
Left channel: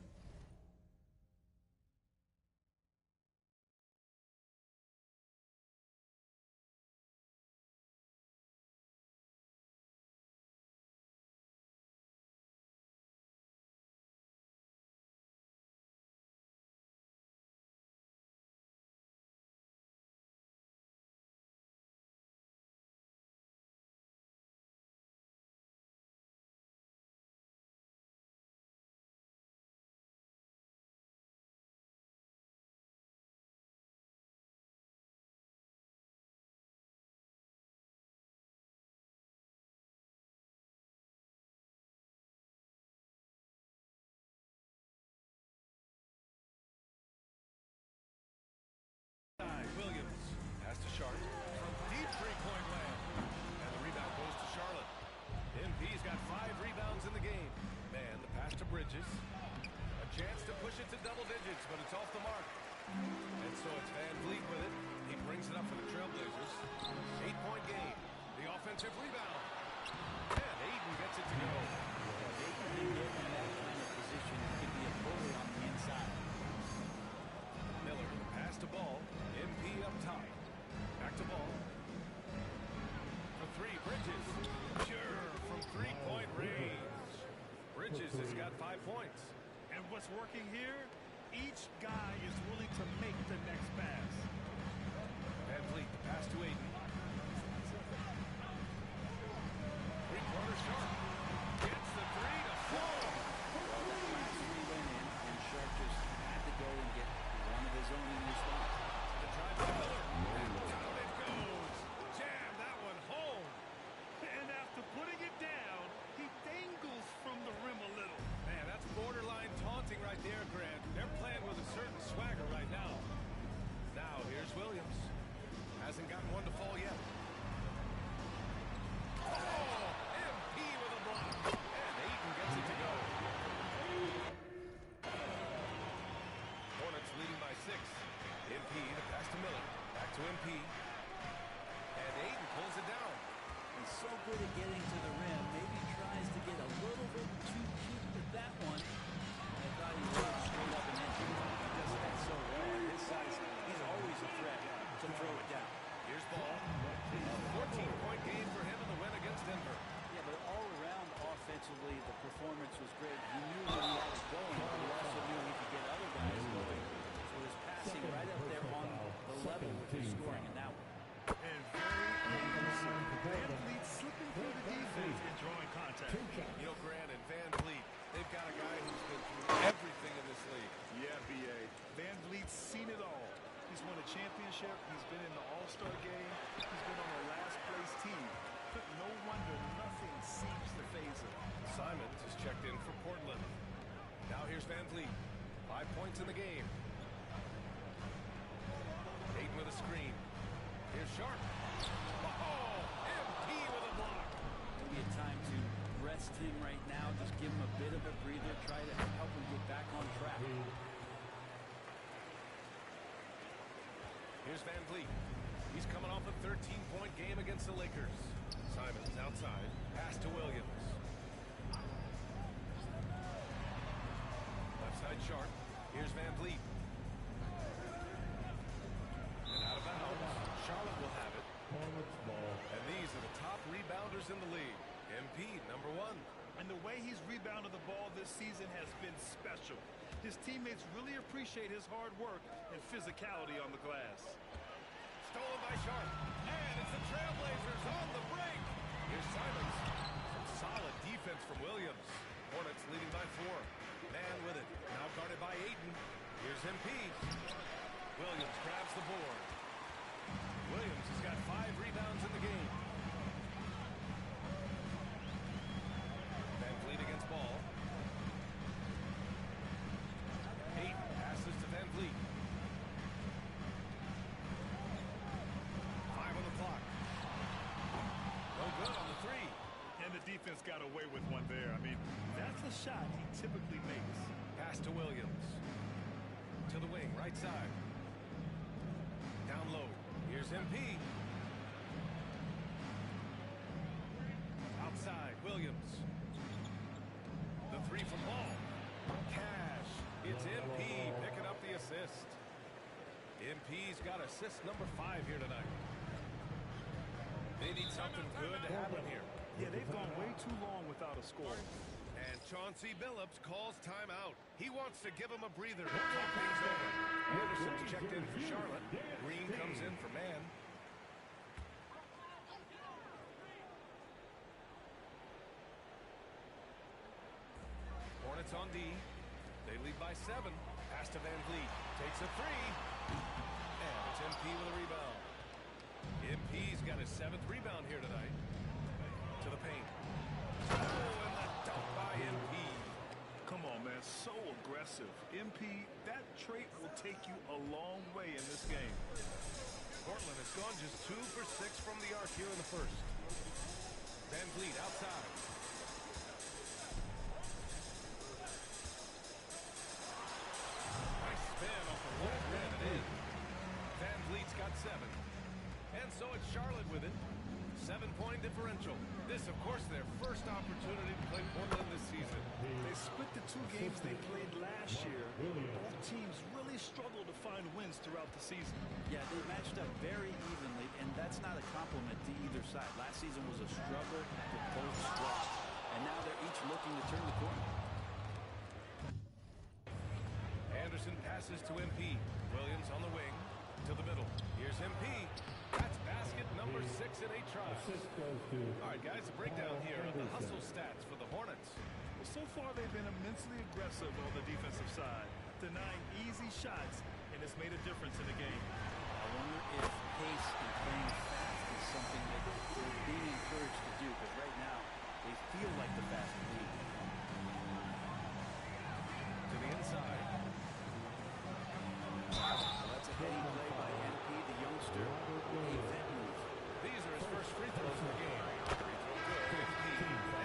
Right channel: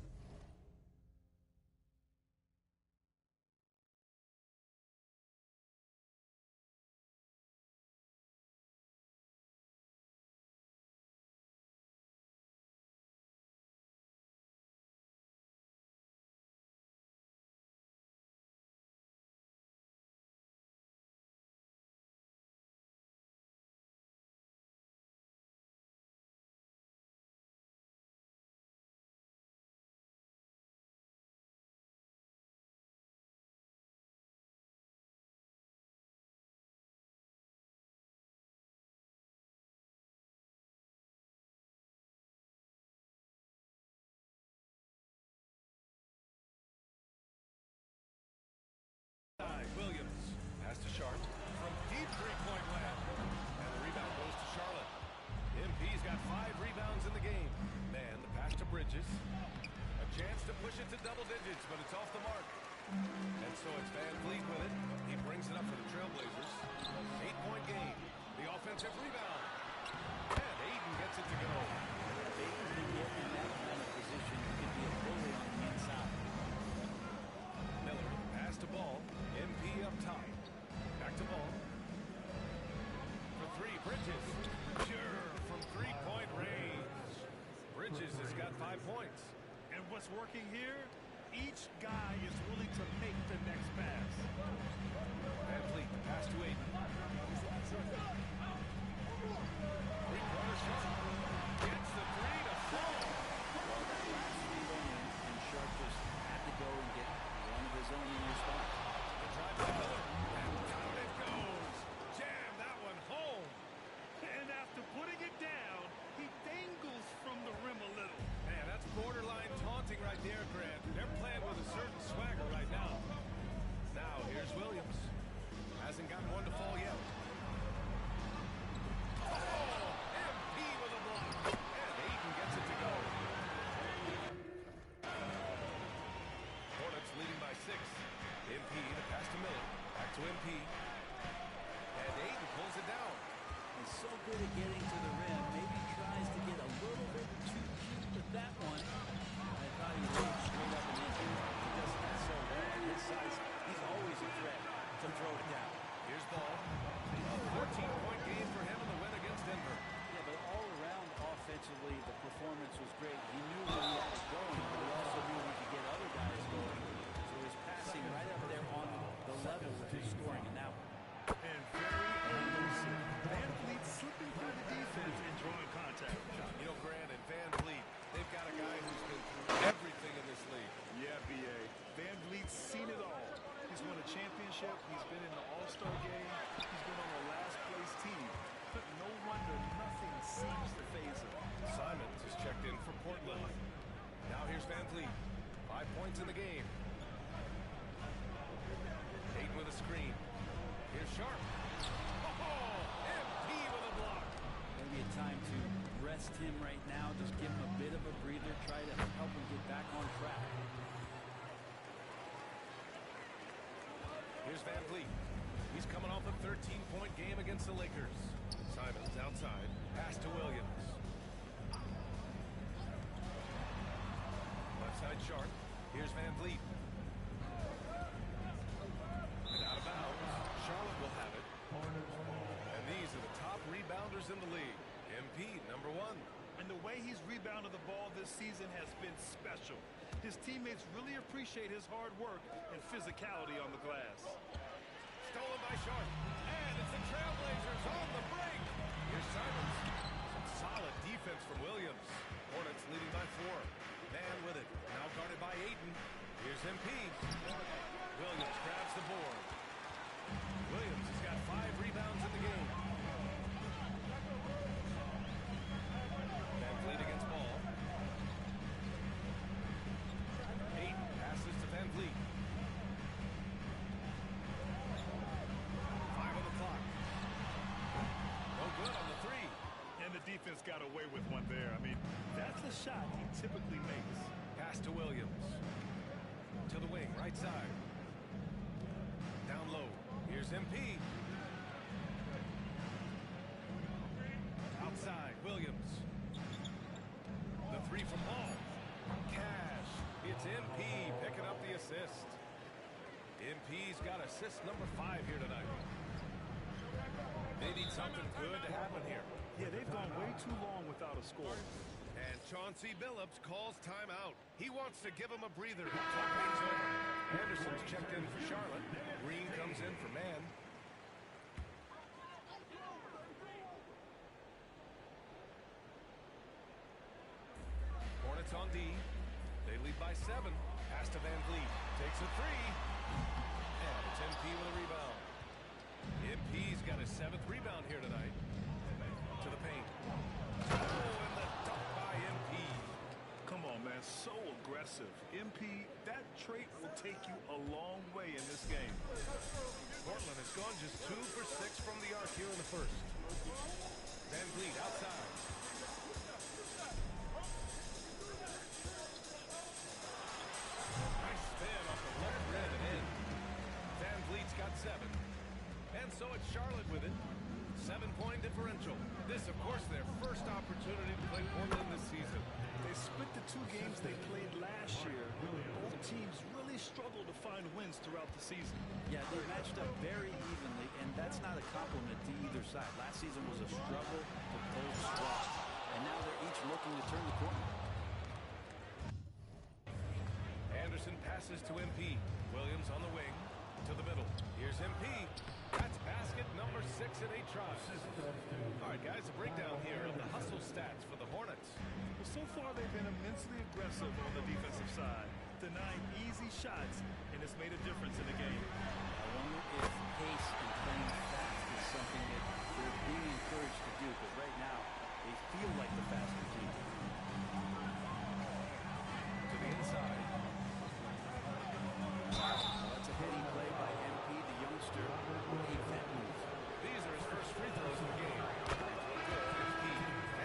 Williams pass to Sharp from deep three-point land. And the rebound goes to Charlotte. MP's got 5 rebounds in the game. Man, the pass to Bridges. A chance to push it to double digits, but it's off the mark. And so it's Van Vliet with it. He brings it up for the Trailblazers. 8-point game. The offensive rebound. And Ayton gets it to go. If Ayton can get in that kind of position, he can be a bully on the inside. Miller, the pass pass to Ball. MP up top. Back to Ball. For three, Bridges. Sure, from three-point range. Bridges has got 5 points. And what's working here? Each guy is willing to make the next pass. Van Vliet, the pass to Aiden. Three-pointer Sharp. Gets the three to fall. Well, that last three went in, and Sharp just had to go and get one of his own in response. The drive by Miller, and down it goes. Jam that one home. And after putting it down, he dangles from the rim a little. Man, that's borderline taunting right there, Grant. They're playing with a certain swagger right now. Now, here's Williams. Hasn't gotten one to fall yet. Oh, MP with a block. And Aiden gets it to go. Hornets leading by 6. MP, the pass to Miller. Back to MP. And Aiden pulls it down. He's so good at getting to the rim. Maybe tries to get a little bit too cute with that one. I thought he laid straight up and in. He does that so well. At his size, he's always a threat to throw it down. Here's Ball. A 14-point game for him in the win against Denver. Yeah, but all around offensively, the performance was great. He knew where he had it going, but he also knew he could get other guys going. So his passing right up there on the level with his scoring in that one. And very elusive. Van Vliet slipping through the defense and drawing contact. You know, Grant and Van Vliet, they've got a guy who's been through everything in this league. Yeah, B.A. Van Vliet's seen it all. He's won a championship. He's been in the All-Star game. He's been on a last-place team. But no wonder nothing seems to faze him. Simons is checked in for Portland. Now here's Van Vliet. 5 points in the game. Aiden with a screen. Here's Sharp. Oh, MP with a block. Maybe a time to rest him right now. Just give him a bit of a breather. Try to help him get back on track. Here's Van Vliet. He's coming off a 13-point game against the Lakers. Simons outside. Pass to Williams. Left side Sharp. Here's Van Vliet. And out of bounds. Charlotte will have it. And these are the top rebounders in the league. MP, number 1. And the way he's rebounded the ball this season has been special. His teammates really appreciate his hard work and physicality on the glass. Stolen by Sharp. And it's the Trailblazers on the break. Here's Simons. Some solid defense from Williams. Hornets leading by 4. Man with it. Now guarded by Aiden. Here's MP. Williams grabs the board. Williams has got 5 rebounds in the game. Van Vliet against Ball. Aiden passes to Van Vliet. 5 on the clock. No good on the 3. And the defense got away with one there. I mean, that's a shot he typically makes. Pass to Williams. To the wing, right side. Down low. Here's MP. Outside, Williams. The 3 from Ball. Cash. It's MP picking up the assist. MP's got assist number 5 here tonight. They need something good to happen here. Yeah, they've gone way too long without a score. And Chauncey Billups calls timeout. He wants to give him a breather. Talk things over. Anderson's checked in for Charlotte. Green comes in for Man. Hornets on D. They lead by 7. Pass to Van Vliet. Takes a 3. And it's MP with a rebound. MP's got his 7th rebound here tonight. To the paint. Oh, and the dunk by MP. Come on, man. So aggressive. MP, that trait will take you a long way in this game. Portland has gone just 2 for 6 from the arc here in the first. Van Vliet outside. Nice spin off the left rim and in. Van Vliet's got 7. And so it's Charlotte with it. 7-point differential. This, of course, their first opportunity to play Portland this season. They split the 2 games they played last year. Both teams really struggled to find wins throughout the season. Yeah, they matched up very evenly, and that's not a compliment to either side. Last season was a struggle for both squads, and now they're each looking to turn the corner. Anderson passes to MP. Williams on the wing to the middle. Here's MP. That's basket number 6 in 8 tries. All right, guys, a breakdown here of the hustle stats for the Hornets. Well, so far they've been immensely aggressive on the defensive side, denying easy shots, and it's made a difference in the game. I wonder if pace and playing fast is something that they're being encouraged to do, because right now they feel like the faster team. To the inside. Well, that's a heady play by MP, the youngster. A vet move. These are his first free throws of the game. Free throw good, MP.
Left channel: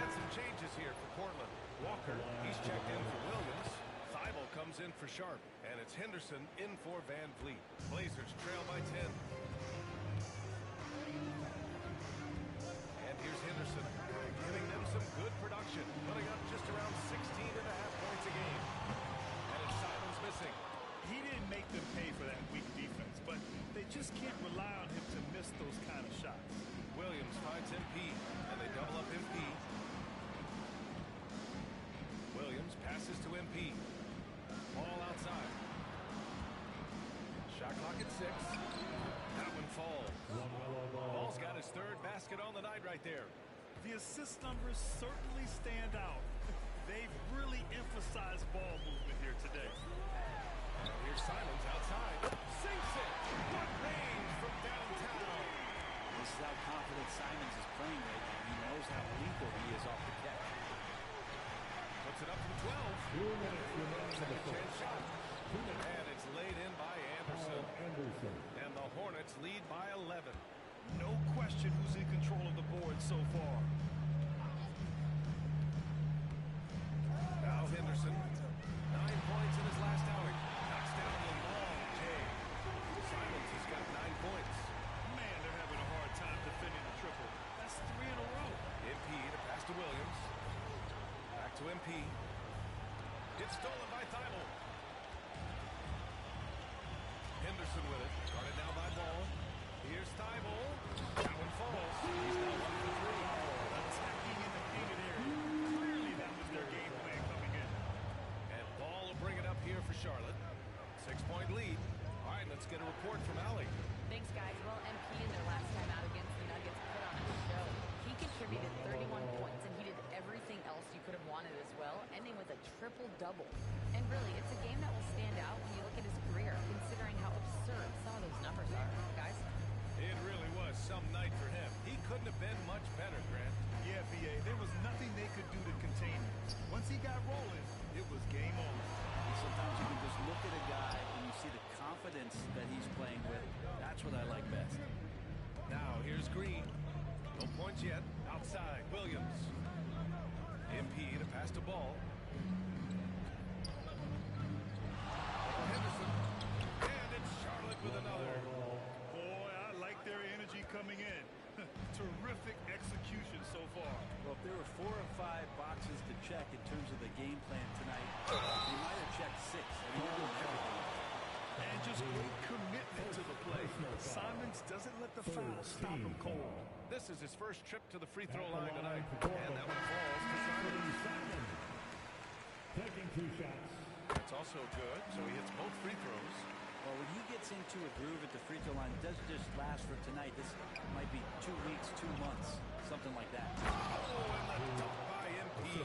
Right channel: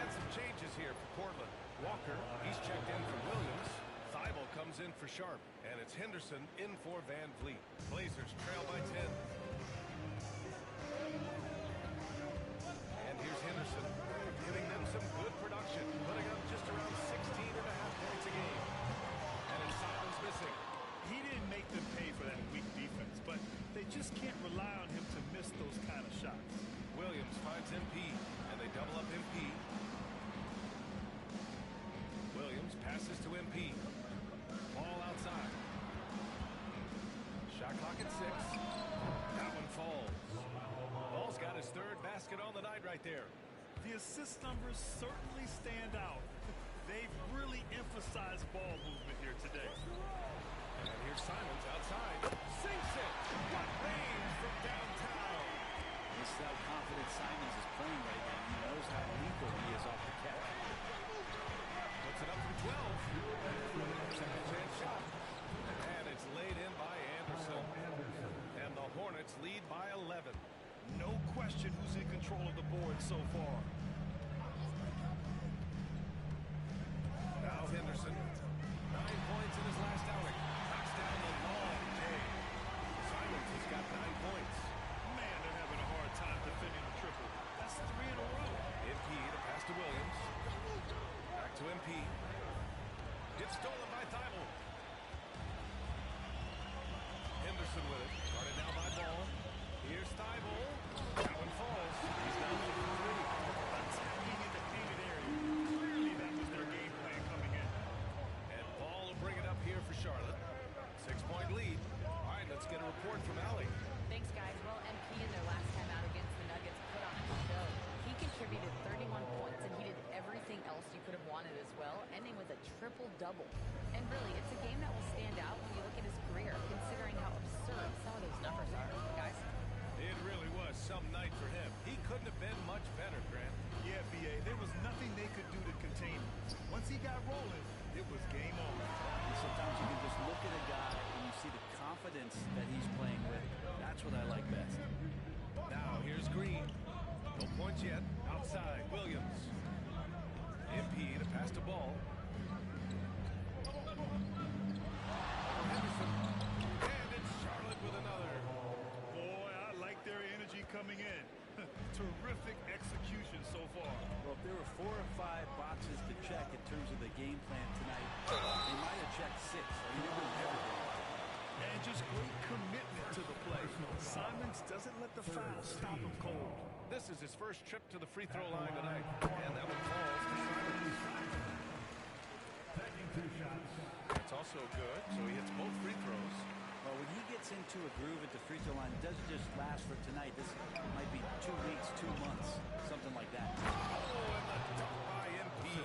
And some changes here for Portland. Walker, he's checked in for Williams. Thibault comes in for Sharp. And it's Henderson in for Van Vliet. Blazers trail by 10. And here's Henderson, giving them some good production, putting up just around 16.5 points a game. And it's Simons missing. He didn't make them pay for that weak defense, but they just can't rely on him to miss those kind of shots. Williams finds MP, and they double up MP. Williams passes to MP. Ball outside. Shot clock at 6. That one falls. Ball's got his 3rd basket on the night right there. The assist numbers certainly stand out. They've really emphasized ball movement here today. And here's Simons outside. Sinks it. What range from downtown. This is how confident Simons is playing right now. He knows how lethal he is off the catch. Puts it up from 12. Second chance shot. And it's laid in by Anderson. And the Hornets lead by 11. No question who's in control of the board so far. Now Henderson. 9 points in his last outing. Knocks down the long J. Simons has got 9 points. Man, they're having a hard time defending the triple. That's 3 in a row. MP to pass to Williams. Back to MP. Gets stolen by Thibault. Henderson with it. Guarded now by Ball. Here's Thibault. That one falls. He's now 1 for 3. Attacking in the painted area. Clearly that was their game plan coming in. And Ball will bring it up here for Charlotte. 6-point lead. All right, let's get a report from Allie. Thanks, guys. Well, MP in their last time out against the Nuggets put on a show. He contributed 31 points, and he did everything else you could have wanted as well, ending with a triple-double. And really, it's a game that will stand out when you look at his career, considering how absurd some of those numbers are. Guys? It really was some night for him. He couldn't have been much better, Grant. Yeah, B.A., there was nothing they could do to contain him. Once he got rolling, it was game on. And sometimes you can just look at a guy and you see the confidence that he's playing with. That's what I like best. Now, here's Green. No points yet. Outside, Williams. MP to pass the ball. Over Henderson. And it's Charlotte with another. Boy, I like their energy coming in. Terrific execution so far. Well, if there were 4 or 5 boxes to check in terms of the game plan tonight, they might have checked 6. I mean, they're doing everything. And just great commitment to the play. Simons doesn't let the foul stop him cold. This is his first trip to the free throw line tonight. And that one falls to Simons. Taking 2 shots. That's also good, so he hits both free throws. Well, when he gets into a groove at the free throw line, it doesn't just last for tonight. This might be 2 weeks, 2 months, something like that. Oh, and the dunk by MP.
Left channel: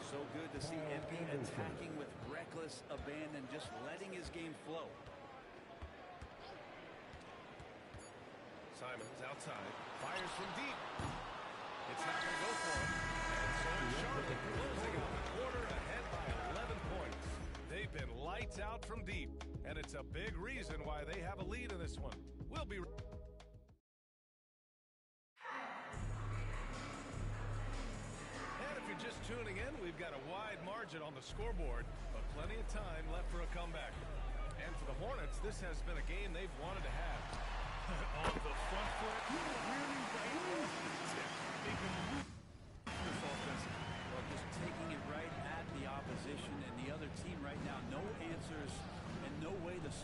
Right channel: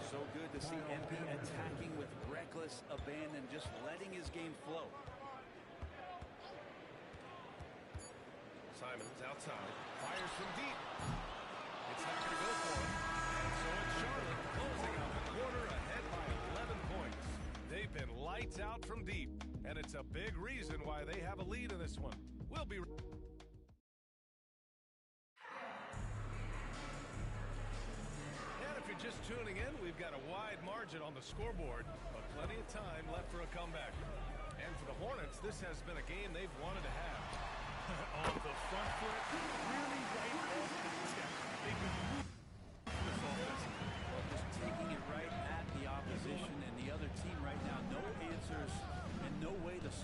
So good to see MP attacking with reckless abandon, just letting his game flow. Simons outside, fires from deep. It's not going to go for him. And so it's Charlotte closing out the quarter ahead by 11 points. They've been lights out from deep, and it's a big reason why they have a lead in this one. We'll be... And if you're just tuning in, we've got a wide margin on the scoreboard, but plenty of time left for a comeback. And for the Hornets, this has been a game they've wanted to have. On the front foot, really right off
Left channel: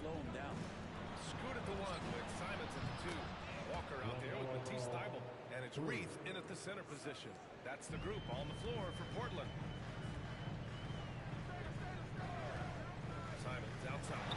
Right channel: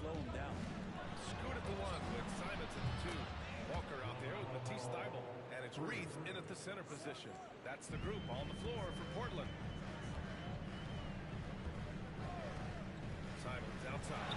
slow him down. Scoot at the 1 with Simons at the 2. Walker out there with Matisse Thybulle. And it's Reith in at the center position. That's the group on the floor for Portland. Simons outside.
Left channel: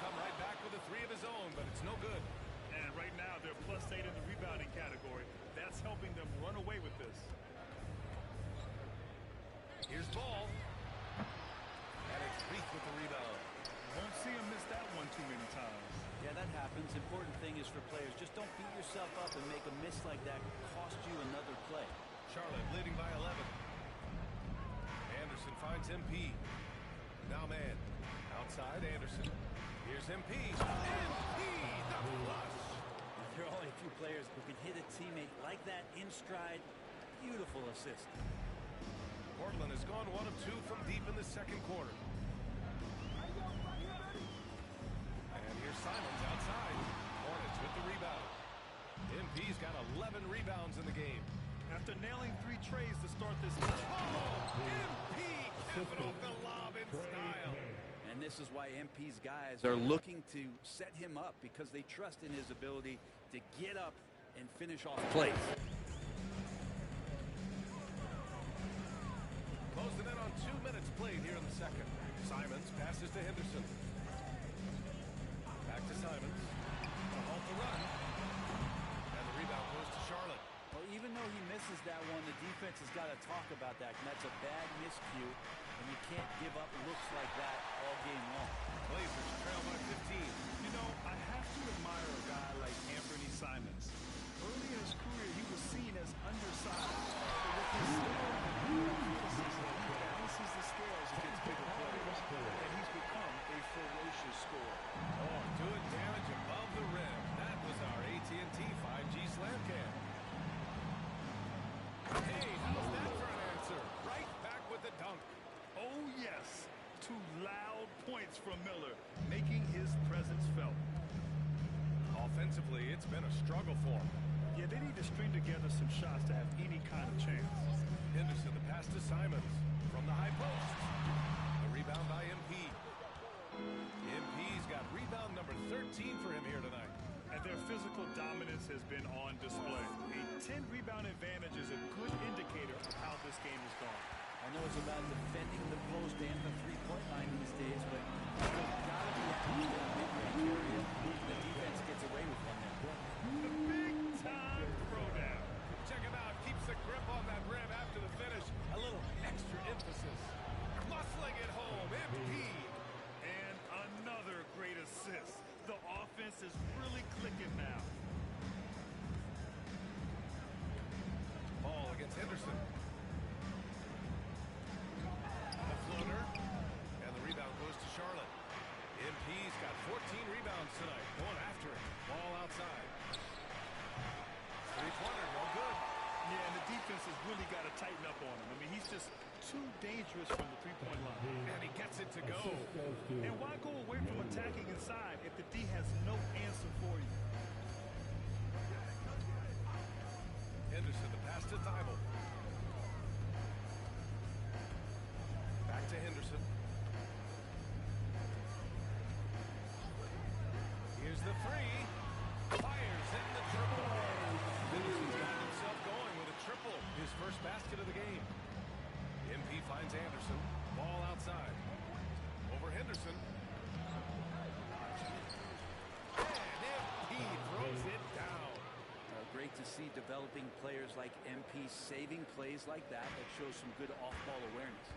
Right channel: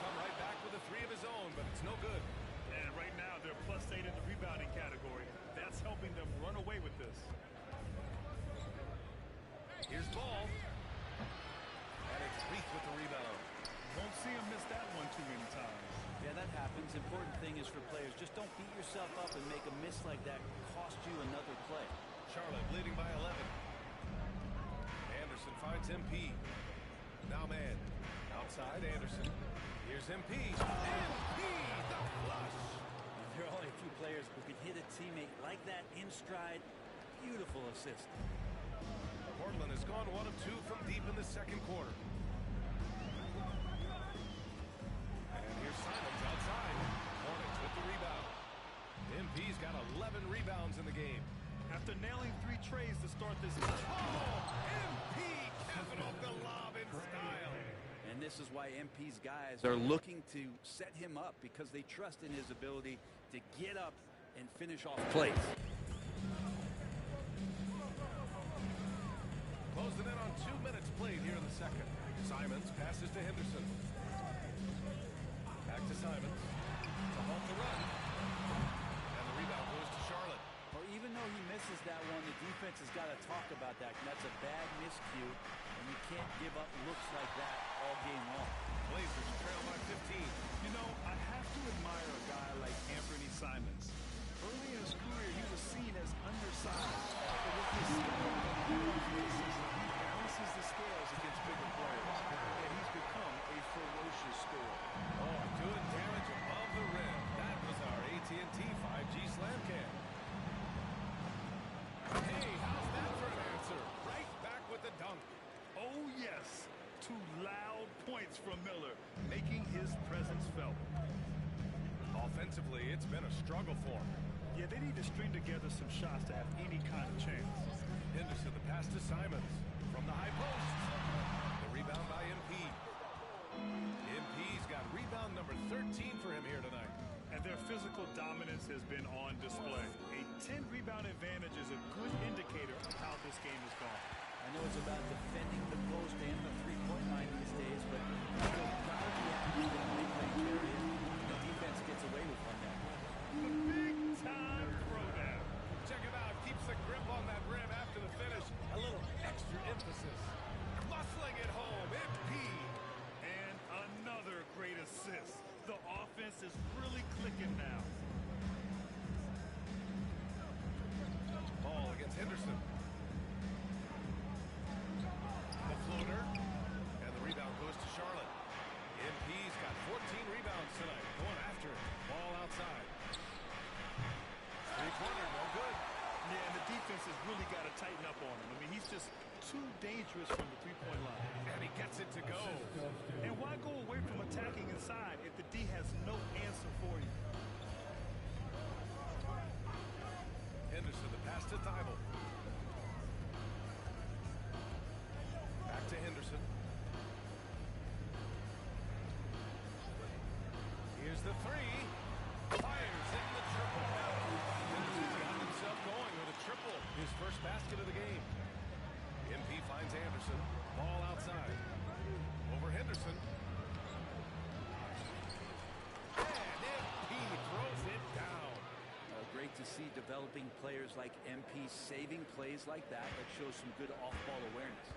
Come right back with a 3 of his own, but it's no good. And right now they're +8 in the rebounding category. That's helping them run away with this. Here's Ball. And it's Reith with the rebound. Won't see him miss that one too many times. Yeah, that happens. Important thing is for players, just don't beat yourself up and make a miss like that cost you another play. Charlotte leading by 11. Anderson finds MP. Now man. Outside Anderson. Here's MP. MP, the flush. Now, there are only a few players who can hit a teammate like that in stride. Beautiful assist. Portland has gone 1 of 2 from deep in the second quarter. And here's Simons outside. Hornets with the rebound. MP's got 11 rebounds in the game. After nailing 3 trays to start this game. Oh, MP capping off the lob in style. And this is why MP's guys are looking to set him up because they trust in his ability to get up and finish off plays. Closing in on 2 minutes played here in the second. Simons passes to Henderson. Back to Simons to halt the run. And the rebound goes to Charlotte. Well, even though he misses that one, the defense has got to talk about that. And that's a bad miscue, and you can't give up looks like that all game long. Blazers trail by 15. You know, I have to admire a guy like Anthony Simons. Early in his career, he was seen as undersized. But with his skill and pure athleticism, he balances the scales against bigger players. And he's become a ferocious scorer. Oh, doing damage above the rim. That was our AT&T 5G slam cam. Hey, how's that for an answer? Right back with the dunk. Oh, yes. 2 loud points from Miller, making his presence felt. Offensively, it's been a struggle for him. Yeah, they need to string together some shots to have any kind of chance. Henderson, the pass to Simons from the high post. The rebound by MP. MP's got rebound number 13 for him here tonight. And their physical dominance has been on display. A 10-rebound advantage is a good indicator of how this game has gone. I know it's about defending the post and the three-point line these days, but you've got to be active in the mid-range area. The defense gets away with one there. The big-time throwdown. Check him out. Keeps the grip on that rim after the finish. A little extra emphasis. Muscling it home. MP. And another great assist. The offense is really clicking now. Ball against Henderson. The floater. And the rebound goes to Charlotte. MP's got 14 rebounds tonight. Going after it. Ball outside. Three-pointer, no good. Yeah, and the defense has really got to tighten up on him. I mean, he's just too dangerous from the three-point line. And he gets it to go. And why go away from attacking inside if the D has no answer for you? Henderson, the pass to Thybulle. Back to Henderson. Here's the 3. Fires in the triple. Henderson's gotten himself going with a triple. His first basket of the game. MP finds Anderson. Ball outside. Over Henderson. And MP throws it down. Great to see developing players like MP saving plays like that. That shows some good off-ball awareness.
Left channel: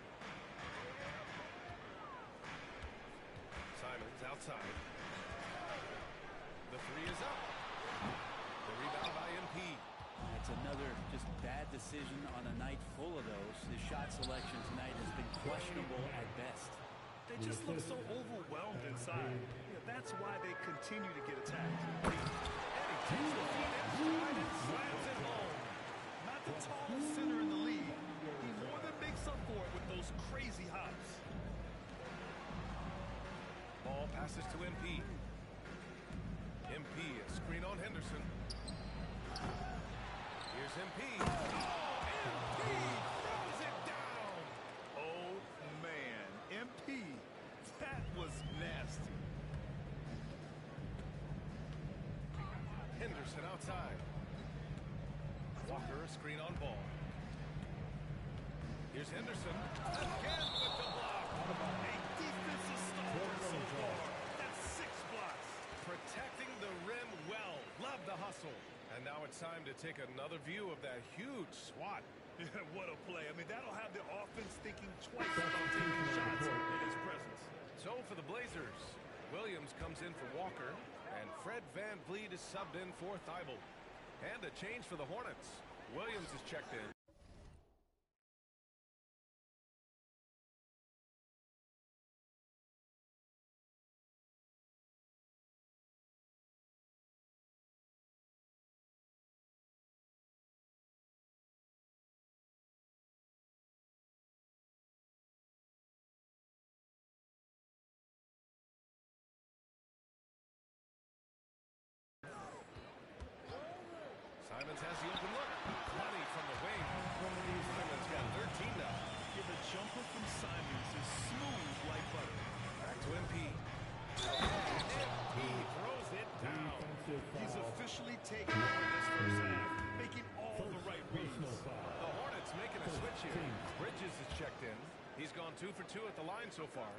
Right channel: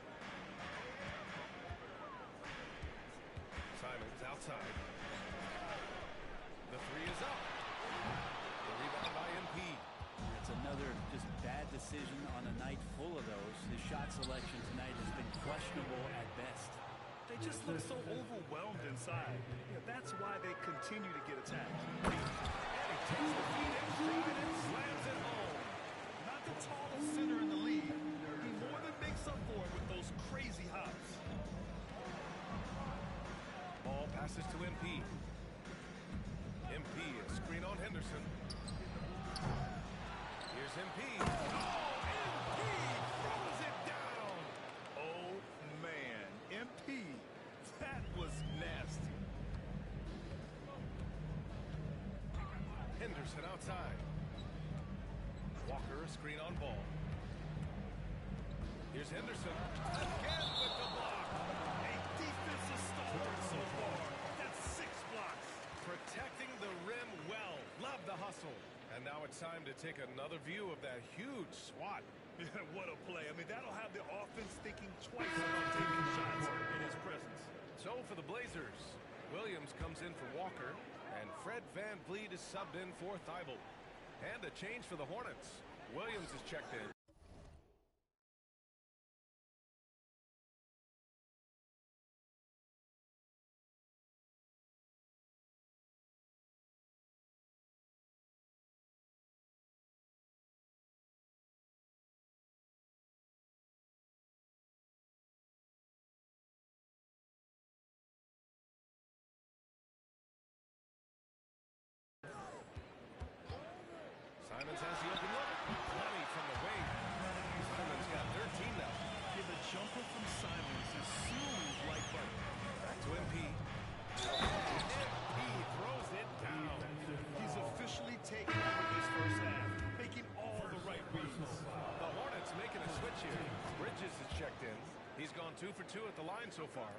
Simons outside. The 3 is up. The rebound by MP. That's another just bad decision on a night full of those. His shot selection tonight has been questionable at best. They just look so overwhelmed inside. Yeah, that's why they continue to get attacked. And he takes the feed in stride and slams it home. Not the tallest center in the league. He makes up for it with those crazy hops. Ball passes to MP. MP, a screen on Henderson. Here's MP. Oh, MP throws it down. Oh, man. MP, that was nasty. Henderson outside. Walker, a screen on ball. Here's Henderson. Again with the block. A defensive stalwart so far. That's 6 blocks. Protecting the rim well. Love the hustle. And now it's time to take another view of that huge swat. Yeah, what a play. I mean, that'll have the offense thinking twice about taking shots in his presence. So for the Blazers, Williams comes in for Walker, and Fred VanVleet is subbed in for Thibault. And a change for the Hornets. Williams is checked in. Simons has the open look. Plenty from the wing. Simons got 13 now. Yeah, the jumper from Simons is smooth like butter. Back to MP. MP throws it down. He's officially taken over this first half, making all the right reads. The Hornets making a switch here. Bridges is checked in. He's gone 2 for 2 at the line so far.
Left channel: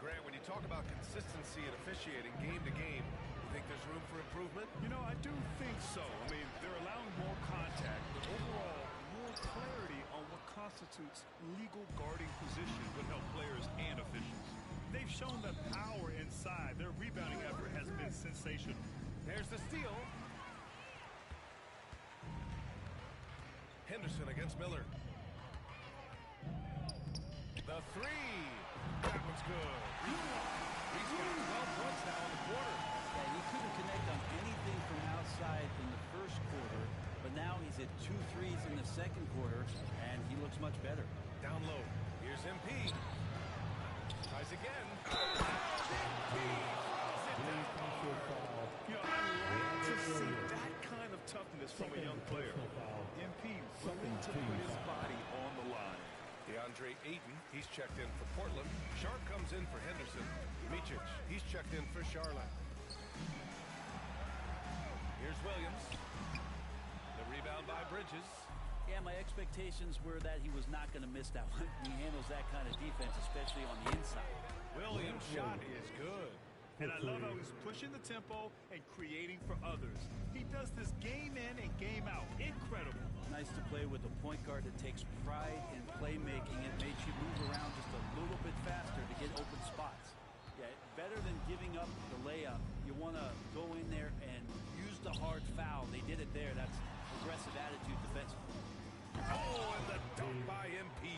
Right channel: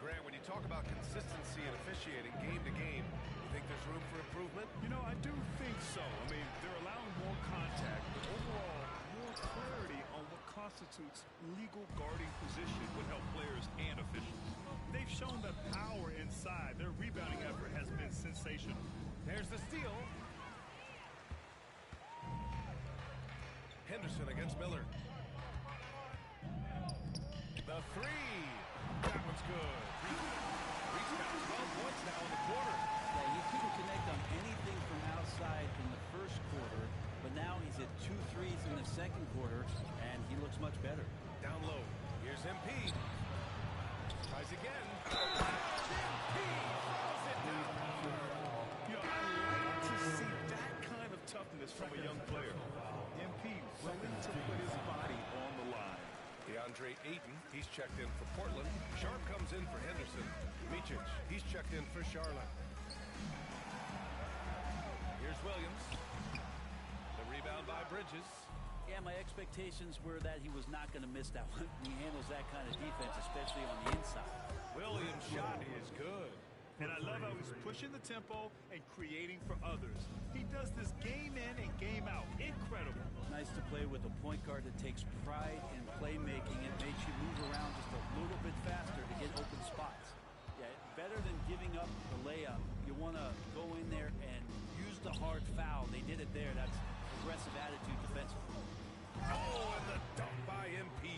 Grant, when you talk about consistency and officiating game to game, you think there's room for improvement? You know, I do think so. I mean, they're allowing more contact, but overall, more clarity on what constitutes legal guarding position would help players and officials. They've shown that power inside. Their rebounding effort has been sensational. There's the steal. Henderson against Miller. The three. That one's good. Reed's got 12 points now in the quarter. Yeah, he couldn't connect on anything from outside in the first quarter, but now he's at 2 threes in the second quarter, and he looks much better. Down low. Here's MP. Tries again. MP throws it down hard. You know, I like to see that kind of toughness from a young player. MP willing to put his body on the line. DeAndre Ayton, he's checked in for Portland. Sharp comes in for Henderson. Micic, he's checked in for Charlotte. Here's Williams. The rebound by Bridges. Yeah, my expectations were that he was not going to miss that one. He handles that kind of defense, especially on the inside. Williams' shot is good. And I love how he's pushing the tempo and creating for others. He does this game in and game out. Incredible. Nice to play with a point guard that takes pride in playmaking. It makes you move around just a little bit faster to get open spots. Yeah, better than giving up the layup. You want to go in there and use the hard foul. They did it there. That's aggressive attitude defensively. Oh, and the dunk by MP.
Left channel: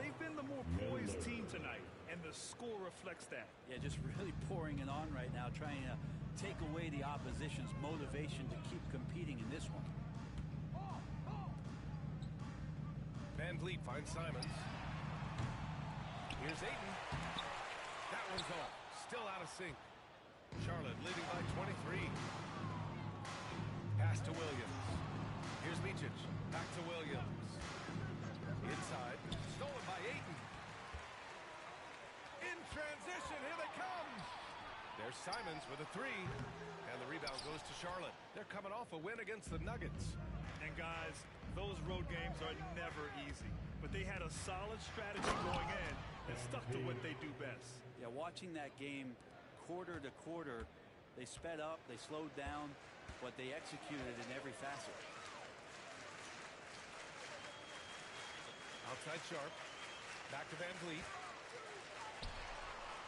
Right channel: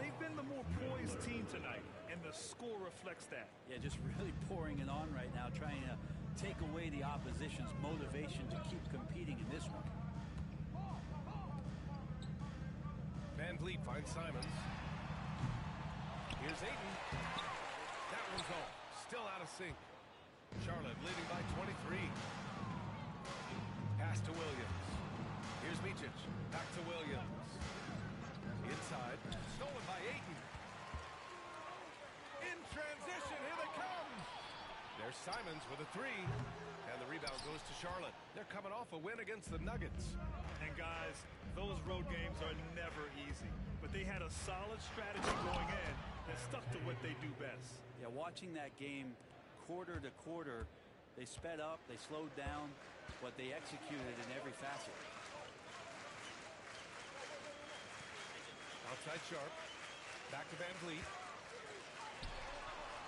They've been the more poised team tonight, and the score reflects that. Yeah, just really pouring it on right now, trying to take away the opposition's motivation to keep competing in this one. VanVleet finds Simons. Here's Ayton. That one's off. Still out of sync. Charlotte leading by 23. Pass to Williams. Here's Micic. Back to Williams. Inside. Stolen by Ayton. In transition. Here they come. There's Simons with a three. And the rebound goes to Charlotte. They're coming off a win against the Nuggets. And guys, those road games are never easy. But they had a solid strategy going in and stuck to what they do best. Yeah, watching that game quarter to quarter, they sped up, they slowed down, but they executed in every facet. Outside Sharp. Back to VanVleet.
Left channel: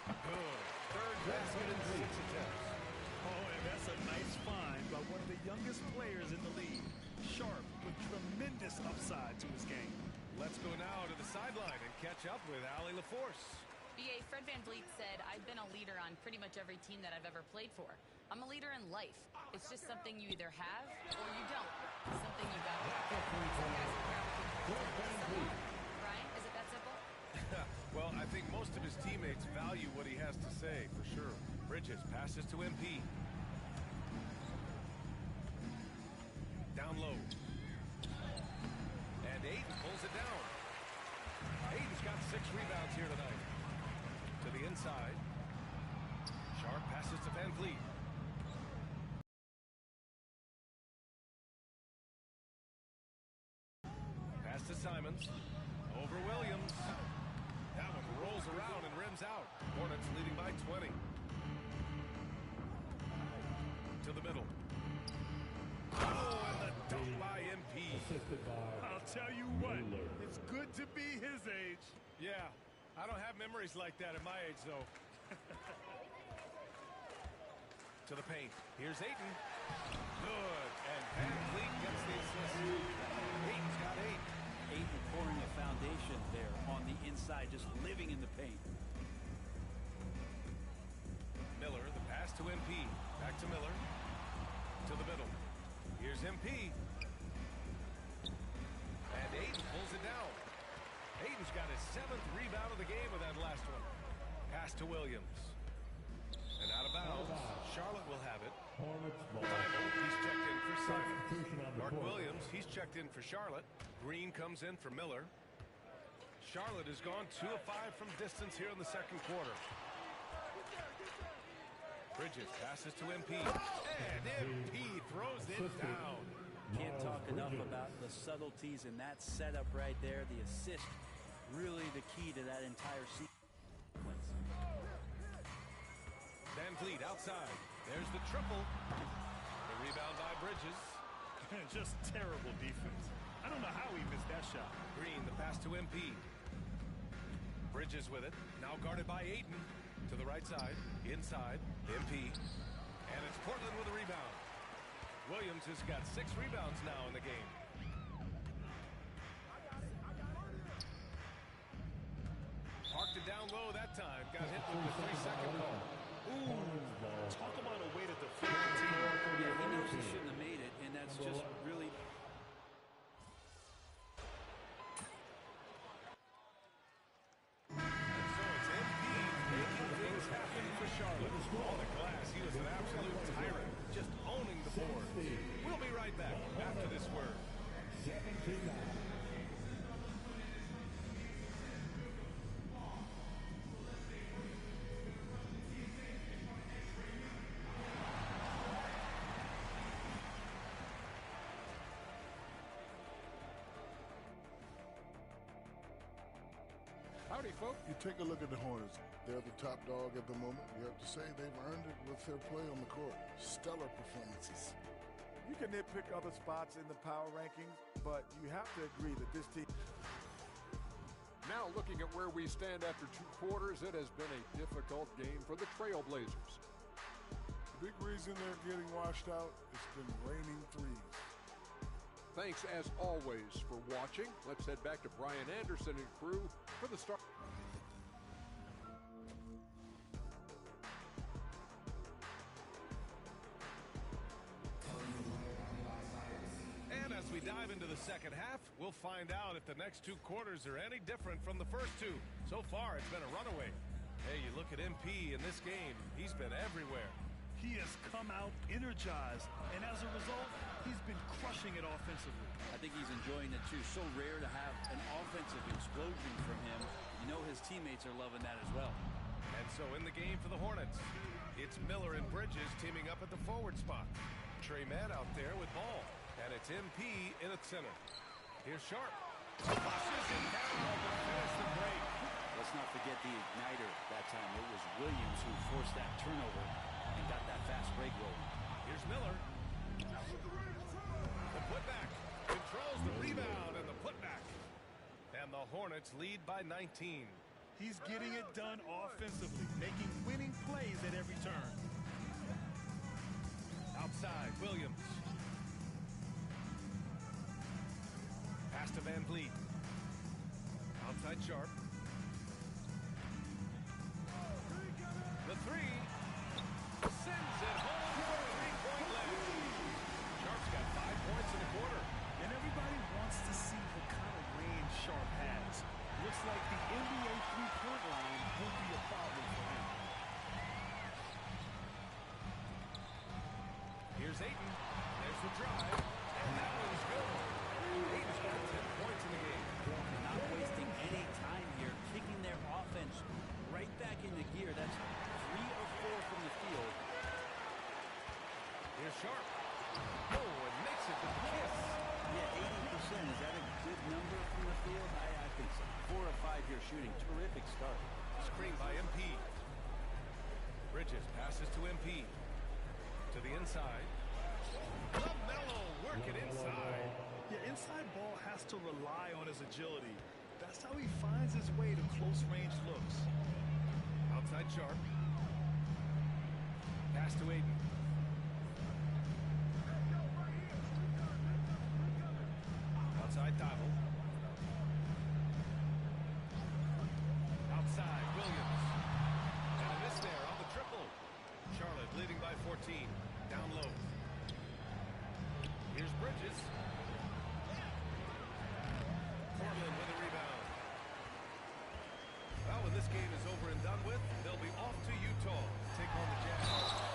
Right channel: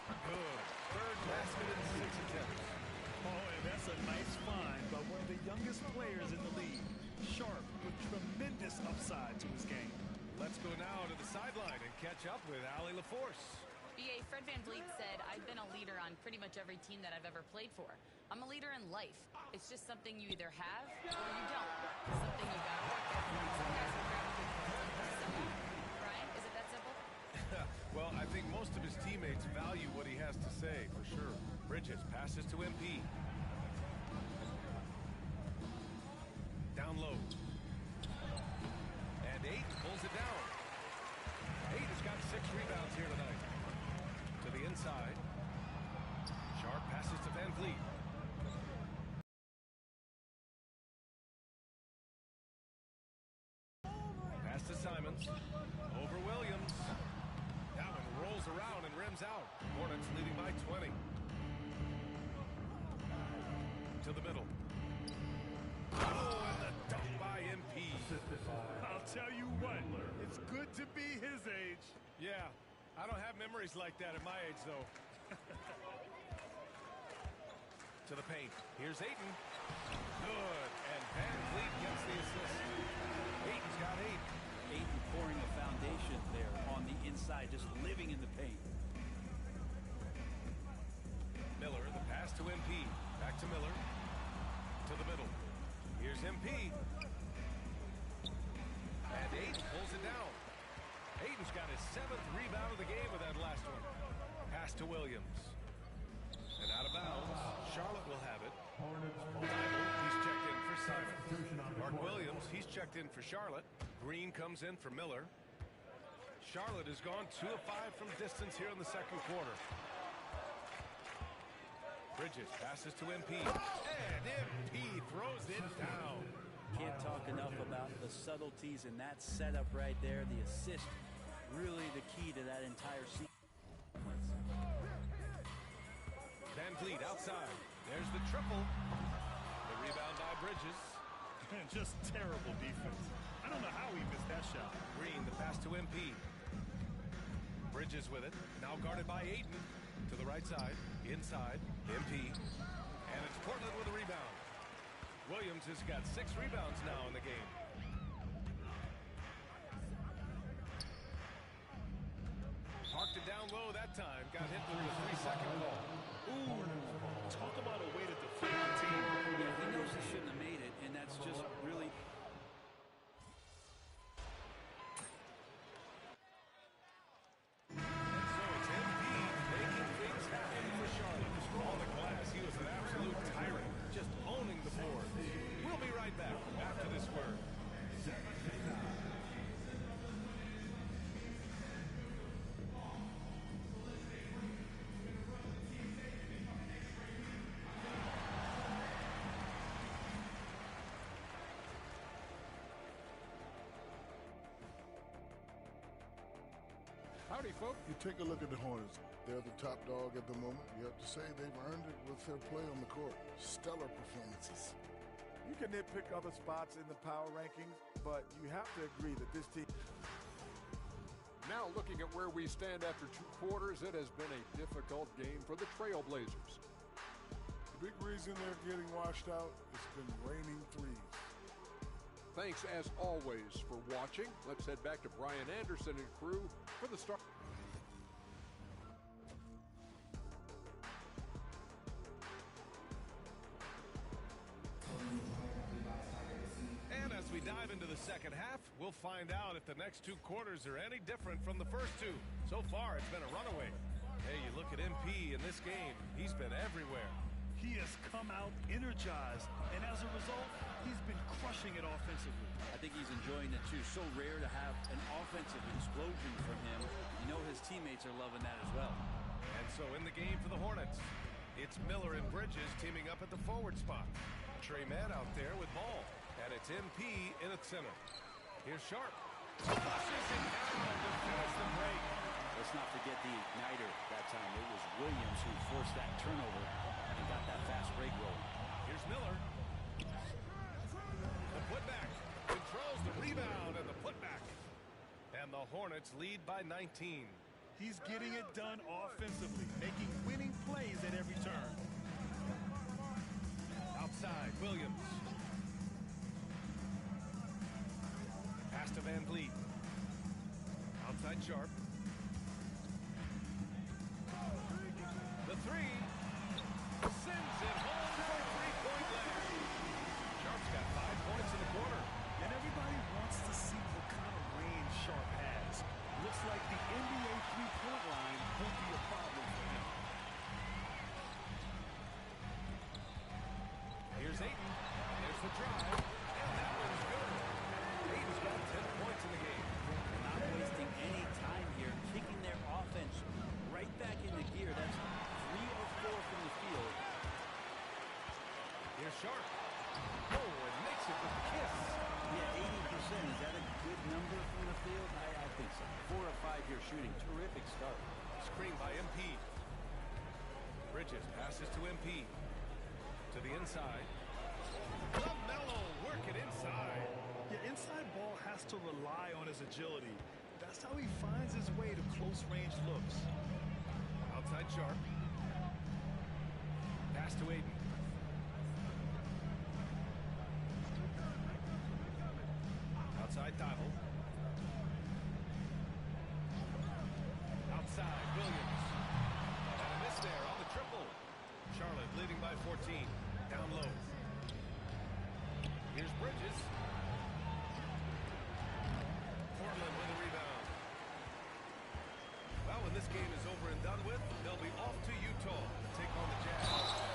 Good. Third basket in 6 attempts. Oh, and that's a nice find by one of the youngest players in the league. Sharp with tremendous upside to his game. Let's go now to the sideline and catch up with Allie LaForce. BA, Fred VanVleet said, I've been a leader on pretty much every team that I've ever played for. I'm a leader in life. It's just something you either have or you don't. Something you gotta work at. Some guys will gravitate towards it, but some won't. Brian, is it Well, I think most of his teammates value what he has to say, for sure. Bridges passes to MP. Down low. And Ayton pulls it down. Ayton's got 6 rebounds here tonight. To the inside. Sharp passes to Van Vliet. Pass to Simons. Over Williams. That one rolls around and rims out. Hornets leading by 20. To the middle. Oh, and the dunk by MP. I'll tell you what, it's good to be his age. Yeah, I don't have memories like that at my age, though. To the paint. Here's Ayton. Good. And Van Vliet gets the assist. Ayton's got 8. Ayton pouring a foundation there on the inside, just living in the paint. Miller, the pass to MP. Back to Miller. To the middle. Here's MP. And Ayton pulls it down. Ayton's got his 7th rebound of the game with that last one. Pass to Williams. And out of bounds. Charlotte will have it. Thibault, he's checked in for Simon. Mark Williams, he's checked in for Charlotte. Green comes in for Miller. Charlotte has gone 2 of 5 from distance here in the second quarter. Bridges passes to MP. And MP throws it down. Can't talk enough about the subtleties in that setup right there. The assist, really the key to that entire sequence. Van Vliet outside. There's the triple. The rebound by Bridges. Just terrible defense. I don't know how he missed that shot. Green, the pass to MP. Bridges with it. Now guarded by Ayton. To the right side. Inside. MP. And it's Portland with a rebound. Williams has got 6 rebounds now in the game. Parked it down low that time. Got hit with the 3-second call. Ooh, talk about a way to deflate the team. Yeah, he knows he shouldn't have made it, and that's just really... And so it's MP making things happen for Charlotte. On the glass, he was an absolute tyrant, just owning the boards. We'll be right back after this word. Howdy, folks. You take a look at the Hornets. They're the top dog at the moment. You have to say they've earned it with their play on the court. Stellar performances. You can nitpick other spots in the power rankings, but you have to agree that this team... Now looking at where we stand after 2 quarters, it has been a difficult game for the Trailblazers. The big reason they're getting washed out, it's been raining threes. Thanks, as always, for watching. Let's head back to Brian Anderson and crew for the start. And as we dive into the second half, we'll find out if the next 2 quarters are any different from the first 2. So far, it's been a runaway. Hey, you look at MP in this game, he's been everywhere. He has come out energized, and as a result, he's been crushing it offensively. I think he's enjoying it, too. So rare to have an offensive explosion from him. You know his teammates are loving that as well. And so in the game for the Hornets, it's Miller and Bridges teaming up at the forward spot. Trey Mann out there with ball, and it's MP in at center. Here's Sharp. Flushes it down to finish the break. Let's not forget the igniter that time. It was Williams who forced that turnover and got that fast break rolling. Here's Miller. The putback. Controls the rebound and the putback. And the Hornets lead by 19. He's getting it done offensively, making winning plays at every turn. Outside, Williams. Pass to Van Vliet. Outside Sharp. The 3. Sends it home for 3-point land. Sharp's got 5 points in the quarter. And everybody wants to see what kind of range Sharp has. Looks like the NBA three-point line won't be a problem for him. Here's Ayton. There's the drive. And that one's good. Ayton's got 10 points in the game. Not wasting any time here, kicking their offense right back into gear. That's 3 of 4 from the field. Here's Sharp. Oh, and makes it with the kiss. Yeah, 80%. Is that a good number from the field? I think so. 4 of 5 here shooting. Terrific start. Screen by MP. Bridges passes to MP. To the inside. LaMelo working inside. Yeah, inside ball has to rely on his agility. That's how he finds his way to close-range looks. Outside Sharp. Pass to Ayton. Outside Dival. Outside Williams. And a miss there on the triple. Charlotte leading by 14. Down low. Here's Bridges. Portland with a rebound. Well, when this game is over and done with, they'll be off to Utah to take on the Jazz.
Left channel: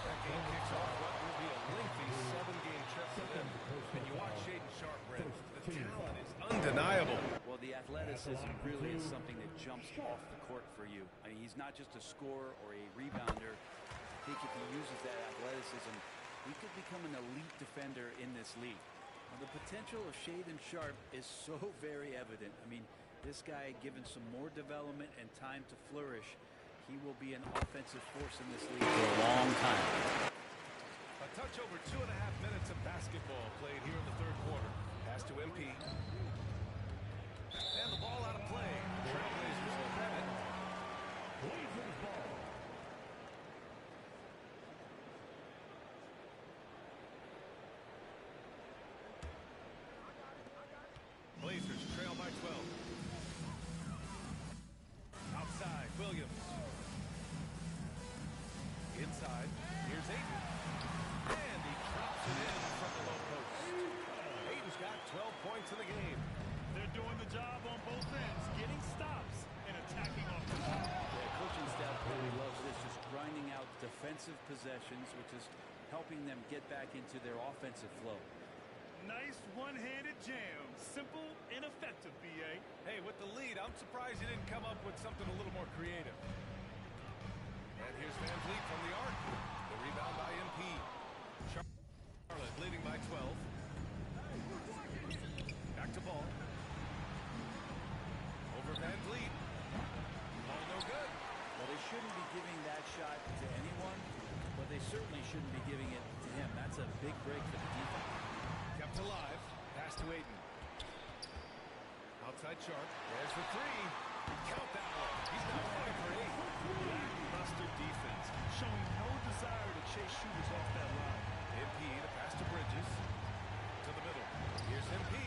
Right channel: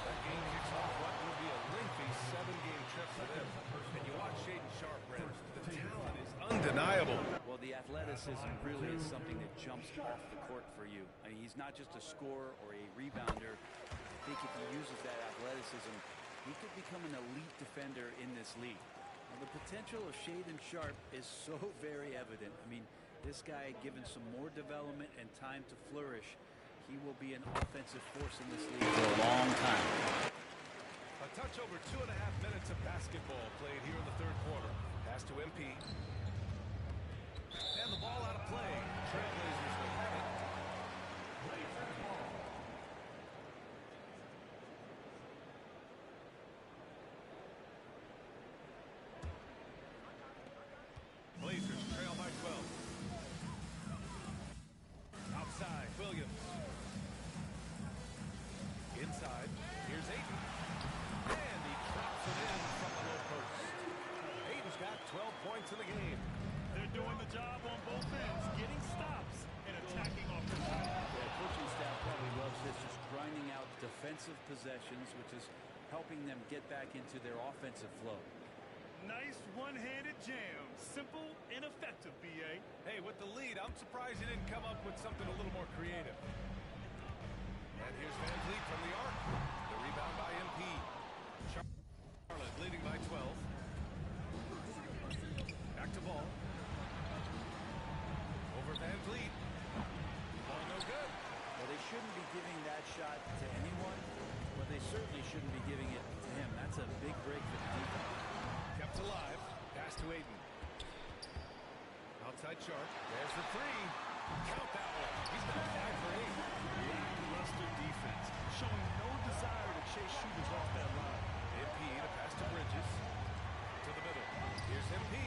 That game kicks off what will be a lengthy 7-game trip for them. And you watch Shaedon Sharp, Brent. The talent is undeniable. Well, the athleticism really is something that jumps off the court for you. I mean, he's not just a scorer or a rebounder. I think if he uses that athleticism, he could become an elite defender in this league. Well, the potential of Shaedon Sharp is so very evident. I mean, this guy, given some more development and time to flourish, he will be an offensive force in this league for a long time. A touch over 2.5 minutes of basketball played here in the third quarter. Pass to MP. And the ball out of play. Trailblazers will have it. Blazers ball. Blazers trail by 12. Outside, Williams. Inside, here's Ayton. And he drops it in from the low post. Ayton's got 12 points in the game. They're doing the job on both ends, getting stops and attacking off the ball. Yeah, coaching staff probably loves this, just grinding out defensive possessions, which is helping them get back into their offensive flow. Nice one-handed jam. Simple and effective, B.A. Hey, with the lead, I'm surprised he didn't come up with something a little more creative. And here's Van Vliet from the arc. The rebound by MP. Charlotte leading by 12. Back to ball. Over Van Vliet. Ball no good. Well, they shouldn't be giving that shot to anyone, but they certainly shouldn't be giving it to him. That's a big break for the defense. Kept alive. Pass to Ayton. Outside Sharp. There's the three. Count that one. He's now 5 for 8. Lackluster defense, showing no desire to chase shooters off that line. MP to pass to Bridges. To the middle. Here's MP.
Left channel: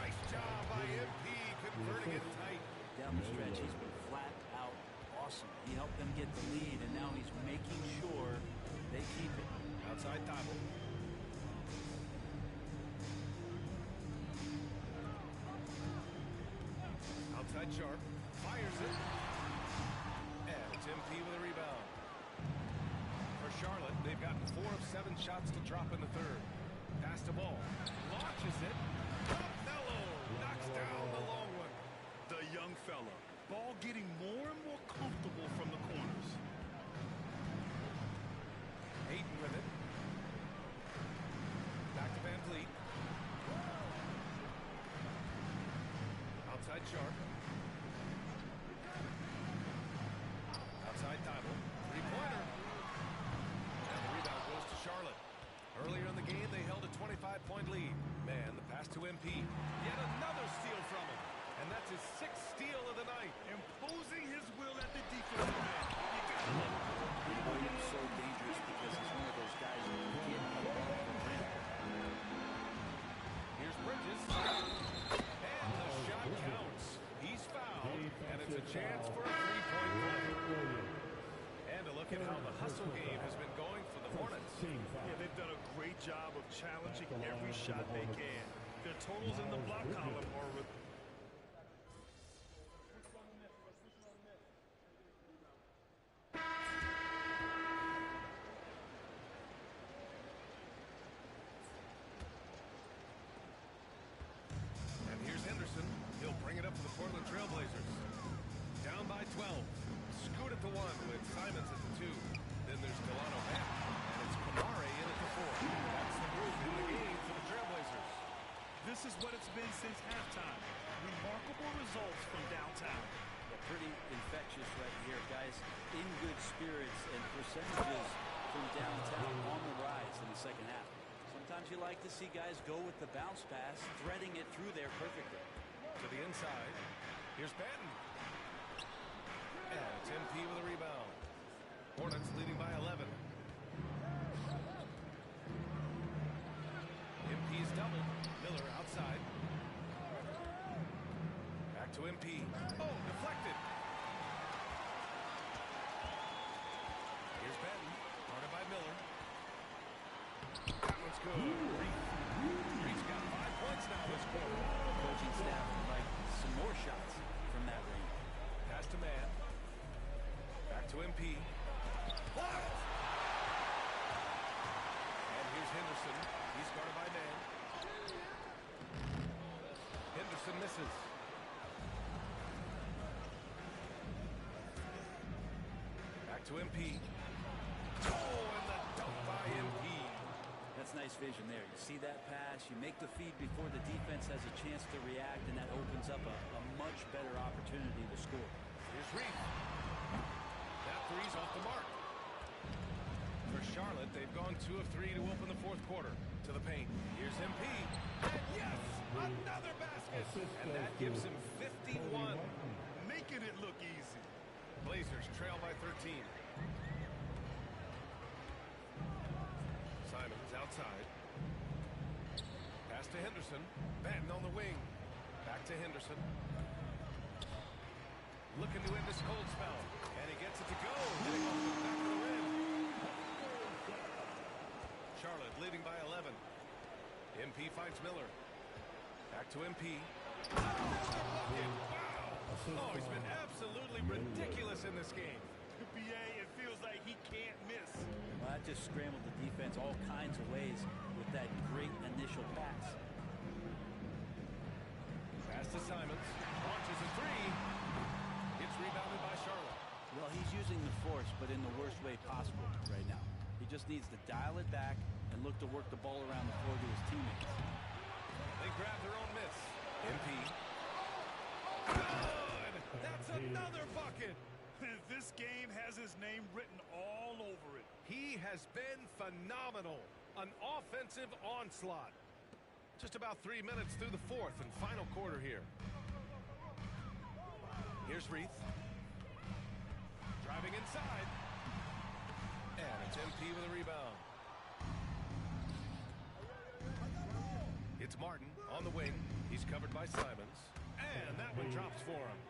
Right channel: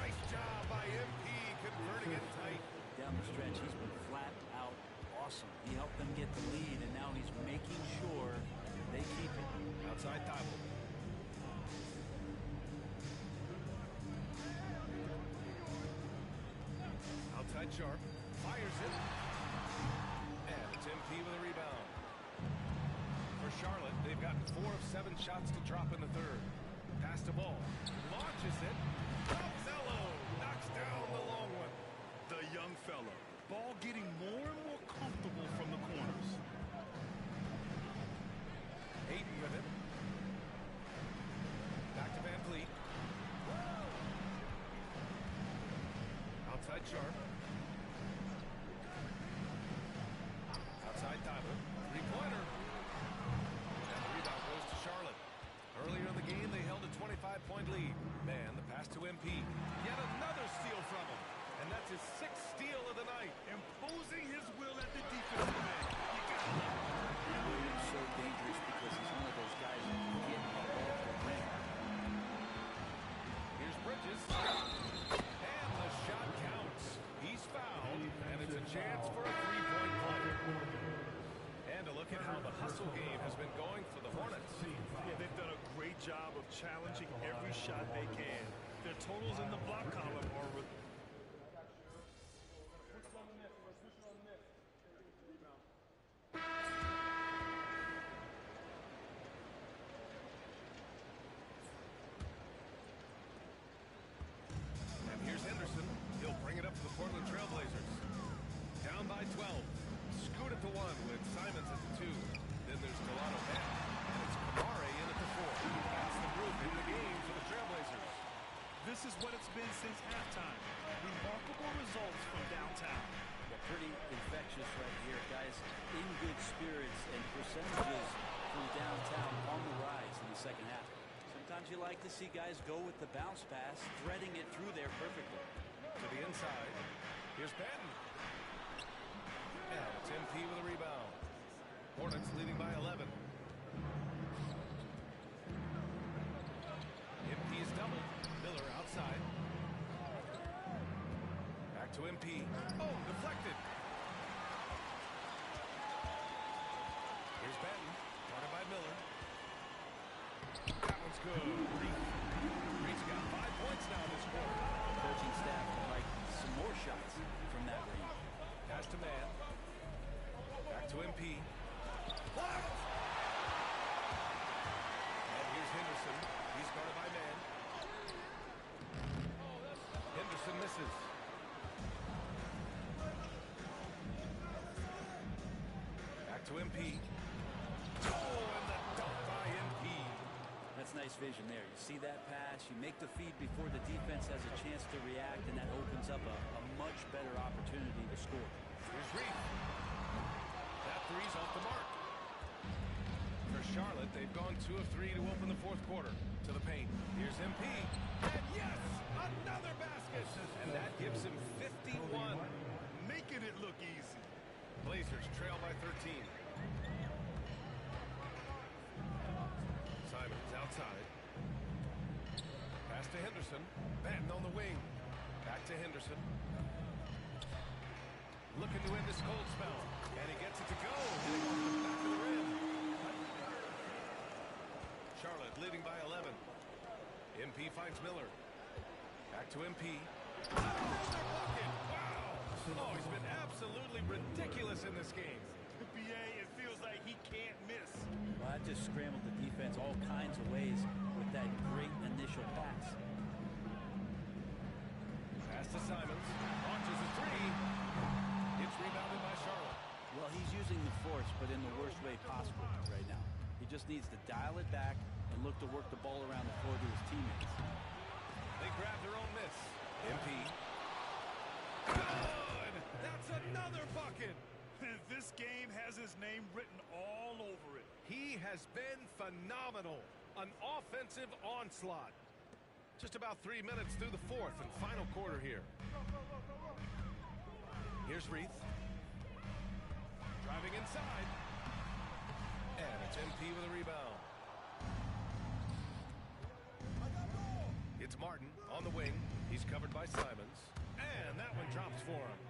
Nice job by MP converting it tight. Down the stretch, he's been flat out awesome. He helped them get the lead, and now he's making sure they keep it. Outside Dival. Outside Sharp. Fires it. And it's MP with a rebound. For Charlotte, they've gotten 4 of 7 shots to drop in the third. Pass to ball. Launches it. LaMelo knocks down the long one. The young fella. Ball getting more and more comfortable from the corners. Ayton with it. Back to Van Vliet. Outside Sharp. Outside Dival. Three-pointer. And the rebound goes to Charlotte. Earlier in the game, they held a 25-point lead. Man, the pass to MP. Yet another steal from him. And that's his 6th steal of the night. Imposing his will at the defensive end. You gotta love it. And Williams so dangerous because he's one of those guys who can get above the rim. Here's Bridges. And the shot counts. He's fouled, and it's a chance for a three-point play. And a look at how the hustle game has been going for the Hornets. Yeah, they've done a great job of challenging every shot they can. Their totals in the block column are... bring it up to the Portland Trailblazers. Down by 12. Scoot at the 1 with Simons at the 2. Then there's Delano Banton. And it's Kamare in at the 4. That's the group in the game for the Trailblazers. This is what it's been since halftime. Remarkable results from downtown. Yeah, pretty infectious right here. Guys in good spirits and percentages from downtown on the rise in the second half. Sometimes you like to see guys go with the bounce pass, threading it through there perfectly. To the inside. Here's Banton. And it's MP with a rebound. Hornets leading by 11. MP is doubled. Miller outside. Back to MP. Oh, deflected. Here's Banton. Guarded by Miller. That one's good. Reed's got 5 points now this quarter. Coaching staff would like some more shots from that range. Pass to Man. Back to MP. Blocked! And here's Henderson. He's guarded by Man. Henderson misses. Back to MP. Oh, and the dunk by MP. That's nice vision there. You see that pass, you make the feed before the defense has a chance to react, and that opens up a much better opportunity to score. Here's Reed. That three's off the mark. For Charlotte, they've gone 2 of 3 to open the fourth quarter. To the paint. Here's MP. And yes! Another basket! And that gives him 51. Making it look easy. Blazers trail by 13. Simons outside. Pass to Henderson. Banton on the wing. Back to Henderson. Looking to end this cold spell. And he gets it to go. Hitting off the back of the rim. Charlotte leading by 11. MP finds Miller. Back to MP. Another bucket! Wow! Oh, he's been absolutely ridiculous in this game. BA, it feels like he can't miss. Well, that just scrambled the defense all kinds of ways with that great initial pass. Pass to Simons. Launches a three. It's rebounded by Charlotte. Well, he's using the force, but in the worst way possible right now. He just needs to dial it back and look to work the ball around the floor to his teammates. They grab their own miss. MP. Good! That's another bucket! This game has his name written all over it. He has been phenomenal. An offensive onslaught. Just about 3 minutes through the fourth and final quarter here. Here's Reeth. Driving inside. And it's MP with a rebound. It's Martin on the wing. He's covered by Simons. And that one drops for him.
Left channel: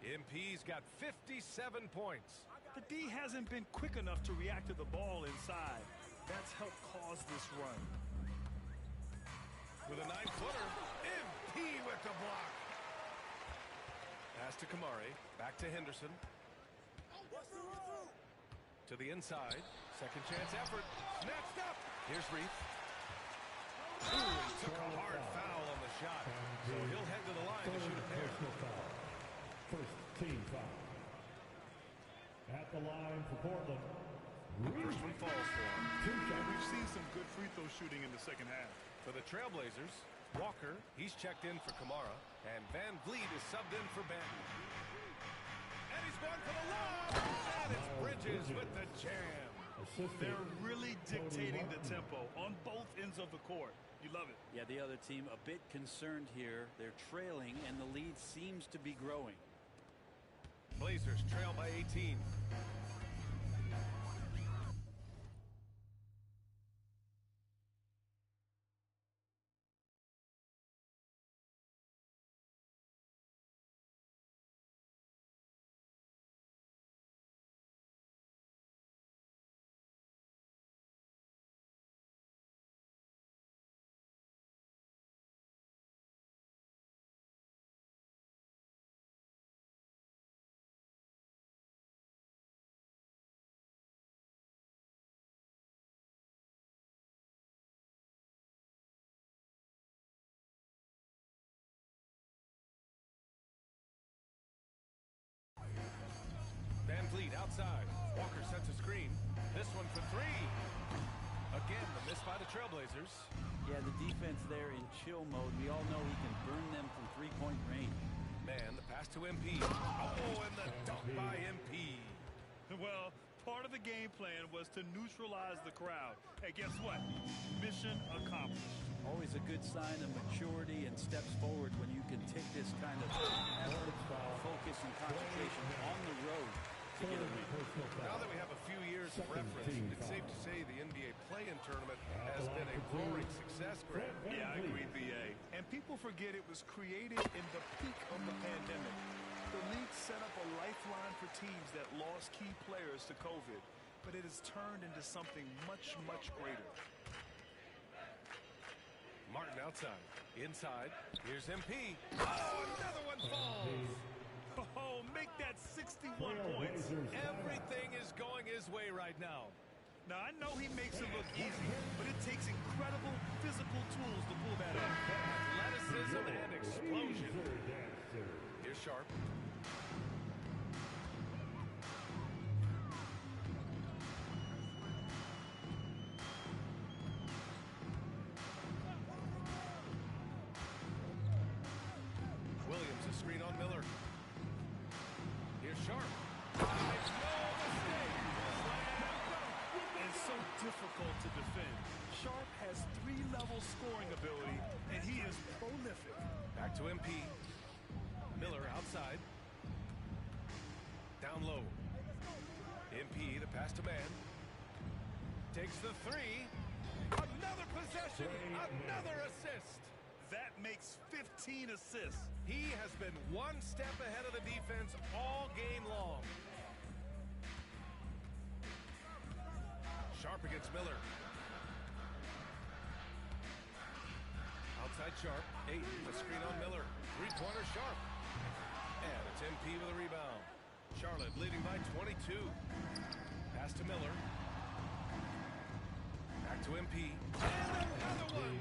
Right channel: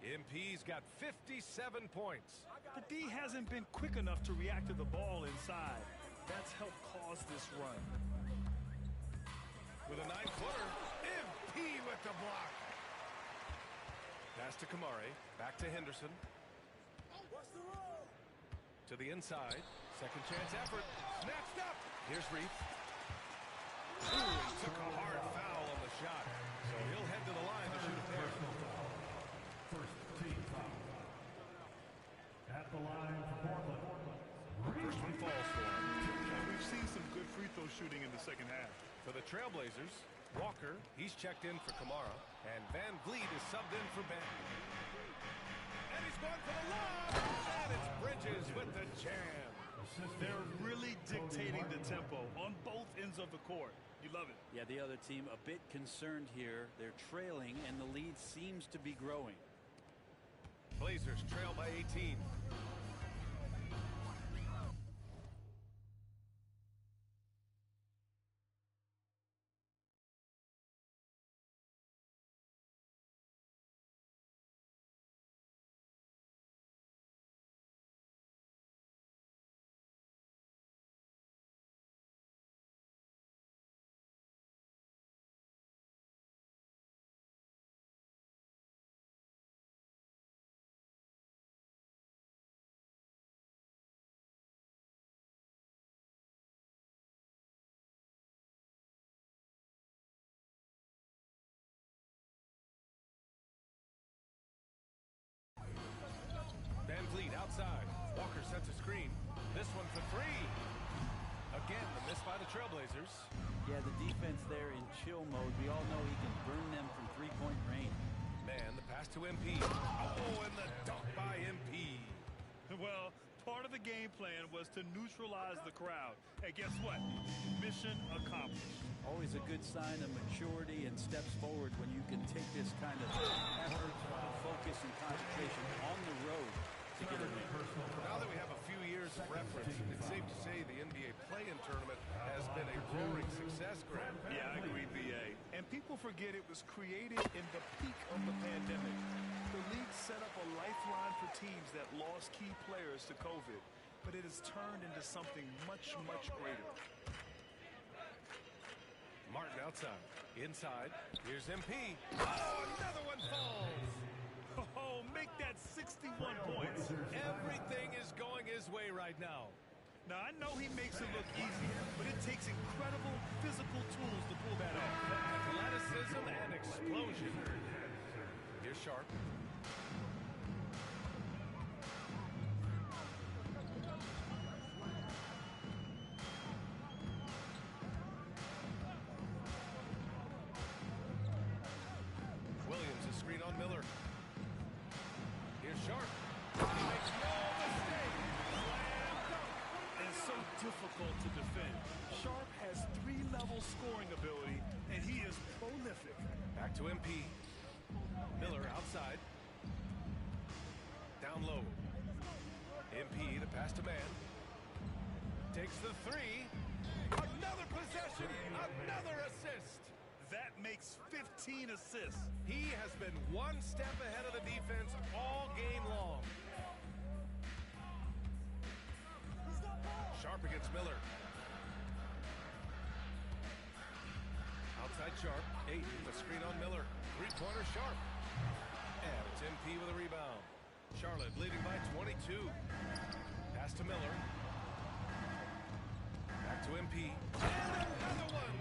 MP's got 57 points. The D hasn't been quick enough to react to the ball inside. That's helped cause this run. With a 9-footer, MP with the block. Pass to Kamare. Back to Henderson. To the inside. Second chance effort. Snatched up. Here's Reeth. Ooh, he took a hard foul on the shot. So he'll head to the line to shoot a pair. First team foul. At the line for Portland. First one falls for him. And we've seen some good free throw shooting in the second half. For the Trailblazers, Walker, he's checked in for Kamara. And Van Vliet is subbed in for Banton. And he's going for the lob. And it's Bridges with the jam. They're really dictating the tempo on both ends of the court. You love it. Yeah, the other team a bit concerned here. They're trailing, and the lead seems to be growing. Blazers trail by 18. outside. Walker sets a screen. This one for three. Again, the miss by the Trailblazers. Yeah, the defense there in chill mode. We all know he can burn them from three-point range. Man, the pass to MP. Oh, and the dunk by MP. Well, part of the game plan was to neutralize the crowd. And guess what? Mission accomplished. Always a good sign of maturity and steps forward when you can take this kind of effort, focus, and concentration on the road to get a win. Now that we have a few years of reference, it's safe to say the NBA play-in tournament has been a roaring success, Grant. Yeah, I agree, B.A. And people forget it was created in the peak of the pandemic. The league set up a lifeline for teams that lost key players to COVID, but it has turned into something much, much greater. Martin outside. Inside. Here's MP. Oh, another one falls. Oh, make that 61 points. Everything is going his way right now. Now, I know he makes it look easy, but it takes incredible physical tools to pull that off. Athleticism and explosion. Here's Sharp. Williams, a screen on Miller. Here's Sharp. He makes no mistake. Slam dunk. And so difficult to defend. Sharp has three-level scoring ability, and he is prolific. Back to MP. Miller outside. Down low. MP, the pass to man. Takes the three. Another possession. Another assist. That makes 15 assists. He has been one step ahead of the defense all game long. Sharp against Miller. Outside Sharp. Ayton, a screen on Miller. Three-pointer Sharp. And it's MP with a rebound. Charlotte leading by 22. Pass to Miller. Back to MP. And another one.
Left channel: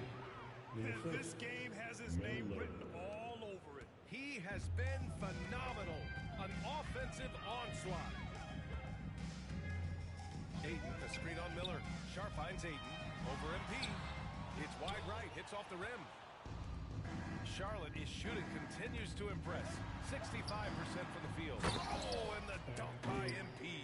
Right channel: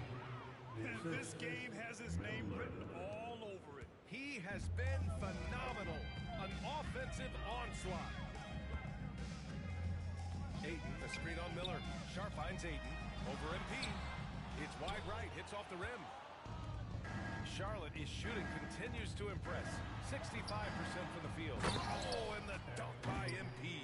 This game has his name written all over it. He has been phenomenal. An offensive onslaught. Ayton, a screen on Miller. Sharp finds Ayton. Over MP. It's wide right. Hits off the rim. Charlotte is shooting, continues to impress. 65% from the field. Oh, and the dunk by MP.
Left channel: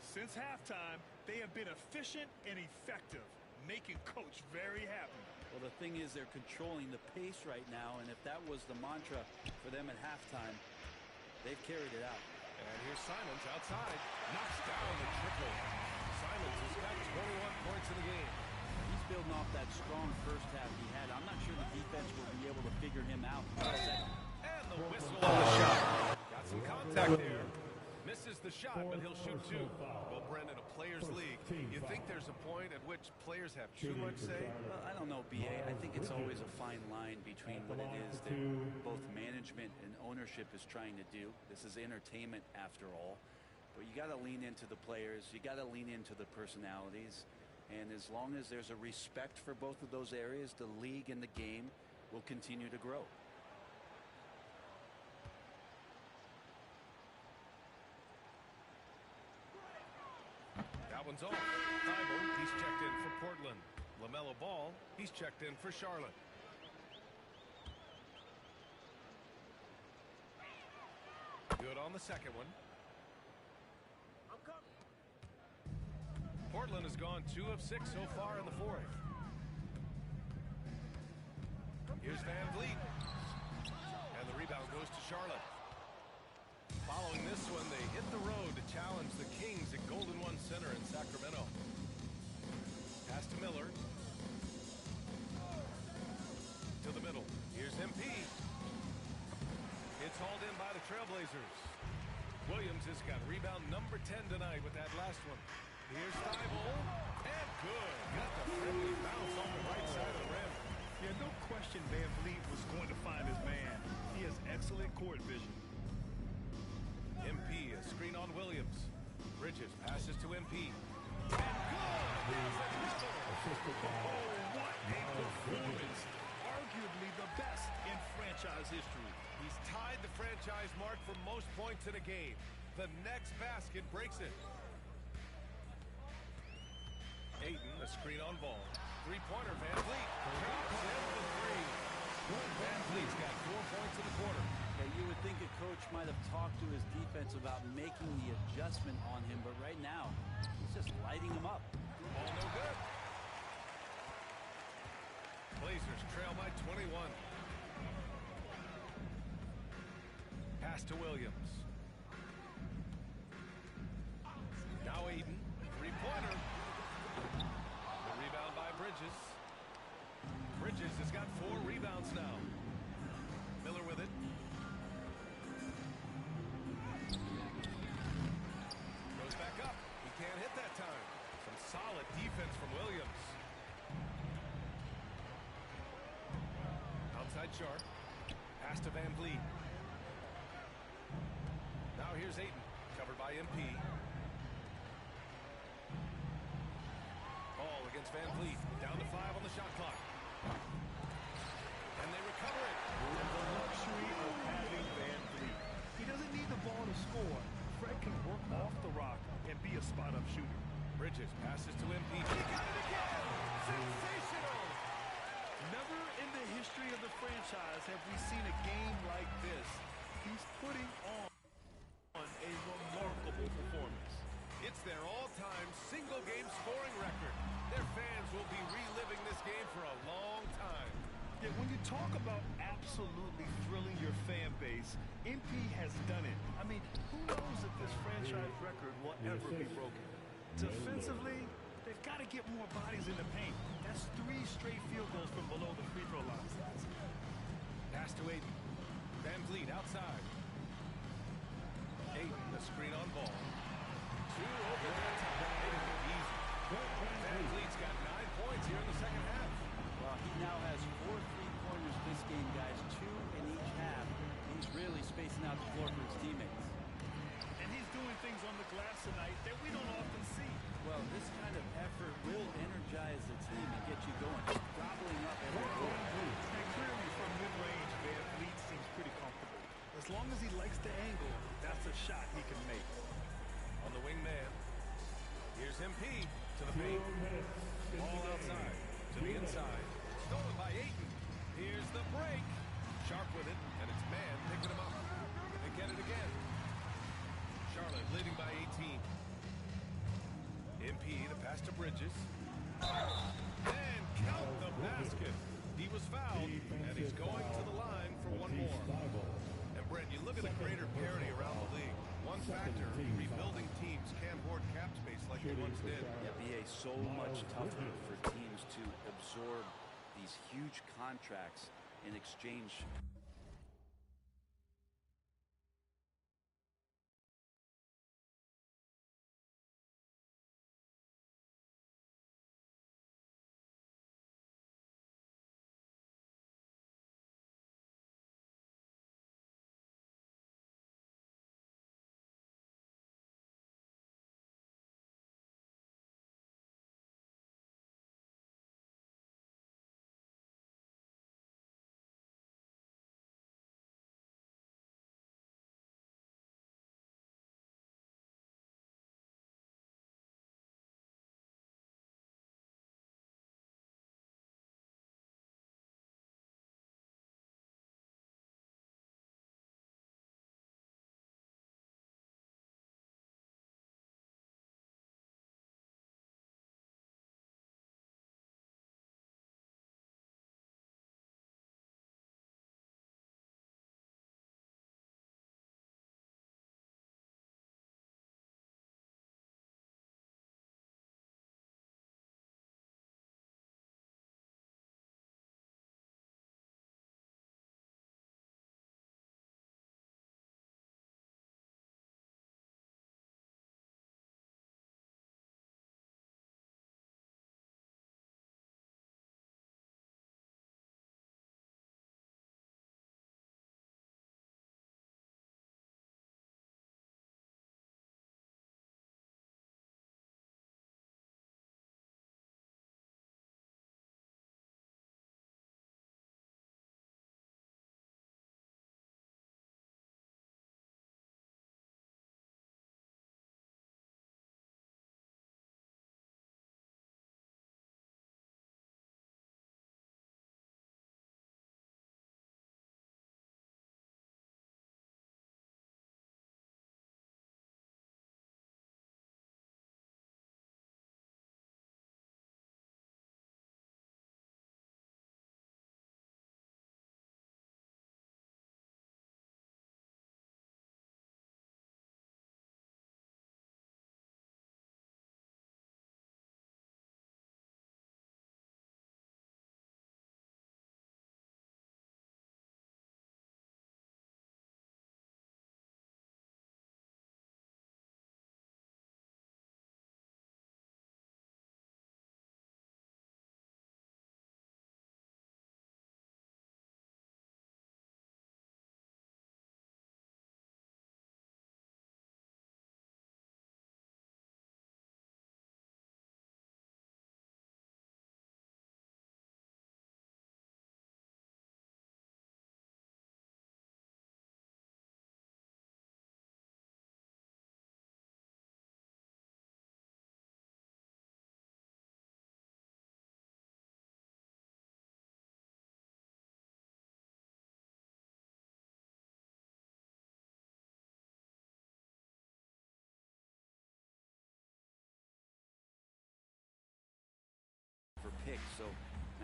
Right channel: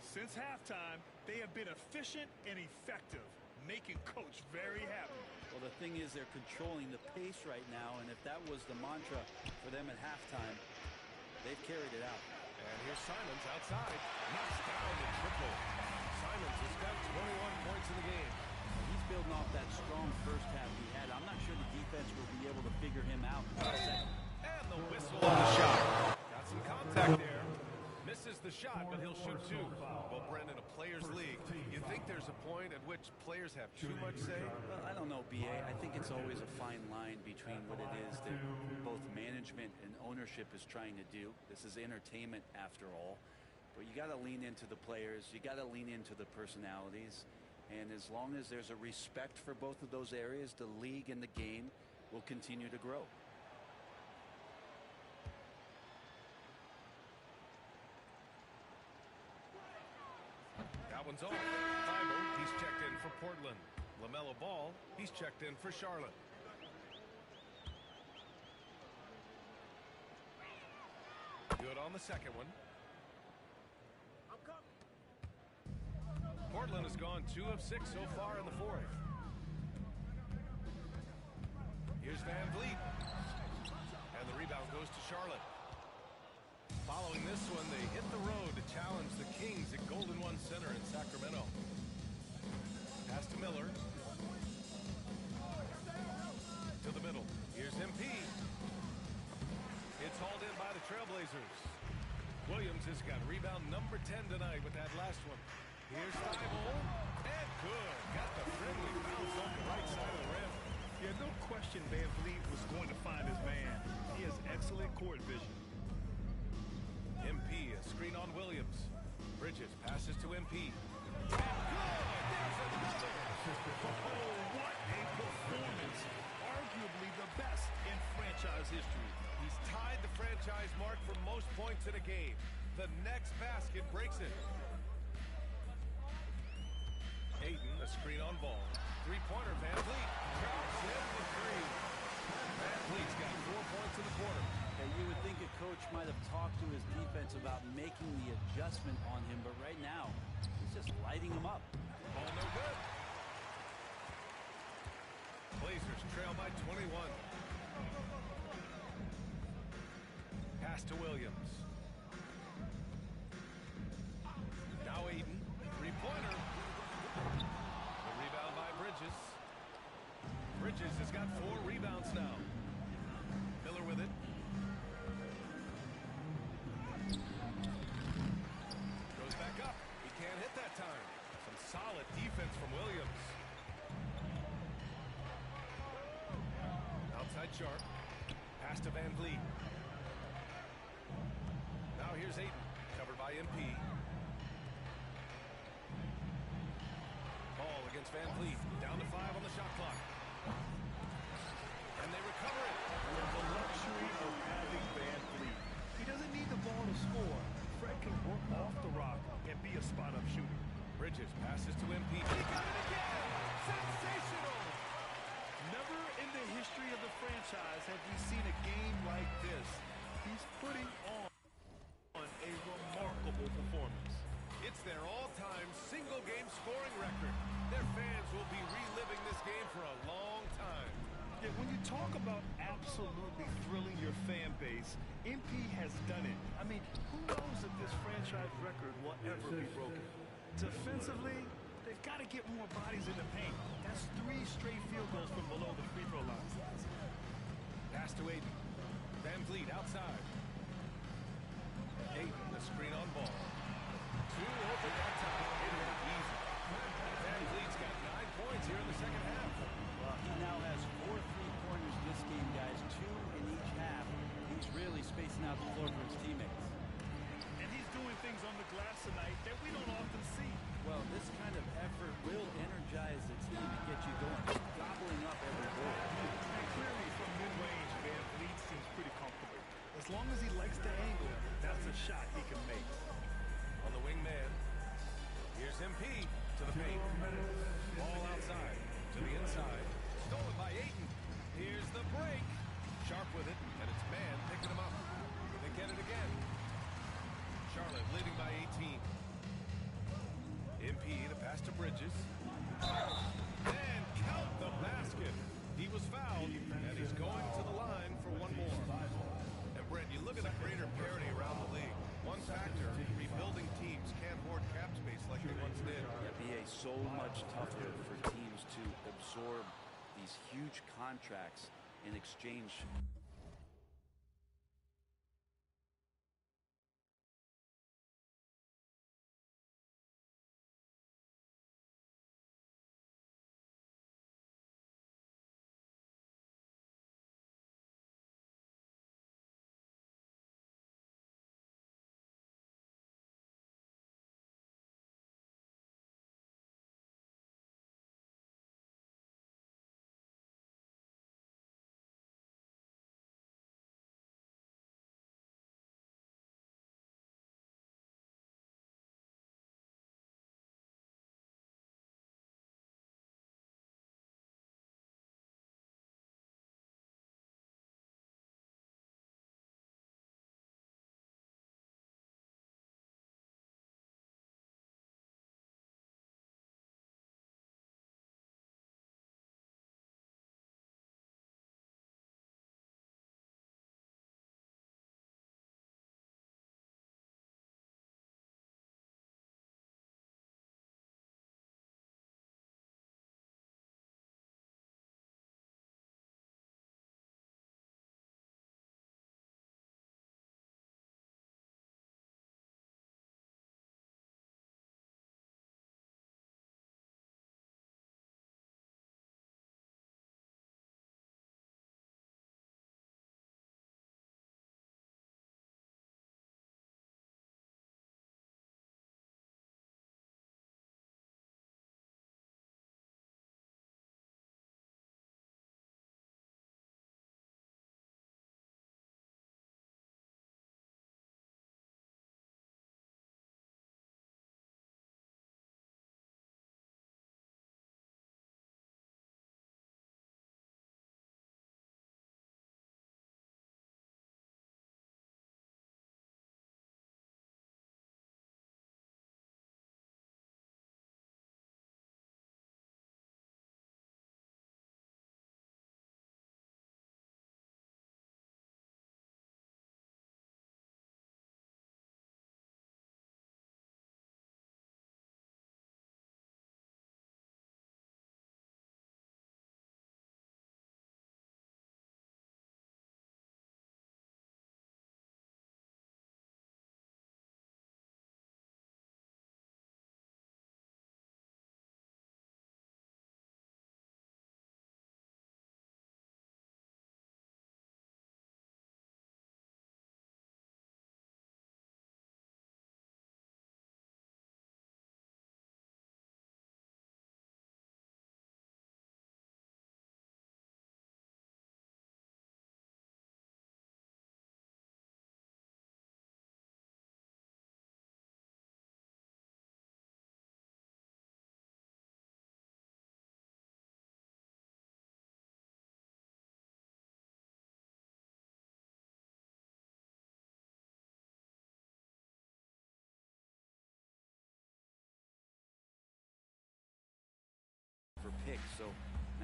Since halftime, they have been efficient and effective, making Coach very happy. Well, the thing is they're controlling the pace right now, and if that was the mantra for them at halftime, they've carried it out. And here's Simons outside. Knocks down the triple. Simons has got 21 points in the game. He's building off that strong first half he had. I'm not sure the defense will be able to figure him out. And the whistle on the shot. Got some contact there. Misses the shot, but he'll shoot two. Well, Brendan, a players' league. You think there's a point at which players have too much say? Well, I don't know, B.A. I think it's always a fine line between what it is that both management and ownership is trying to do. This is entertainment, after all. But you got to lean into the players. You got to lean into the personalities. And as long as there's a respect for both of those areas, the league and the game will continue to grow. That one's off. Thibault, he's checked in for Portland. LaMelo Ball, he's checked in for Charlotte. Good on the second one. Portland has gone 2 of 6 so far in the fourth. Here's Van Vliet. And the rebound goes to Charlotte. Following this one, they hit the road to challenge the Kings at Golden One Center in Sacramento. Pass to Miller. To the middle. Here's MP. It's hauled in by the Trailblazers. Williams has got rebound number 10 tonight with that last one. Here's Thibault. And good. Got the friendly bounce off the right side of the rim. Yeah, no question Van Vliet was going to find his man. He has excellent court vision. MP, a screen on Williams. Bridges passes to MP. And good! There's another! Oh, what a performance. Arguably the best in franchise history. He's tied the franchise mark for most points in a game. The next basket breaks it. Ayton, a screen on ball. Three-pointer, Van Vliet. Drops in the three. Van Vliet's got 4 points in the quarter. Okay, you would think a coach might have talked to his defense about making the adjustment on him, but right now, he's just lighting him up. Ball no good. Blazers trail by 21. Pass to Williams. Now Ayton, three-pointer. The rebound by Bridges. Bridges has got 4 rebounds now. Miller with it. Goes back up. He can't hit that time. Some solid defense from Williams. Outside Sharp. Pass to Van Vliet. Now here's Ayton. Covered by MP. Ball against Van Vliet. Down to 5 on the shot clock. And they recover it. And the luxury of having Van Vliet. He doesn't need the ball to score. Fred can work off the rock and be a spot-up shooter. Bridges passes to MP. He got it again! Sensational! Never in the history of the franchise have we seen a game like this. He's putting on a remarkable performance. It's their all-time single-game scoring record. Their fans will be reliving this game for a long time. Yeah, when you talk about absolutely thrilling your fan base, MP has done it. I mean, who knows if this franchise record will ever be broken? Defensively, they've got to get more bodies in the paint. That's 3 straight field goals from below the free throw line. Pass to Ayton. Van Vliet outside. Ayton, the screen on ball. 2 open that time. Hit it easy. Van Vliet's got 9 points here in the second half. Well, he now has 4 3-pointers this game, guys, 2 in each half. He's really spacing out the floor for his teammates. And he's doing things on the glass tonight that we don't often see. Well, this kind of effort will energize the team and get you going, gobbling up every goal. And clearly from mid-range, Van Vliet seems pretty comfortable. As long as he likes the angle, that's a shot he can make. On the wing man. Here's MP to the paint. Ball outside to the inside. Stolen by Ayton. Here's the break. Sharp with it, and it's man picking him up. They get it again. Charlotte leading by 18. MP to pass to Bridges. And count the basket. He was fouled, and he's going to the line for one more. And Brent, you look at the greater parity around the league. One factor, rebuilding teams can't hoard cap space like they once did. Yeah, BA, so much tougher for teams to absorb these huge contracts in exchange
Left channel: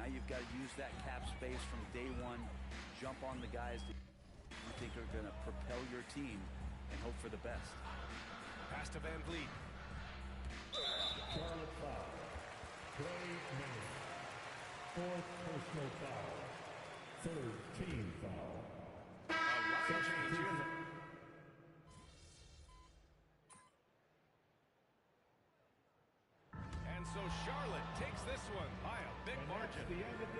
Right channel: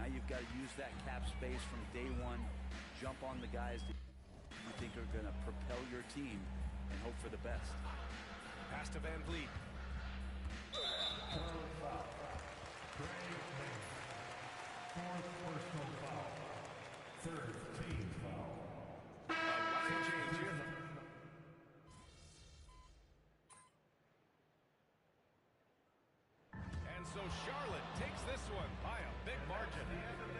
Now you've got to use that cap space from day one, jump on the guys that you think are going to propel your team, and hope for the best. Pass to Van Vliet. Charlotte foul. Trey Mann. Fourth personal foul. Third team foul. A line change here. And so Charlotte takes this one by a big margin.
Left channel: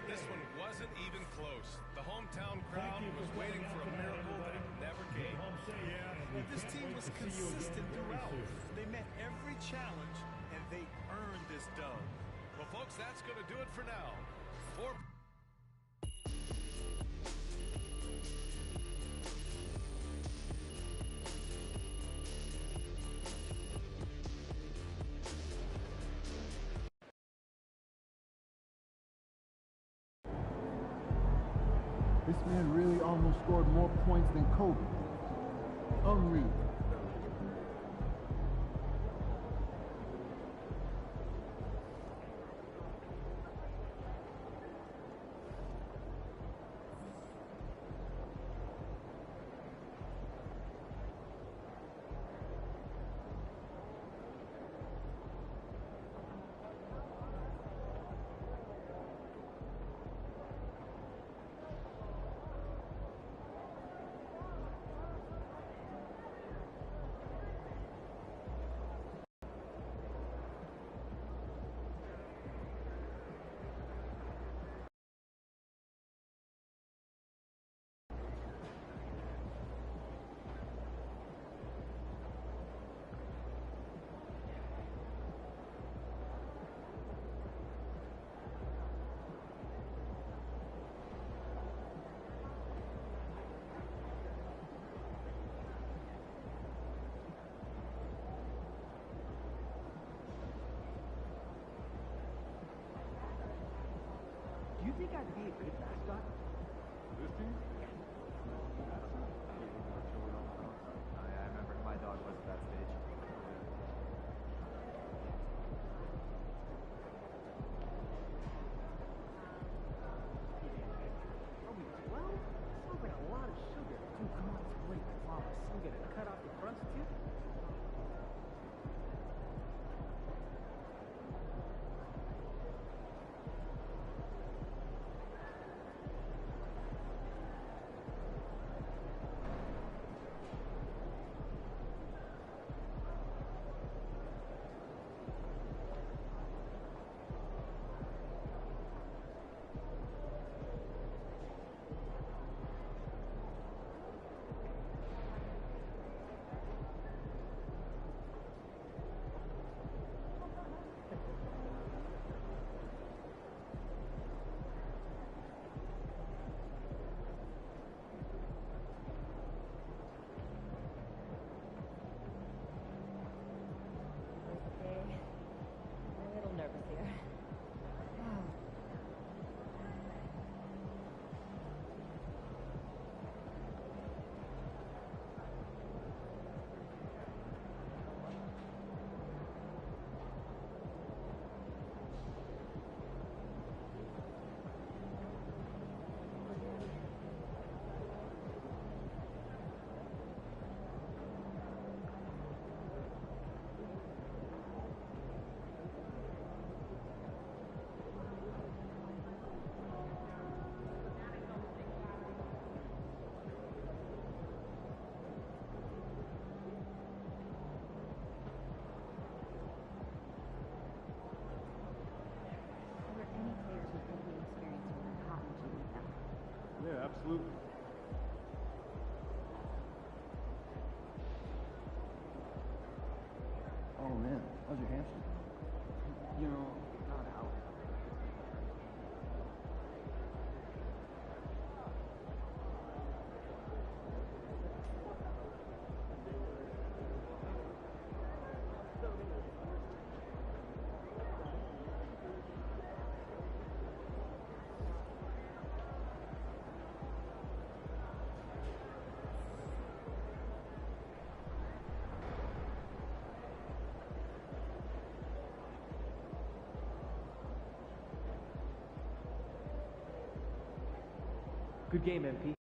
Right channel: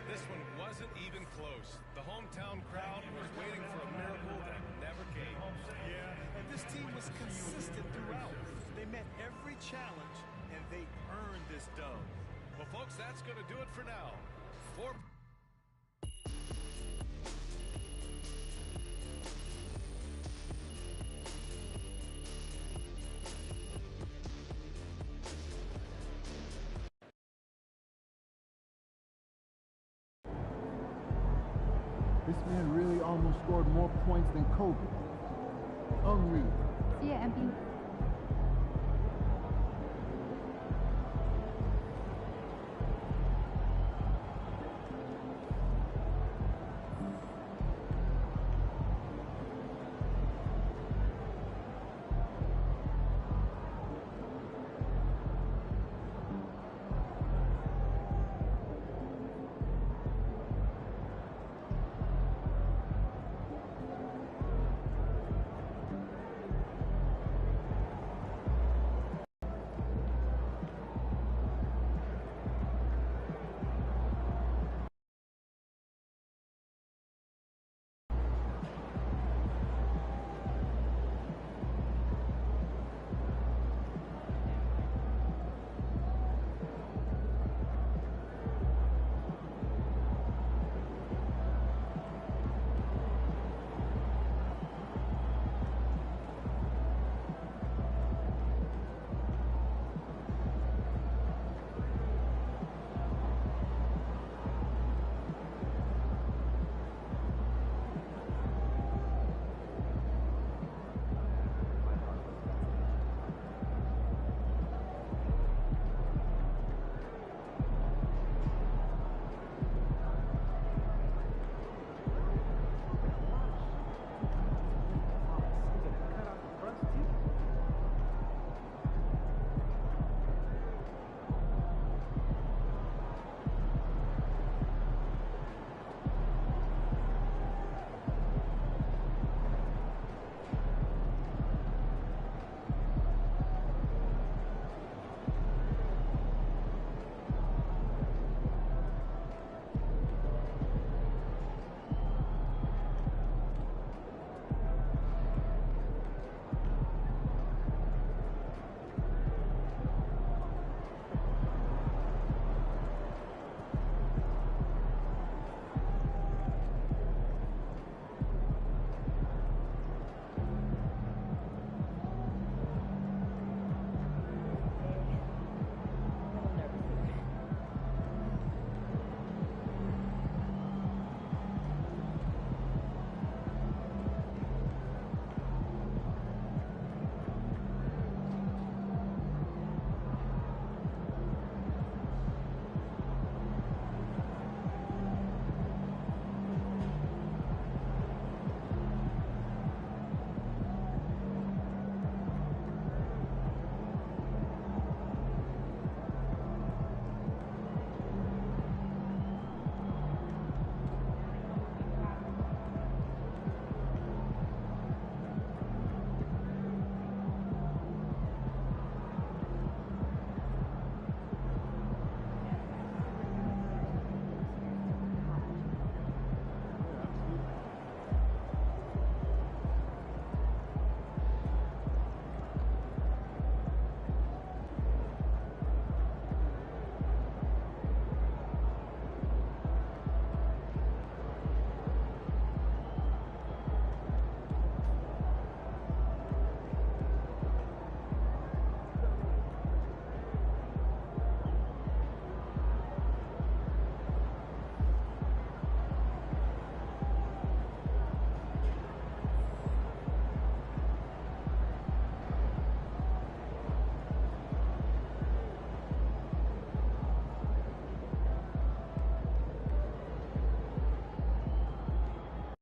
This one wasn't even close. The hometown crowd was waiting for a miracle that never came. Yeah, and this team was consistent throughout. They met every challenge, and they earned this dub. Well, folks, that's going to do it for now. This man really almost scored more points than Kobe. Unreal. Yeah, MP. your game MVP.